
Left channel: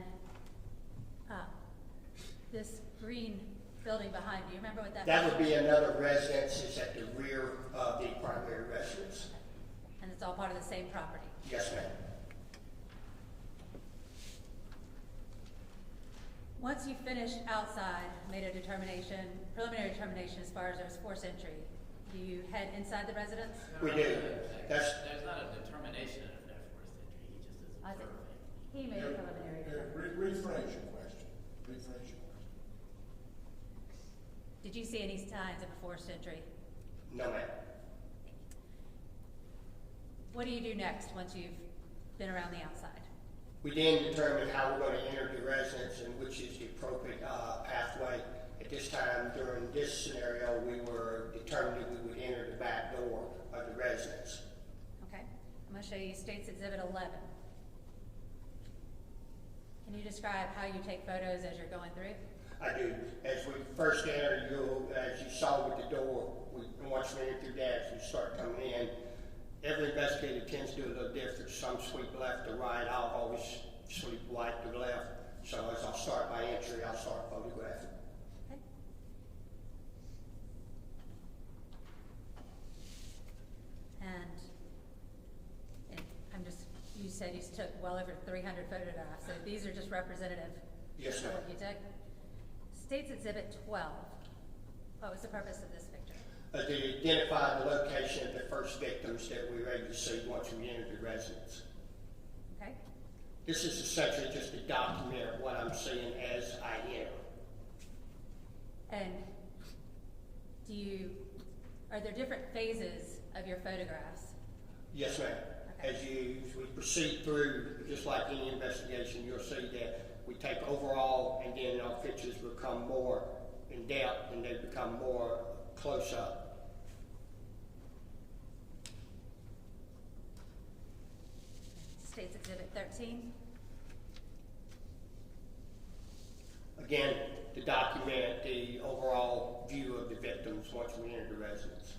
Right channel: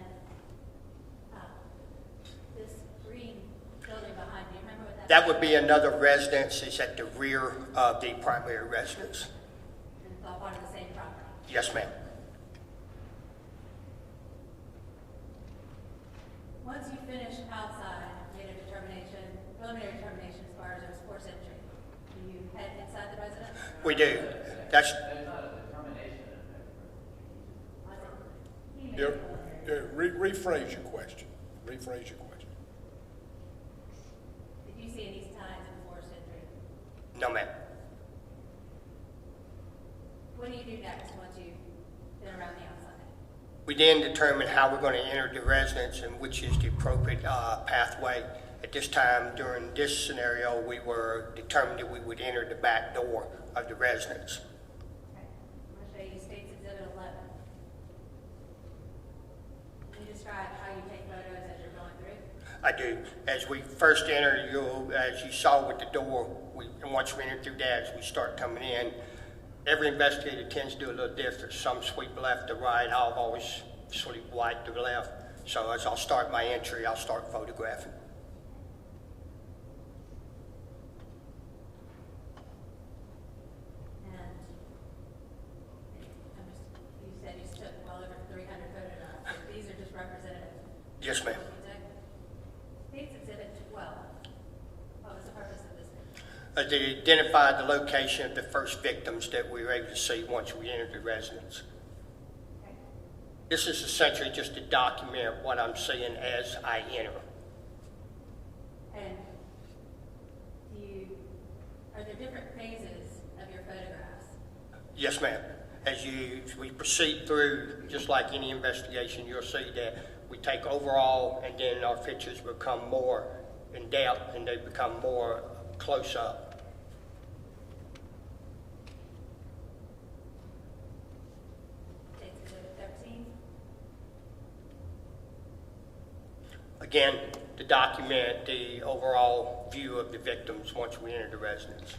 this green building behind, do you remember what that That would be another residence. It's at the rear of the primary residence. And it's all part of the same property? Yes, ma'am. Once you finish outside, made a determination, preliminary determination as far as there's forced entry, do you head inside the residence? We do. That's There's not a determination of no forced entry. He just He made a preliminary. Rephrase your question. Rephrase your question. Did you see any signs of forced entry? no, ma'am. What do you do next once you've been around the outside? We then determine how we're going to enter the residence and which is the appropriate pathway. At this time, during this scenario, we were determined that we would enter the back door of the residence. Okay, I'm going to show you State's Exhibit 11. Can you describe how you take photos as you're going through? I do. As we first enter, as you saw with the door, and once we enter through that, as we start coming in, every investigator tends to do a little different. Some sweep left to right. I'll always sweep right to the left. So as I'll start my entry, I'll start photographing. You said you took well over 300 photographs. So these are just representative. Yes, ma'am. You took. State's Exhibit 12. What was the purpose of this picture? To identify the location of the first victims that we were able to see once we entered the residence. Okay. This is essentially just to document what I'm seeing as I enter. And are there different phases of your photographs? Yes, ma'am. As we proceed through, just like any investigation, you'll see that we take overall, and then our pictures become more in depth, and they become more close up. State's Exhibit 13. Again, to document the overall view of the victims once we enter the residence.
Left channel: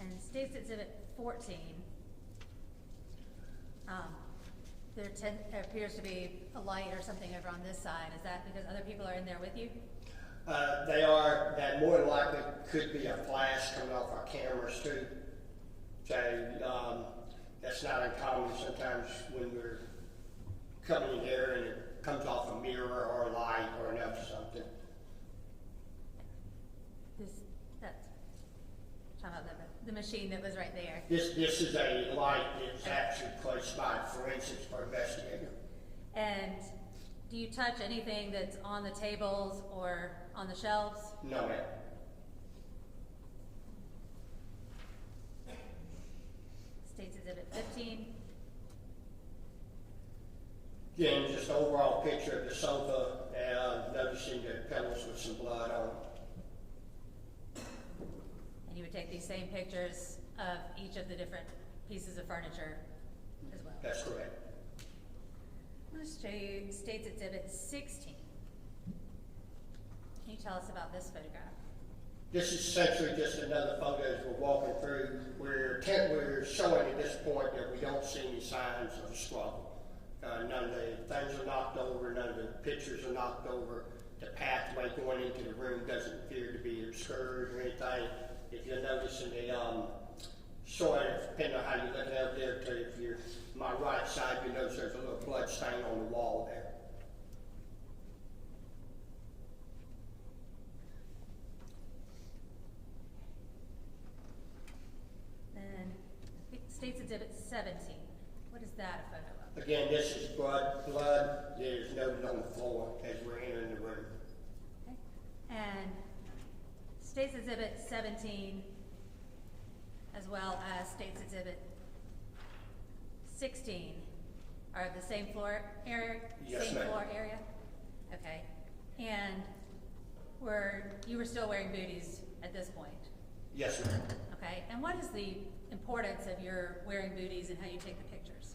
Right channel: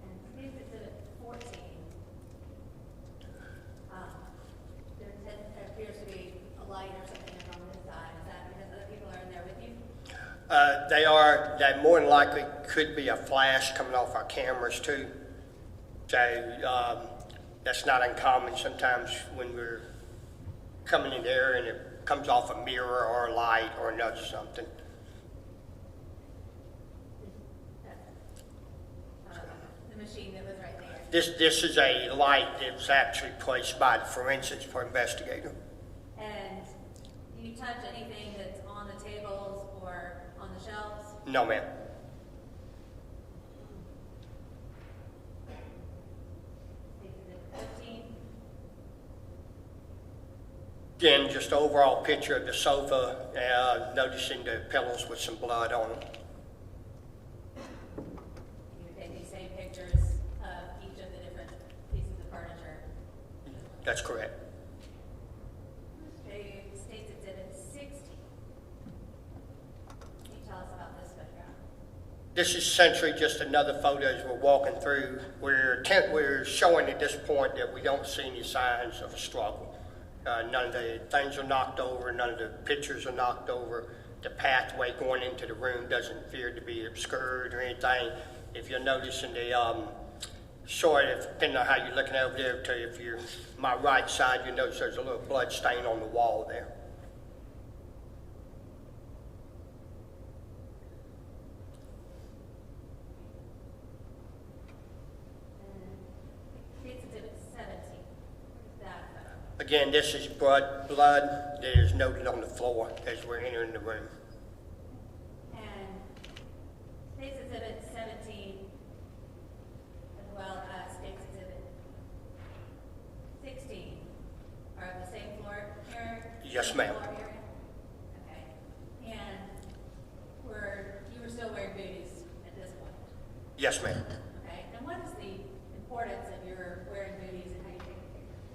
And State's Exhibit 14. That more than likely could be a flash coming off our cameras too. So that's not uncommon sometimes when we're coming in there and it comes off a mirror or a light or another something. The machine that was right there. This is a light that was actually placed by the forensics investigator. And do you touch anything that's on the tables or on the shelves? No, ma'am. State's Exhibit 15. Again, just an overall picture of the sofa, noticing the pillows with some blood on them. And you would take these same pictures of each of the different pieces of furniture as well? That's correct. Let's show you State's Exhibit 16. Can you tell us about this photograph? This is essentially just another photo as we're walking through. We're showing at this point that we don't see any signs of a struggle. None of the things are knocked over, none of the pictures are knocked over. The pathway going into the room doesn't appear to be obscured or anything. If you'll notice in the short, depending on how you're looking over there, to if you're my right side, you notice there's a little blood stain on the wall there. State's Exhibit 17. What is that photo? Again, this is blood that is noted on the floor as we're entering the room. And State's Exhibit 17, as well as State's Exhibit 16, are at the same floor area? Yes, same ma'am. floor area? Okay. And you were still wearing booties at this point? Yes, ma'am. Okay. And what is the importance of your wearing booties and how you take the pictures?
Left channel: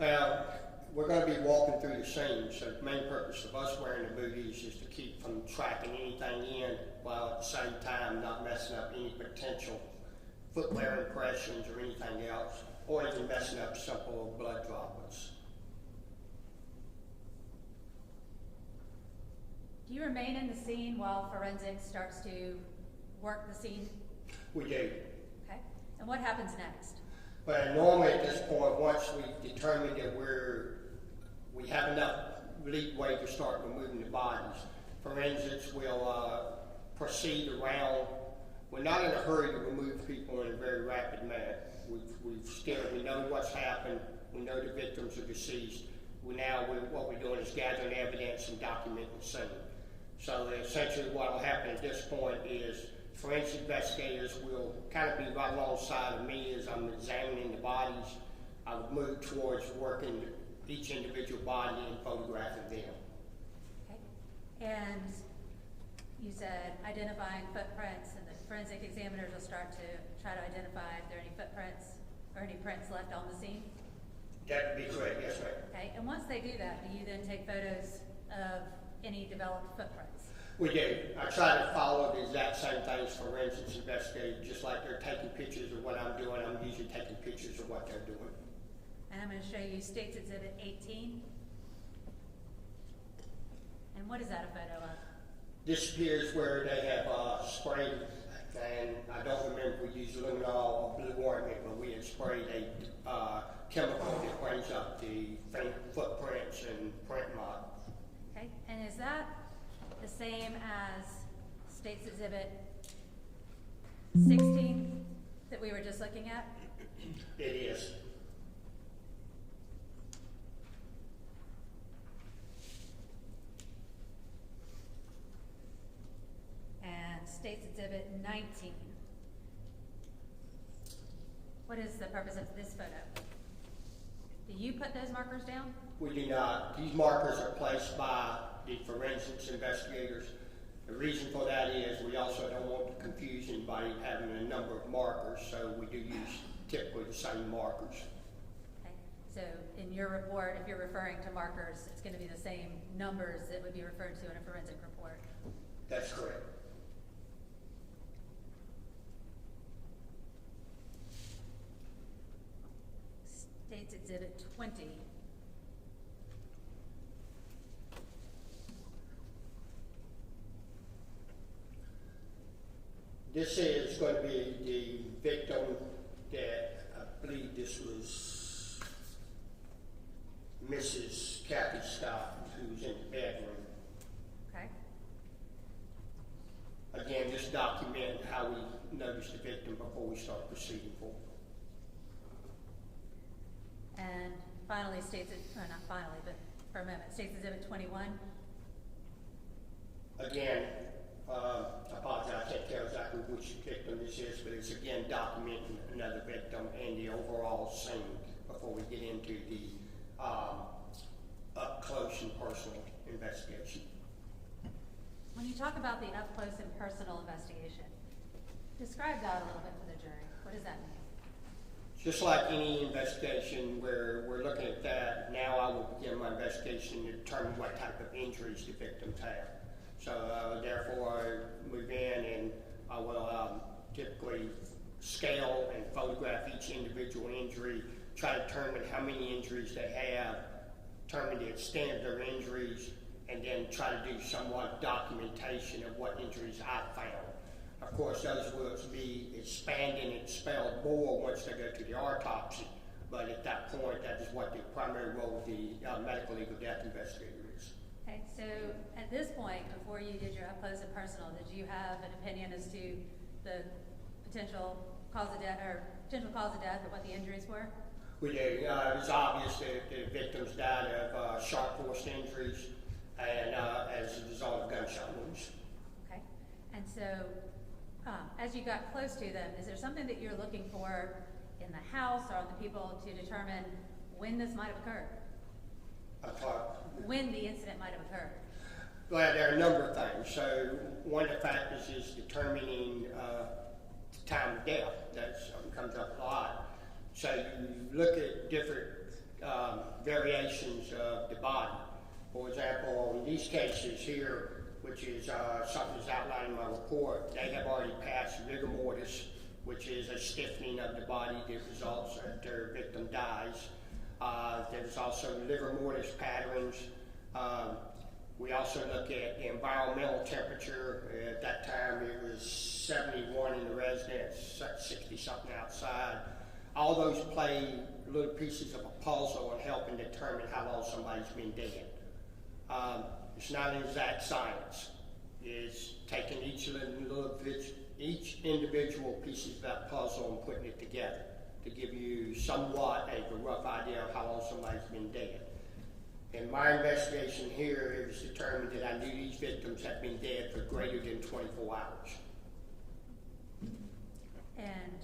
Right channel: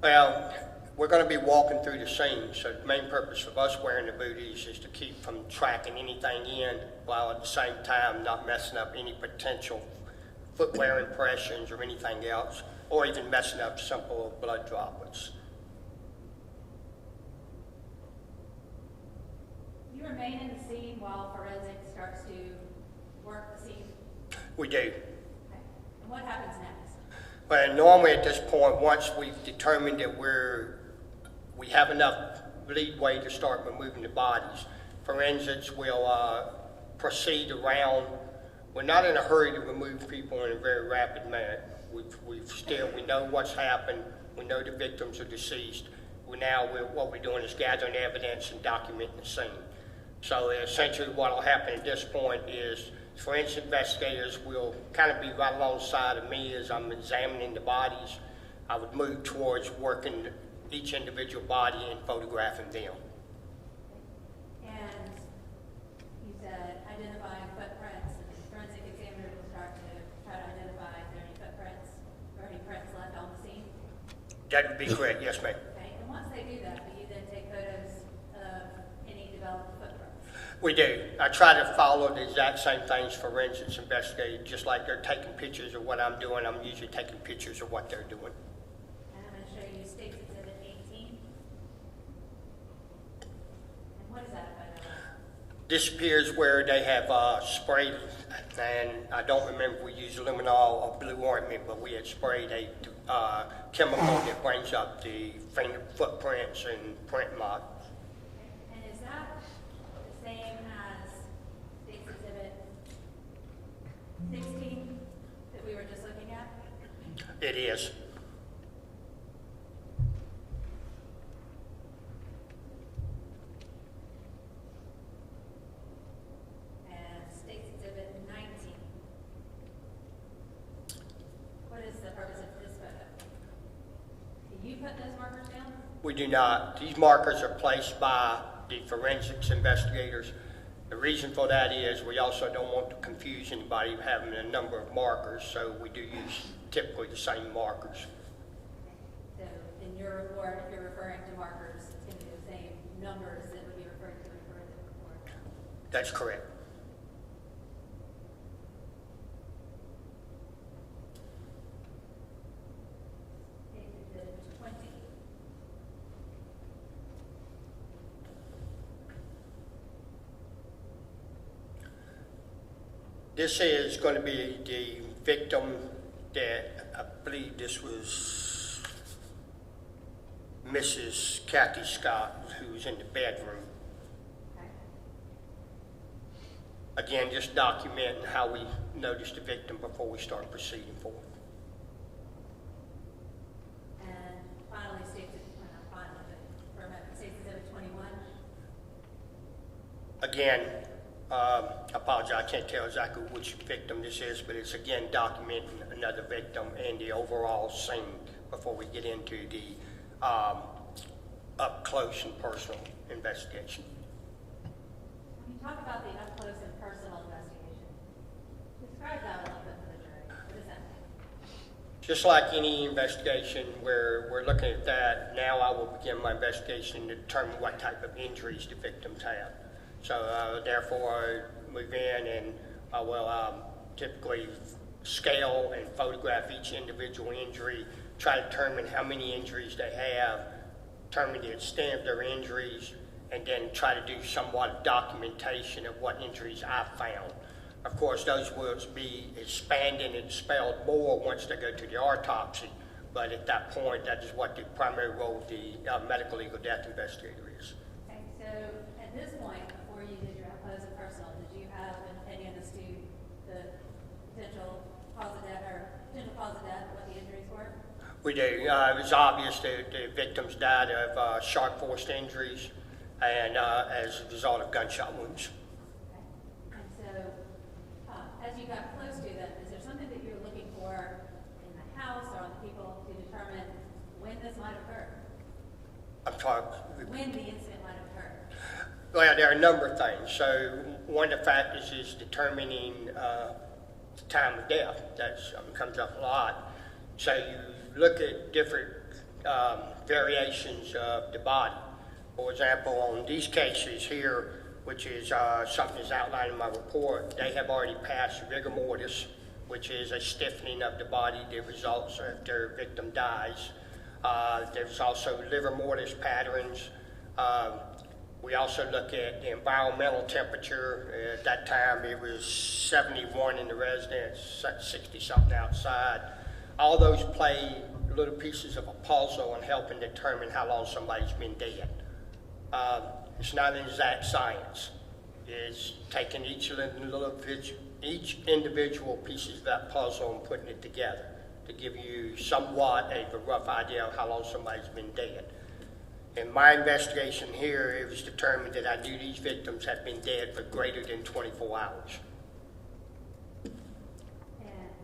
Well, we're going to be walking through the scene, so the main purpose of us wearing the booties is to keep from tracking anything in, while at the same time not messing up any potential footwear impressions or anything else, or even messing up simple blood droplets. Do you remain in the scene while forensics starts to work the scene? We do. Okay. And what happens next? Well, normally at this point, once we've determined that we have enough leeway to start removing the bodies, forensics will proceed around. We're not in a hurry to remove people in a very rapid manner. We know what's happened. We know the victims are deceased. What we're doing is gathering evidence and documenting the scene. So essentially what will happen at this point is forensic investigators will kind of be right alongside of me as I'm examining the bodies. I would move towards working each individual body and photographing them. Okay. And you said identifying footprints, and the forensic examiners will start to try to identify if there are any footprints or any prints left on the scene? That would be correct, yes, ma'am. Okay. And once they do that, do you then take photos of any developed footprints? We do. I try to follow the exact same things forensics investigators, just like they're taking pictures of what I'm doing, I'm usually taking pictures of what they're doing. And I'm going to show you State's Exhibit 18. And what is that photo of? This appears where they have sprayed, and I don't remember if we used luminol or blue ointment, but we had sprayed a chemical that brings up the finger footprints and print marks. Okay. And is that the same as State's Exhibit 16 that we were just looking at? It is. And State's Exhibit 19. What is the purpose of this photo? Do you put those markers down? We do not. These markers are placed by the forensics investigators. The reason for that is we also don't want to confuse anybody having a number of markers, so we do use typically the same markers. Okay. So in your report, if you're referring to markers, it's going to be the same numbers that would be referred to in a forensic report? That's correct. State's Exhibit 20. This is going to be the victim that I believe this was Mrs. Kathy Scott, who was in the bedroom. Okay. Again, just documenting how we noticed the victim before we start proceeding forward. And finally, or not finally, but from States Exhibit 21. Again, I apologize, I can't tell exactly which victim this is, but it's again documenting another victim in the overall scene before we get into the up close and personal investigation. When you talk about the up close and personal investigation, describe that a little bit for the jury. What does that mean? Just like any investigation where we're looking at that, now I will begin my investigation to determine what type of injuries the victims have. So therefore I move in and I will typically scale and photograph each individual injury, try to determine how many injuries they have, determine the extent of their injuries, and then try to do somewhat of documentation of what injuries I found. Of course, those will be expanded and spelled more once they go to the autopsy, but at that point, that is what the primary role of the medical legal death investigator is. Okay, so at this point, before you did your up close and personal, did you have an opinion as to the potential cause of death or what the injuries were? We do. It was obvious that the victims died of sharp force injuries and as a result of gunshot wounds. Okay, and so as you got close to them, is there something that you're looking for in the house or on the people to determine when this might occur? I'm sorry. When the incident might occur? Well, there are a number of things. So one of the factors is determining the time of death. That comes up a lot. So you look at different variations of the body. For example, on these cases here, which is something that's outlined in my report, they have already passed rigor mortis, which is a stiffening of the body that results after a victim dies. There's also livor mortis patterns. We also look at environmental temperature. At that time, it was 71 in the residence, 60-something outside. All those play little pieces of a puzzle in helping determine how long somebody's been dead. It's not an exact science. It's taking each individual pieces of that puzzle and putting it together to give you somewhat a rough idea of how long somebody's been dead. In my investigation here, it was determined that I knew these victims had been dead for greater than 24 hours. And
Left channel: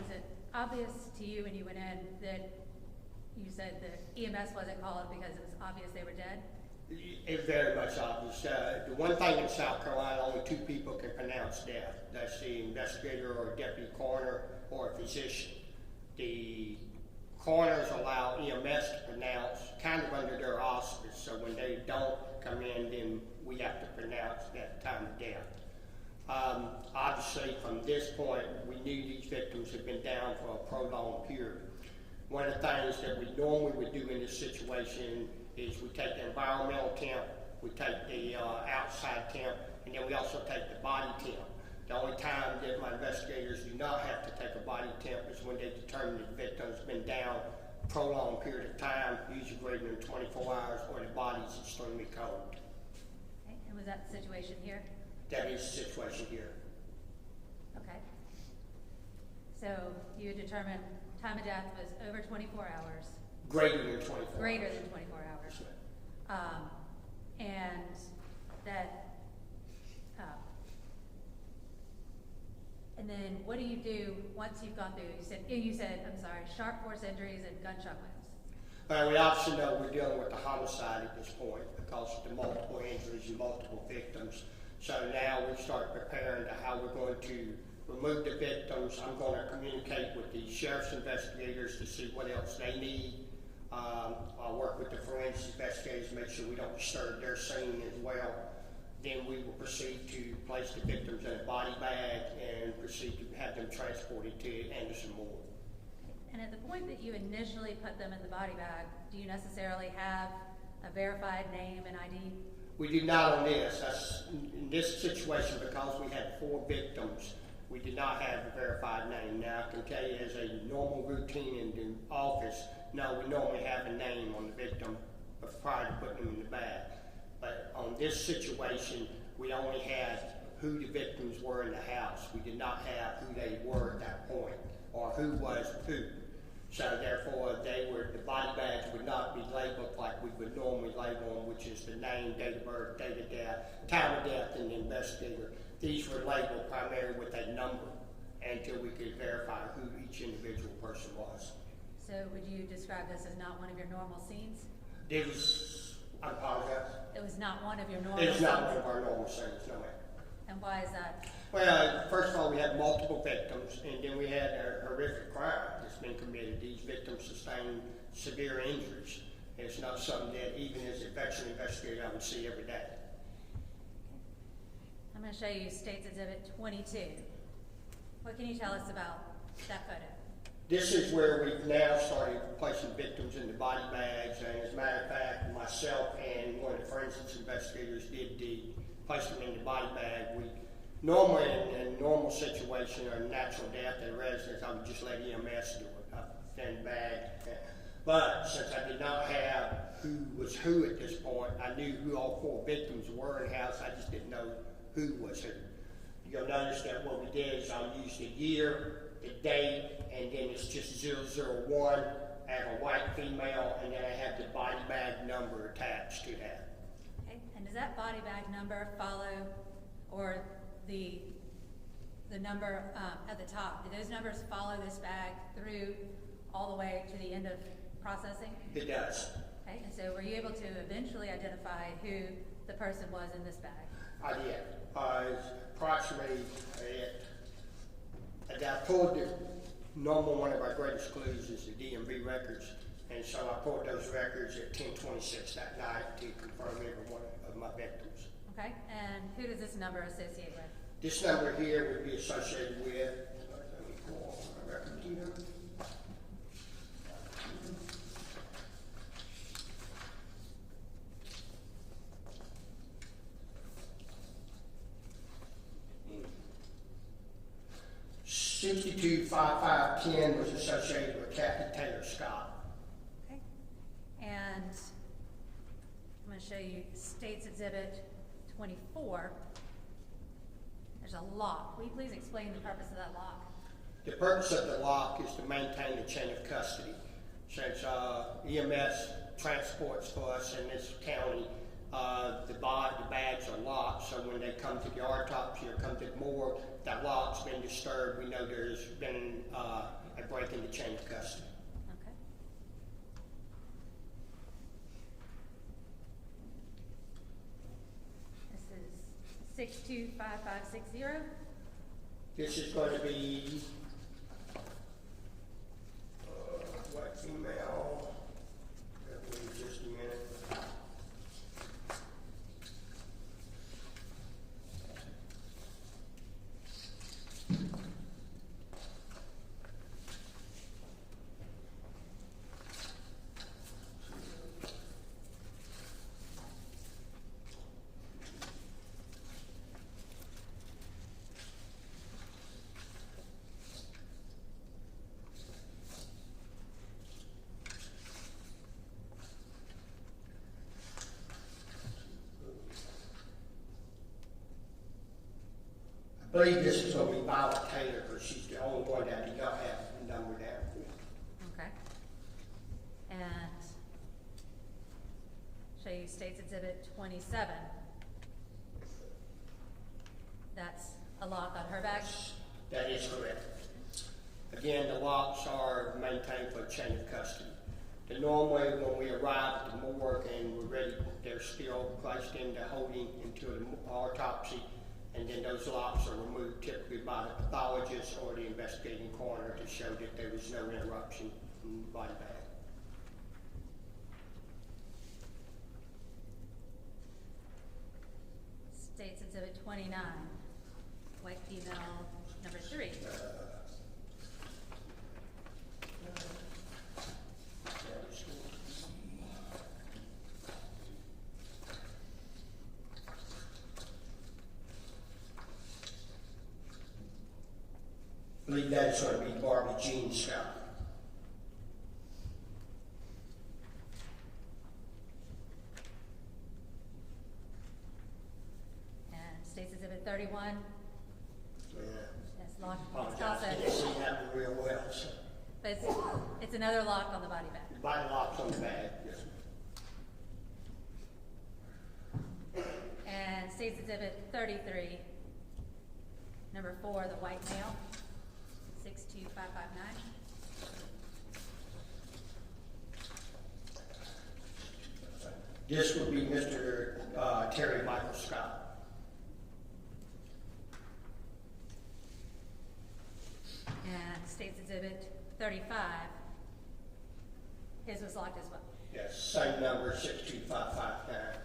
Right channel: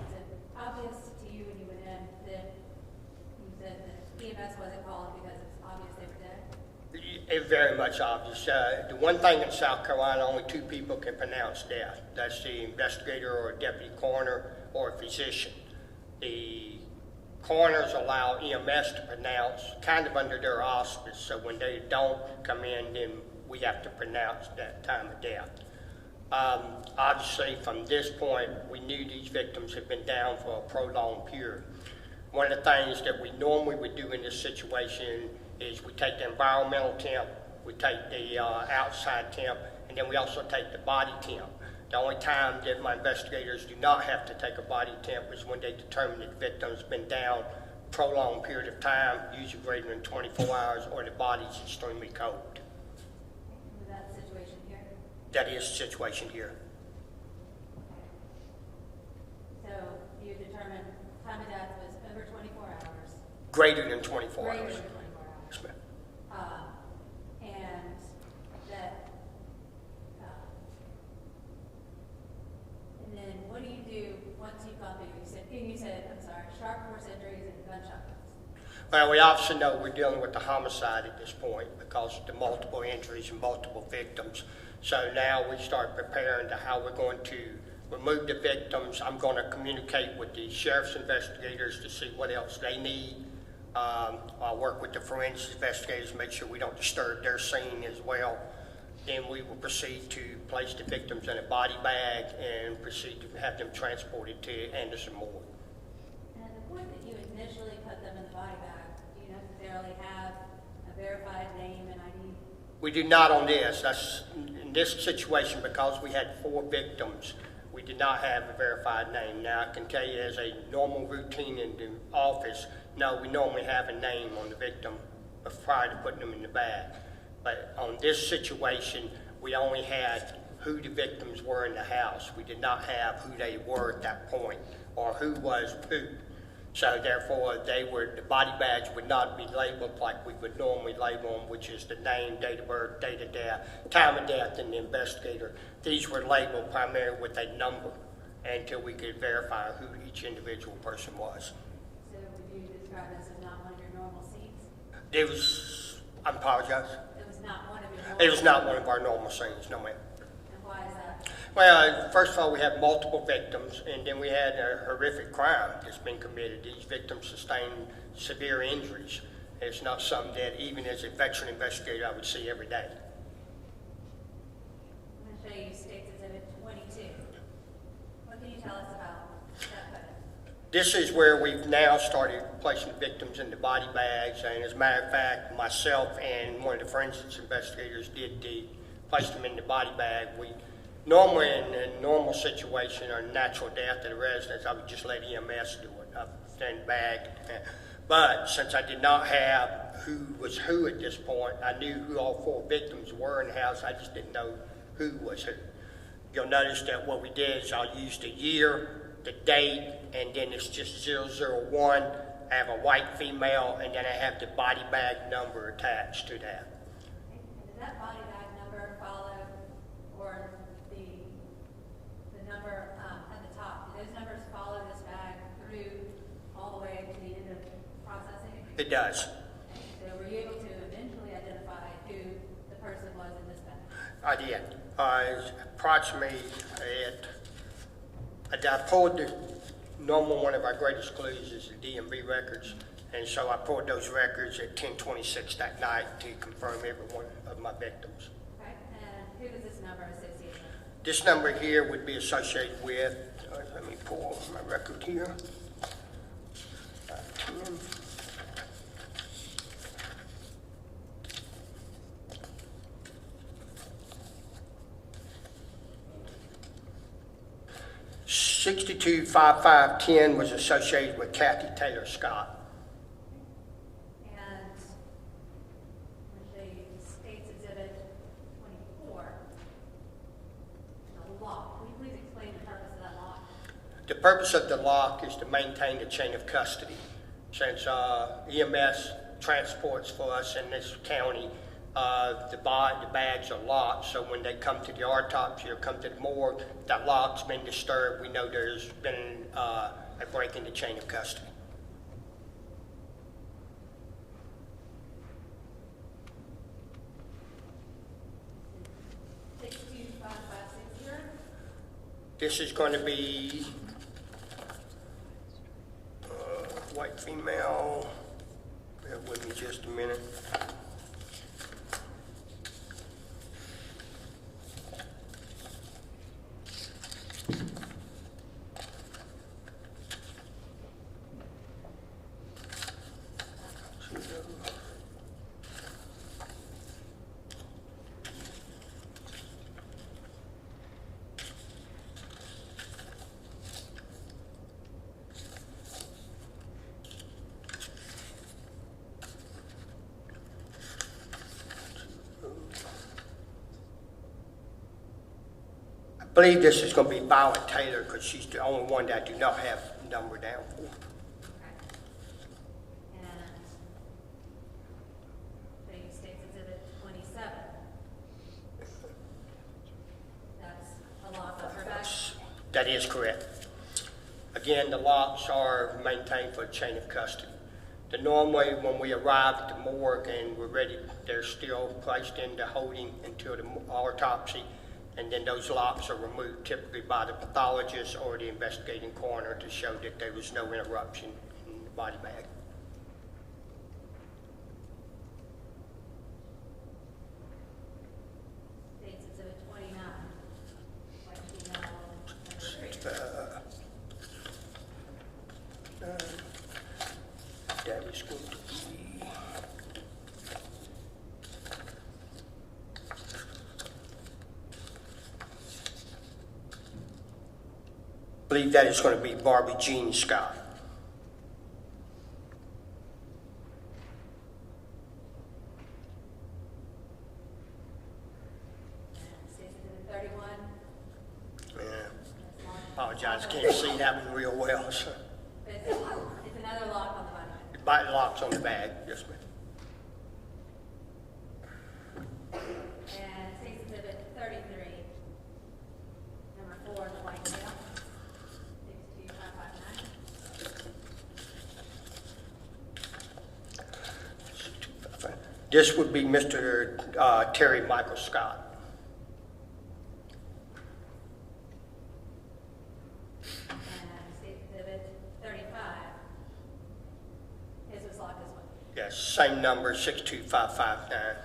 is it obvious to you when you went in that you said that EMS wasn't called because it's obvious they were dead? It's very much obvious. The one thing in South Carolina, only two people can pronounce death. That's the investigator or a deputy coroner or a physician. The coroners allow EMS to pronounce kind of under their auspice, so when they don't come in, then we have to pronounce that time of death. Obviously, from this point, we knew these victims had been down for a prolonged period. One of the things that we normally would do in this situation is we take the environmental temp, we take the outside temp, and then we also take the body temp. The only time that my investigators do not have to take a body temp is when they determine that the victim's been down a prolonged period of time, usually greater than 24 hours, or the body's extremely cold. And was that the situation here? That is the situation here. Okay. So you determined time of death was over 24 hours. Greater than 24 Greater hours. than 24 hours. Yes, ma'am. And that, and then what do you do once you've gone through? You said, I'm sorry, sharp force injuries and gunshot wounds. Well, we obviously know we're dealing with a homicide at this point because of the multiple injuries and multiple victims. So now we start preparing to how we're going to remove the victims. I'm going to communicate with the sheriff's investigators to see what else they need. I'll work with the forensic investigators to make sure we don't disturb their scene as well. Then we will proceed to place the victims in a body bag and proceed to have them transported to Anderson Morgue. And at the point that you initially put them in the body bag, do you necessarily have a verified name and ID? We do not on this. That's this situation, because we had 4 victims, we did not have a verified name. Now, I can tell you as a normal routine in the office, no, we normally have a name on the victim prior to putting them in the bag. But on this situation, we only had who the victims were in the house. We did not have who they were at that point, or who was who. So therefore, the body bags would not be labeled like we would normally label them, which is the name, date of birth, date of death, time of death, and the investigator. These were labeled primarily with a number until we could verify who each individual person was. So would you describe this as not one of your normal scenes? It was, I apologize. It was not one of your normal It was not scenes? one of our normal scenes, no ma'am. And why is that? Well, first of all, we have multiple victims, and then we had a horrific crime that's been committed. These victims sustained severe injuries. It's not something that even as a veteran investigator I would see every day. I'm going to show you State's Exhibit 22. What can you tell us about that photo? This is where we've now started placing the victims in the body bags, and as a matter of fact, myself and one of the forensics investigators did place them in the body bag. We normally, in a normal situation or natural death of the residents, I would just let EMS do it up in the bag. But since I did not have who was who at this point, I knew who all 4 victims were in the house. I just didn't know who was who. You'll notice that what we did is I used the year, the date, and then it's just 001. I have a white female, and then I have the body bag number attached to that. Okay. And does that body bag number follow, or the number at the top, do those numbers follow this bag through all the way to the end of processing? It does. Okay. So were you able to eventually identify who the person was in this bag? I did. Approximately I pulled the normal, one of our greatest clues is the DMV records, and so I pulled those records at 10:26 that night to confirm every one of my victims. Okay. And who does this number associate with? This number here would be associated with, let me pull my record here. 10. $62,550 was associated with Kathy Taylor Scott. Okay. And I'm going to show you State's Exhibit 24. There's a lock. Will you please explain the purpose of that lock? The purpose of the lock is to maintain the chain of custody. Since EMS transports for us in this county, the bags are locked, so when they come to the autopsy or come to the morgue, that lock's been disturbed. We know there's been a break in the chain of custody. This is 625560. This is going to be white female. Bear with me just a minute. I believe this is going to be Violet Taylor because she's the only one that I do not have number down for. Okay. And show you State's Exhibit 27. That's a lock on her bag? That is correct. Again, the locks are maintained for chain of custody. Normally, when we arrive at the morgue and we're ready, they're still placed into holding until the autopsy, and then those locks are removed typically by the pathologist or the investigating coroner to show that there was no interruption in the body bag. State's Exhibit 29, white female number 3. That is going to be believe that is going to be Barbie Jean Scott. And State's Exhibit 31. Yeah. That's long. Apologize, can't see that one real well. So. But it's another lock on the body bag. The body locks on the bag, yes, ma'am. And State's Exhibit 33, number 4, the white male, 62559. This would be Mr. Terry Michael Scott. And State's Exhibit 35, his was locked as well. Yes, same number, 62559.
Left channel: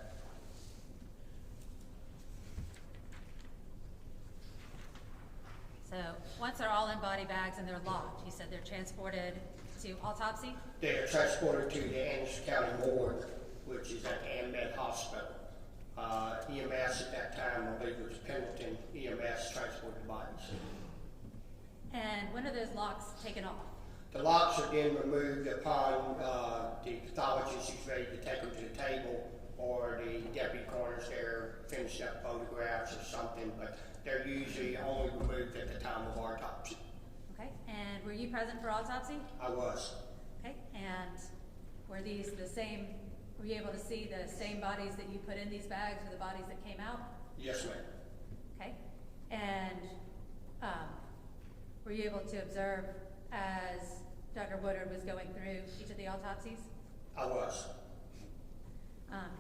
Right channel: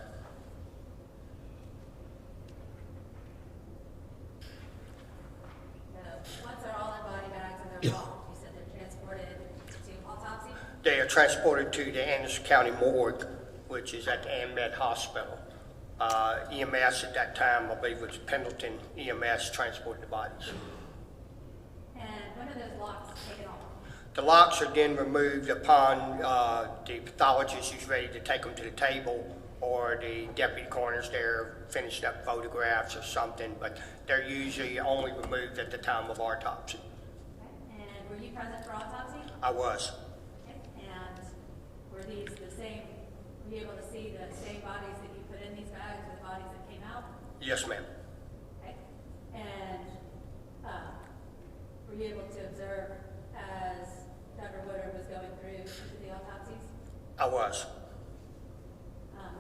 So once they're all in body bags and they're locked, you said they're transported to autopsy? They are transported to the Anderson County Morgue, which is at the AMED Hospital. EMS at that time, I believe it was Pendleton EMS, transported the bodies. And when are those locks taken off? The locks are then removed upon the pathologist who's ready to take them to the table, or the deputy coroner's there finishing up photographs or something, but they're usually only removed at the time of autopsy. Okay, and were you present for autopsy? I was. Okay, and were these the same, were you able to see the same bodies that you put in these bags or the bodies that came out? Yes, ma'am. Okay, and were you able to observe as Dr. Woodard was going through each of the autopsies? I was.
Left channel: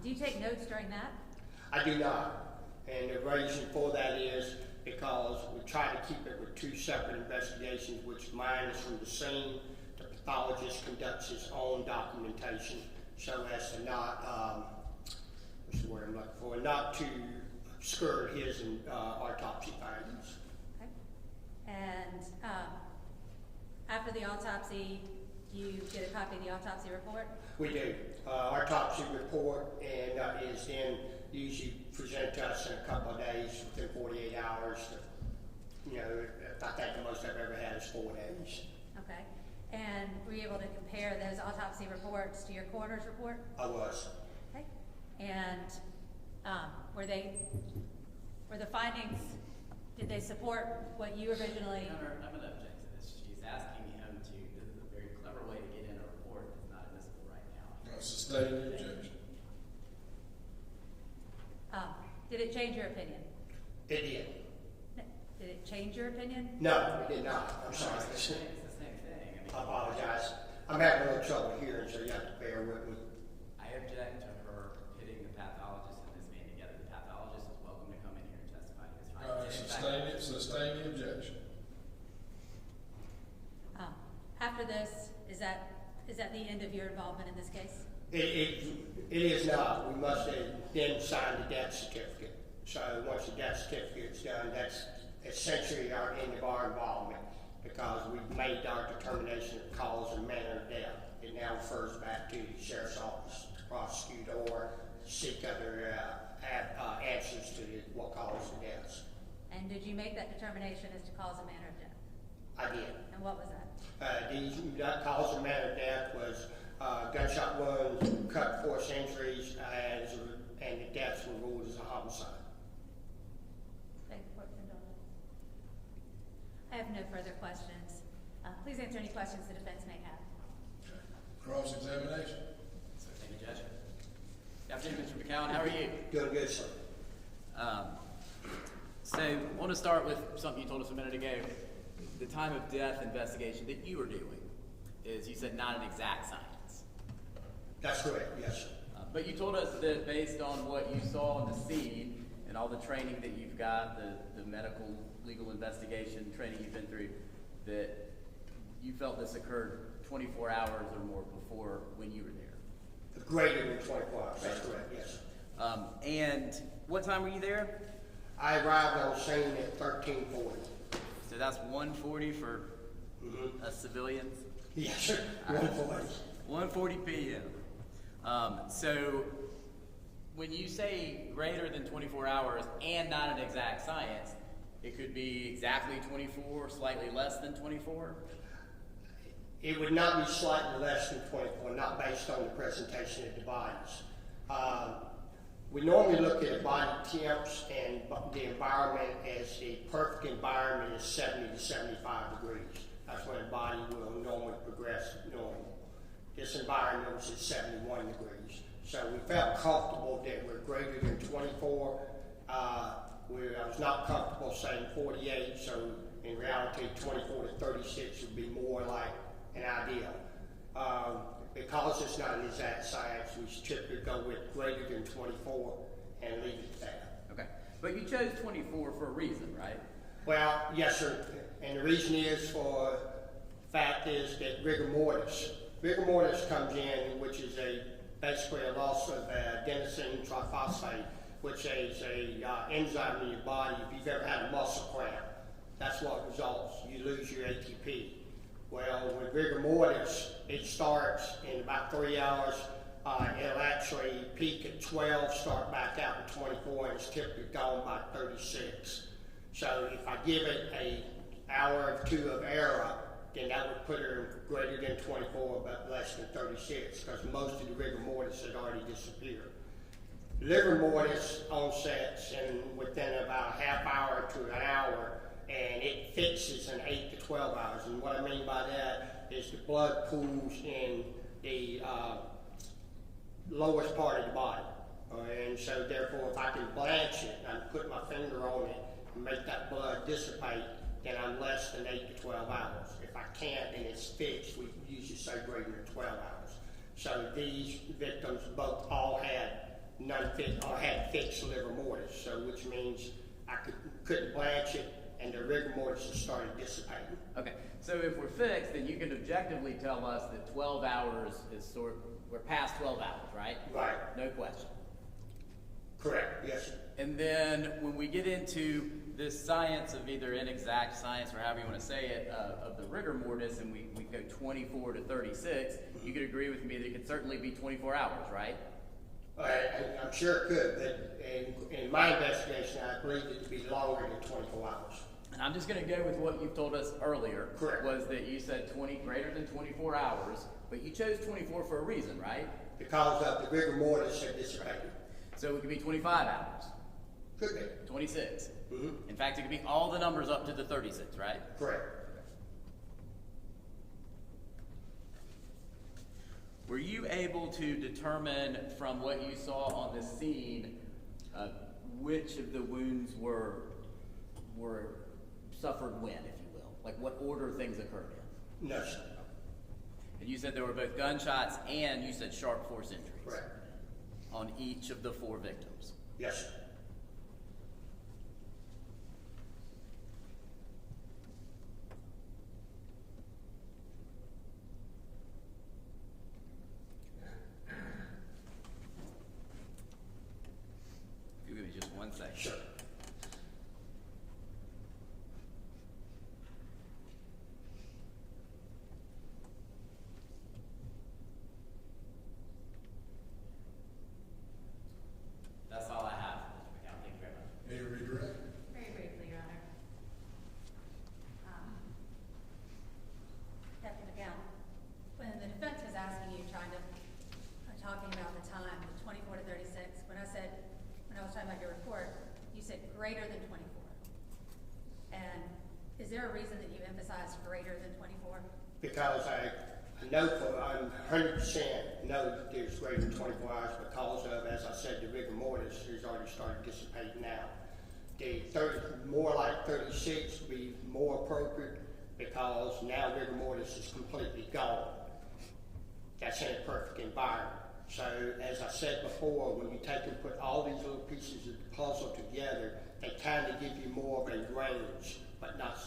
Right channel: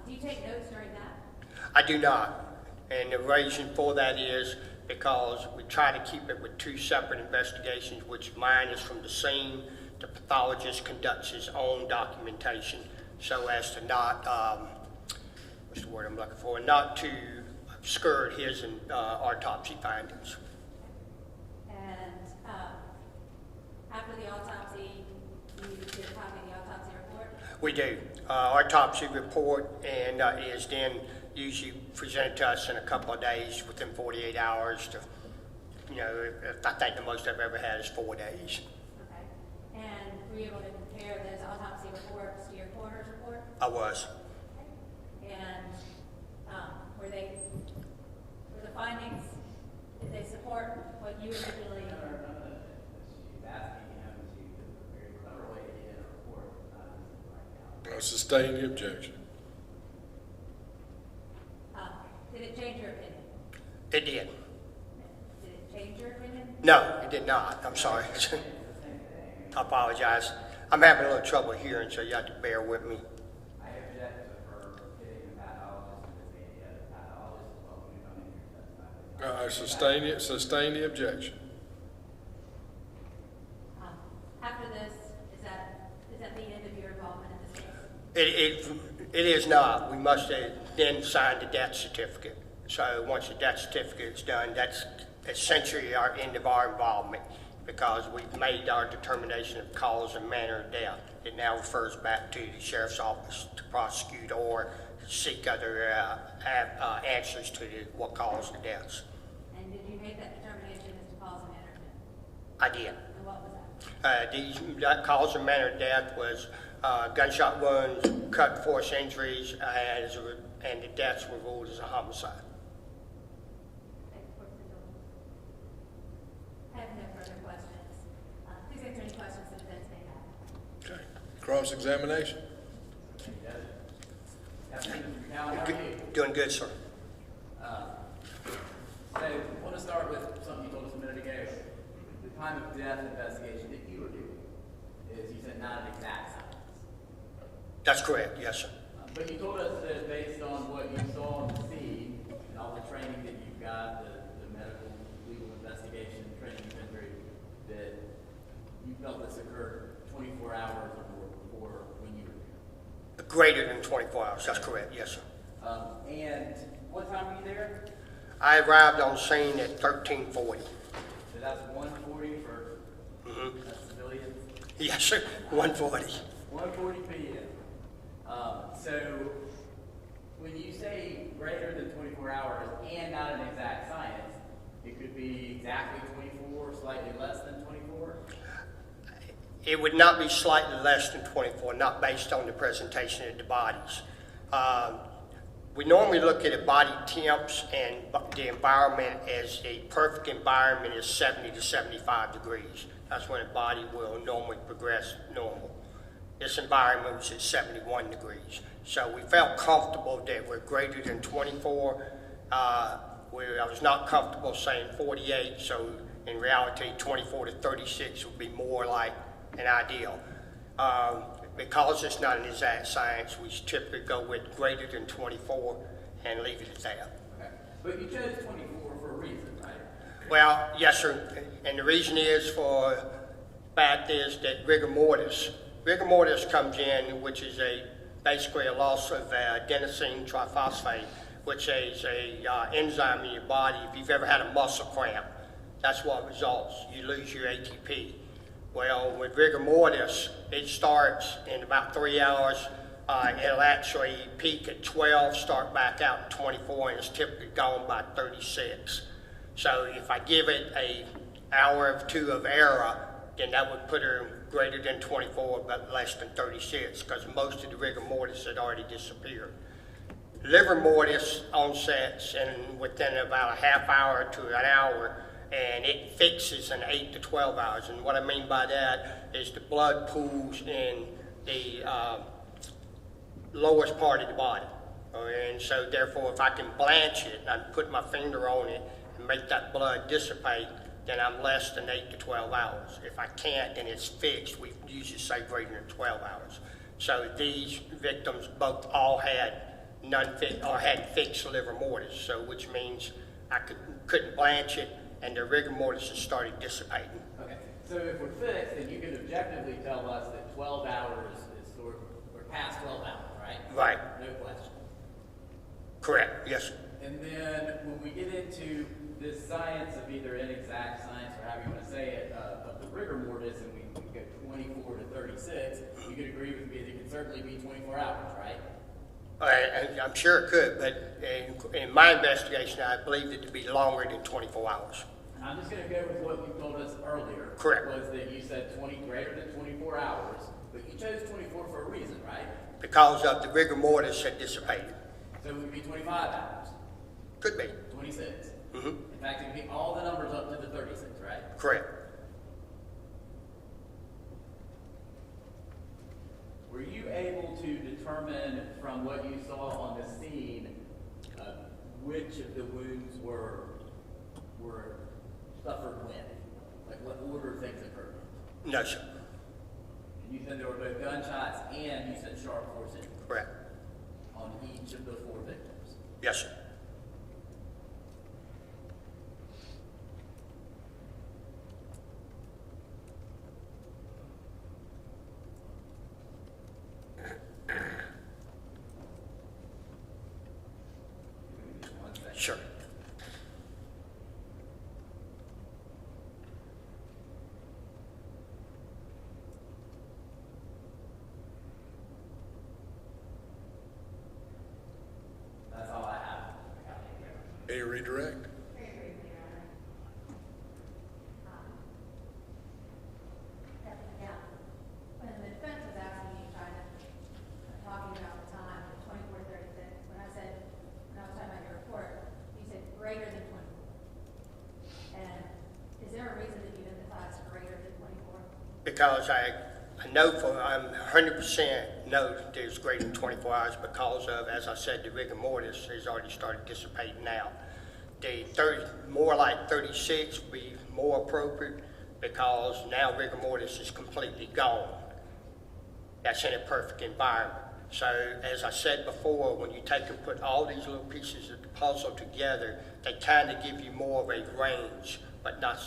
Do you take notes during that? I do not. And the reason for that is because we try to keep it with two separate investigations, which mine is from the scene. The pathologist conducts his own documentation so as to not, what's the word I'm looking for, not to obscure his autopsy findings. Okay. And after the autopsy, you did a copy of the autopsy report? We do. Autopsy report and is then usually presented to us in a couple of days, within 48 hours to, you know, I think the most I've ever had is 4 days. Okay. And were you able to compare those autopsy reports to your coroner's report? I was. Okay. And were the findings, did they support what you originally? I'm going to object to this. She's asking him to, this is a very clever way to get in a report, not admissible right now. I sustain the objection. Did it change your opinion? It did. Did it change your opinion? No, it did not. I'm sorry. I apologize. I'm having a little trouble hearing, so you have to bear with me. I object to her getting the pathologist and this meeting together. The pathologist is welcome to come in here and testify. I sustain the objection. After this, is that the end of your involvement in this case? It is not. We must then sign the death certificate. So once the death certificate is done, that's essentially our end of our involvement, because we've made our determination of cause and manner of death. It now refers back to the sheriff's office to prosecute or seek other answers to what caused the deaths. And did you make that determination as to cause and manner of death? I did. And what was that? That cause and manner of death was gunshot wounds, cut force injuries, and the deaths were ruled as a homicide. I have no further questions. Please answer any questions the defense may have. Okay. Cross-examination. Afternoon, Mr. Macauan, how are you? Doing good, sir. So, I want to start with something you told us a minute ago. The time of death investigation that you were doing is, you said, not an exact science. That's correct, yes, sir. But you told us that based on what you saw on the scene and all the training that you've got, the medical, legal investigation training you've been through, that you felt this occurred 24 hours or more before when you were there. Greater than 24 hours, that's correct, yes, sir. And what time were you there? I arrived on scene at 13:40. So that's 1:40 for us civilians? Yes, sir, 1:40. 1:40 p.m. So when you say greater than 24 hours and not an exact science, It could be exactly 24, slightly less than 24? It would not be slightly less than 24, not based on the presentation of the bodies. We normally look at a body temps and the environment as a perfect environment is 70 to 75 degrees. That's when a body will normally progress normal. This environment was at 71 degrees. So we felt comfortable that we're greater than 24. I was not comfortable saying 48, so in reality 24 to 36 would be more like an ideal. Because it's not an exact science, we typically go with greater than 24 and leave it at that. Okay, but you chose 24 for a reason, right? Well, yes, sir. And the reason is fact is that rigor mortis. Rigor mortis comes in, which is basically a loss of adenosine triphosphate, which is a enzyme in your body. If you've ever had a muscle cramp, that's what results. You lose your ATP. Well, with rigor mortis, it starts in about 3 hours. It'll actually peak at 12, start back out at 24, and it's typically gone by 36. So if I give it an hour or two of error, then that would put her greater than 24, but less than 36, because most of the rigor mortis had already disappeared. Liver mortis onsets within about a half hour to an hour, and it fixes in 8 to 12 hours. And what I mean by that is the blood pools in the lowest part of the body. And so therefore, if I can blanch it, and I put my finger on it and make that blood dissipate, then I'm less than 8 to 12 hours. If I can't and it's fixed, we usually say greater than 12 hours. So these victims both all had had fixed liver mortis, so which means I couldn't blanch it, and the rigor mortis just started dissipating. Okay, so if we're fixed, then you can objectively tell us that 12 hours is we're past 12 hours, right? Right. No question. Correct, yes. And then when we get into this science of either inexact science or however you want to say it, of the rigor mortis, and we go 24 to 36, you could agree with me that it could certainly be 24 hours, right? I'm sure it could, but in my investigation, I believe it to be longer than 24 hours. I'm just going to go with what you told us earlier. Correct. Was that you said greater than 24 hours, but you chose 24 for a reason, right? Because of the rigor mortis had dissipated. So it could be 25 hours. Could be. 26. Mm-hmm. In fact, it could be all the numbers up to the 36, right? Correct. Were you able to determine from what you saw on the scene which of the wounds were suffered when, if you will? Like what order things occurred in? No, sir. And you said there were both gunshots and you said sharp force injuries. Correct. On each of the 4 victims. Yes, sir. Give me just 1 second. Sure. That's all I have. Thank you very much. May you redirect? Very briefly, Your Honor. Captain McGowan, when the defense was asking you, talking about the time, the 24 to 36, when I was talking about your report, you said greater than 24. And is there a reason that you emphasized greater than 24? Because I'm 100% know that there's greater than 24 hours because of, as I said, the rigor mortis has already started dissipating now. The more like 36 would be more appropriate because now rigor mortis is completely gone. That's in a perfect environment. So, as I said before, when you take and put all these little pieces of the puzzle together, they kind of give you more of a range, but not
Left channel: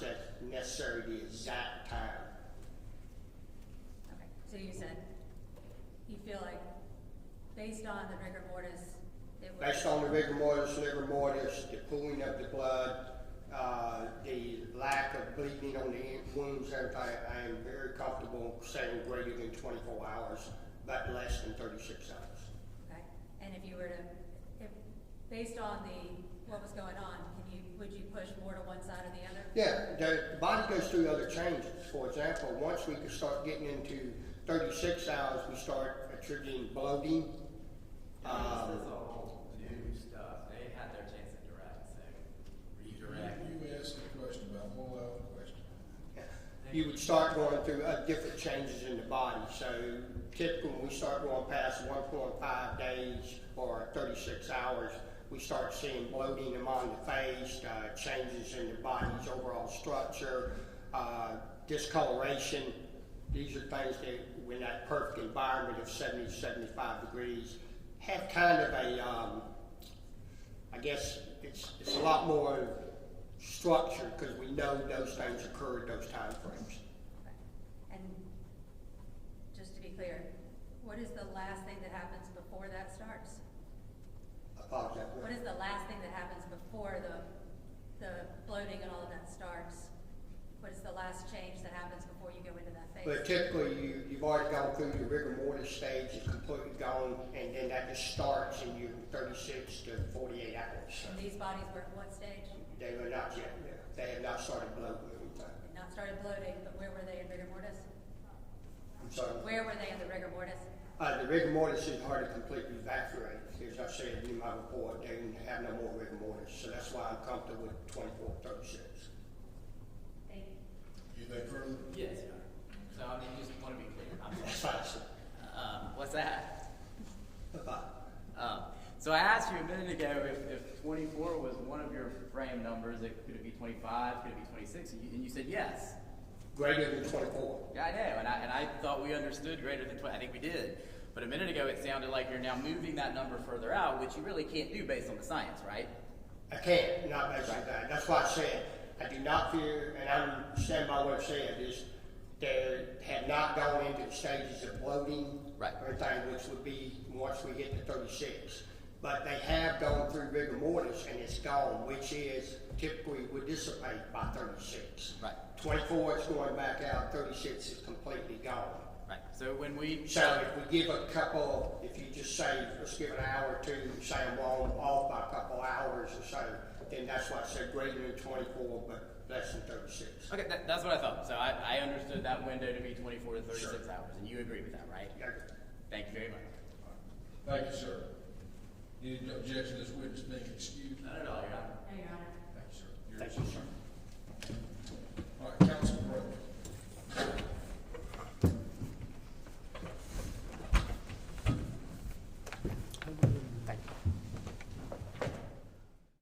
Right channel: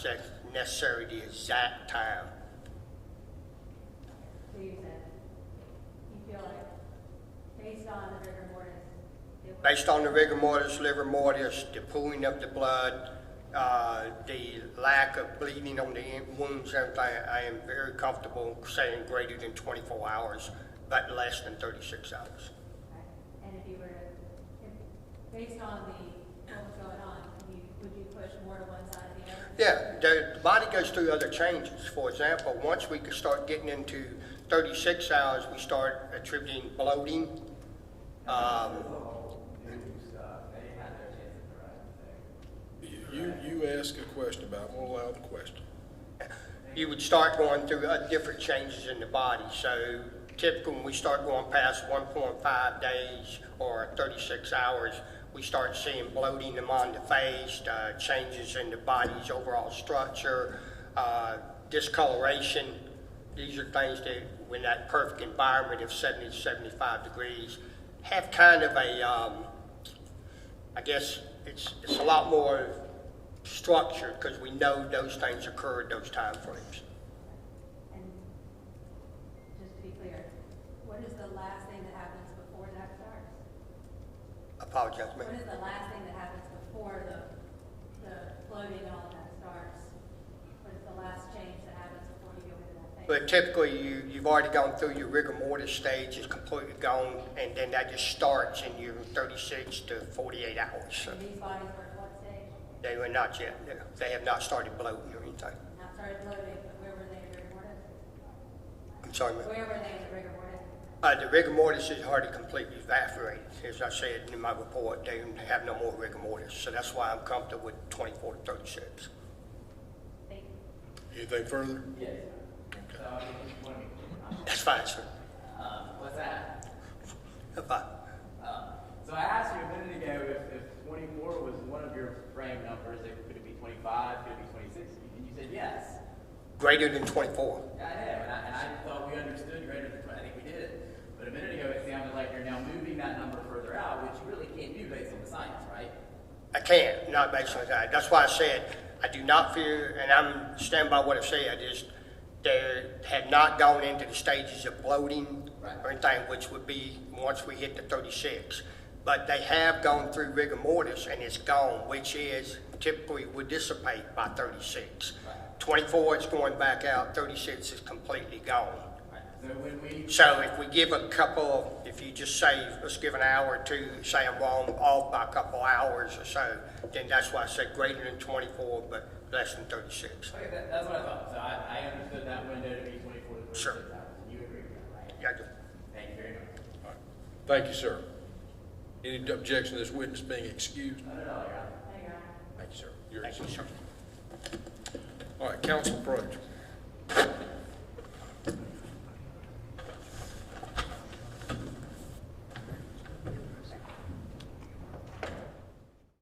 necessarily the exact time. So you said, you feel like, based on the rigor mortis, Based on the rigor mortis, liver mortis, the pooling of the blood, the lack of bleeding on the wounds, everything, I am very comfortable saying greater than 24 hours, but less than 36 hours. Okay. And if you were to, based on what was going on, would you push more to one side or the other? Yeah, the body goes through other changes. For example, once we can start getting into 36 hours, we start attributing bloating. You ask a question about, I'm gonna allow the question. You would start going through different changes in the body. So typically when we start going past 1.5 days or 36 hours, we start seeing bloating among the face, changes in the body's overall structure, discoloration. These are things that, in that perfect environment of 70 to 75 degrees, have kind of a, I guess it's a lot more structure because we know those things occur at those time frames. And just to be clear, what is the last thing that happens before that starts? Apologize, What ma'am. is the last thing that happens before the bloating and all of that starts? What is the last change that happens before you go into that phase? But typically, you've already gone through your rigor mortis stage, it's completely gone, and then that just starts in your 36 to 48 hours. So And these bodies were at what stage? they were not yet, they have not started bloating or anything. Not started bloating, but where were they in rigor mortis? I'm sorry, ma'am. Where were they in the rigor mortis? The rigor mortis is already completely evaporated. As I said in my report, they have no more rigor mortis, so that's why I'm comfortable with 24 to 36. Thank you. Anything further? Yes, sir. So I just want to be clear. That's fine, sir. What's that? That's fine. So I asked you a minute ago if 24 was one of your frame numbers. Could it be 25? Could it be 26? And you said yes. Greater than 24. Yeah, I know. And I thought we understood greater than 20. I think we did. But a minute ago it sounded like you're now moving that number further out, which you really can't do based on the science, right? I can't, not based on that. That's why I said I do not fear, and I'm standing by what I said, is they had not gone into the stages of bloating or anything, which would be once we hit the 36. But they have gone through rigor mortis and it's gone, which is typically would dissipate by 36. Right. 24 is going back out, 36 is completely gone. Right. So when we... So if we give a couple, if you just say, let's give an hour or two, say I'm off by a couple hours or so, then that's why I said greater than 24, but less than 36. Okay, that's what I thought. So I understood that window to be 24 to 36 Sure. hours, and you agree with that, right? Yeah, I do. Thank you very much. All right. Thank you, sir. Any objection to this witness being excused? Not at all, Your Honor. There you are. Thank you, sir. You're Thank you, excused. All right, counsel approach.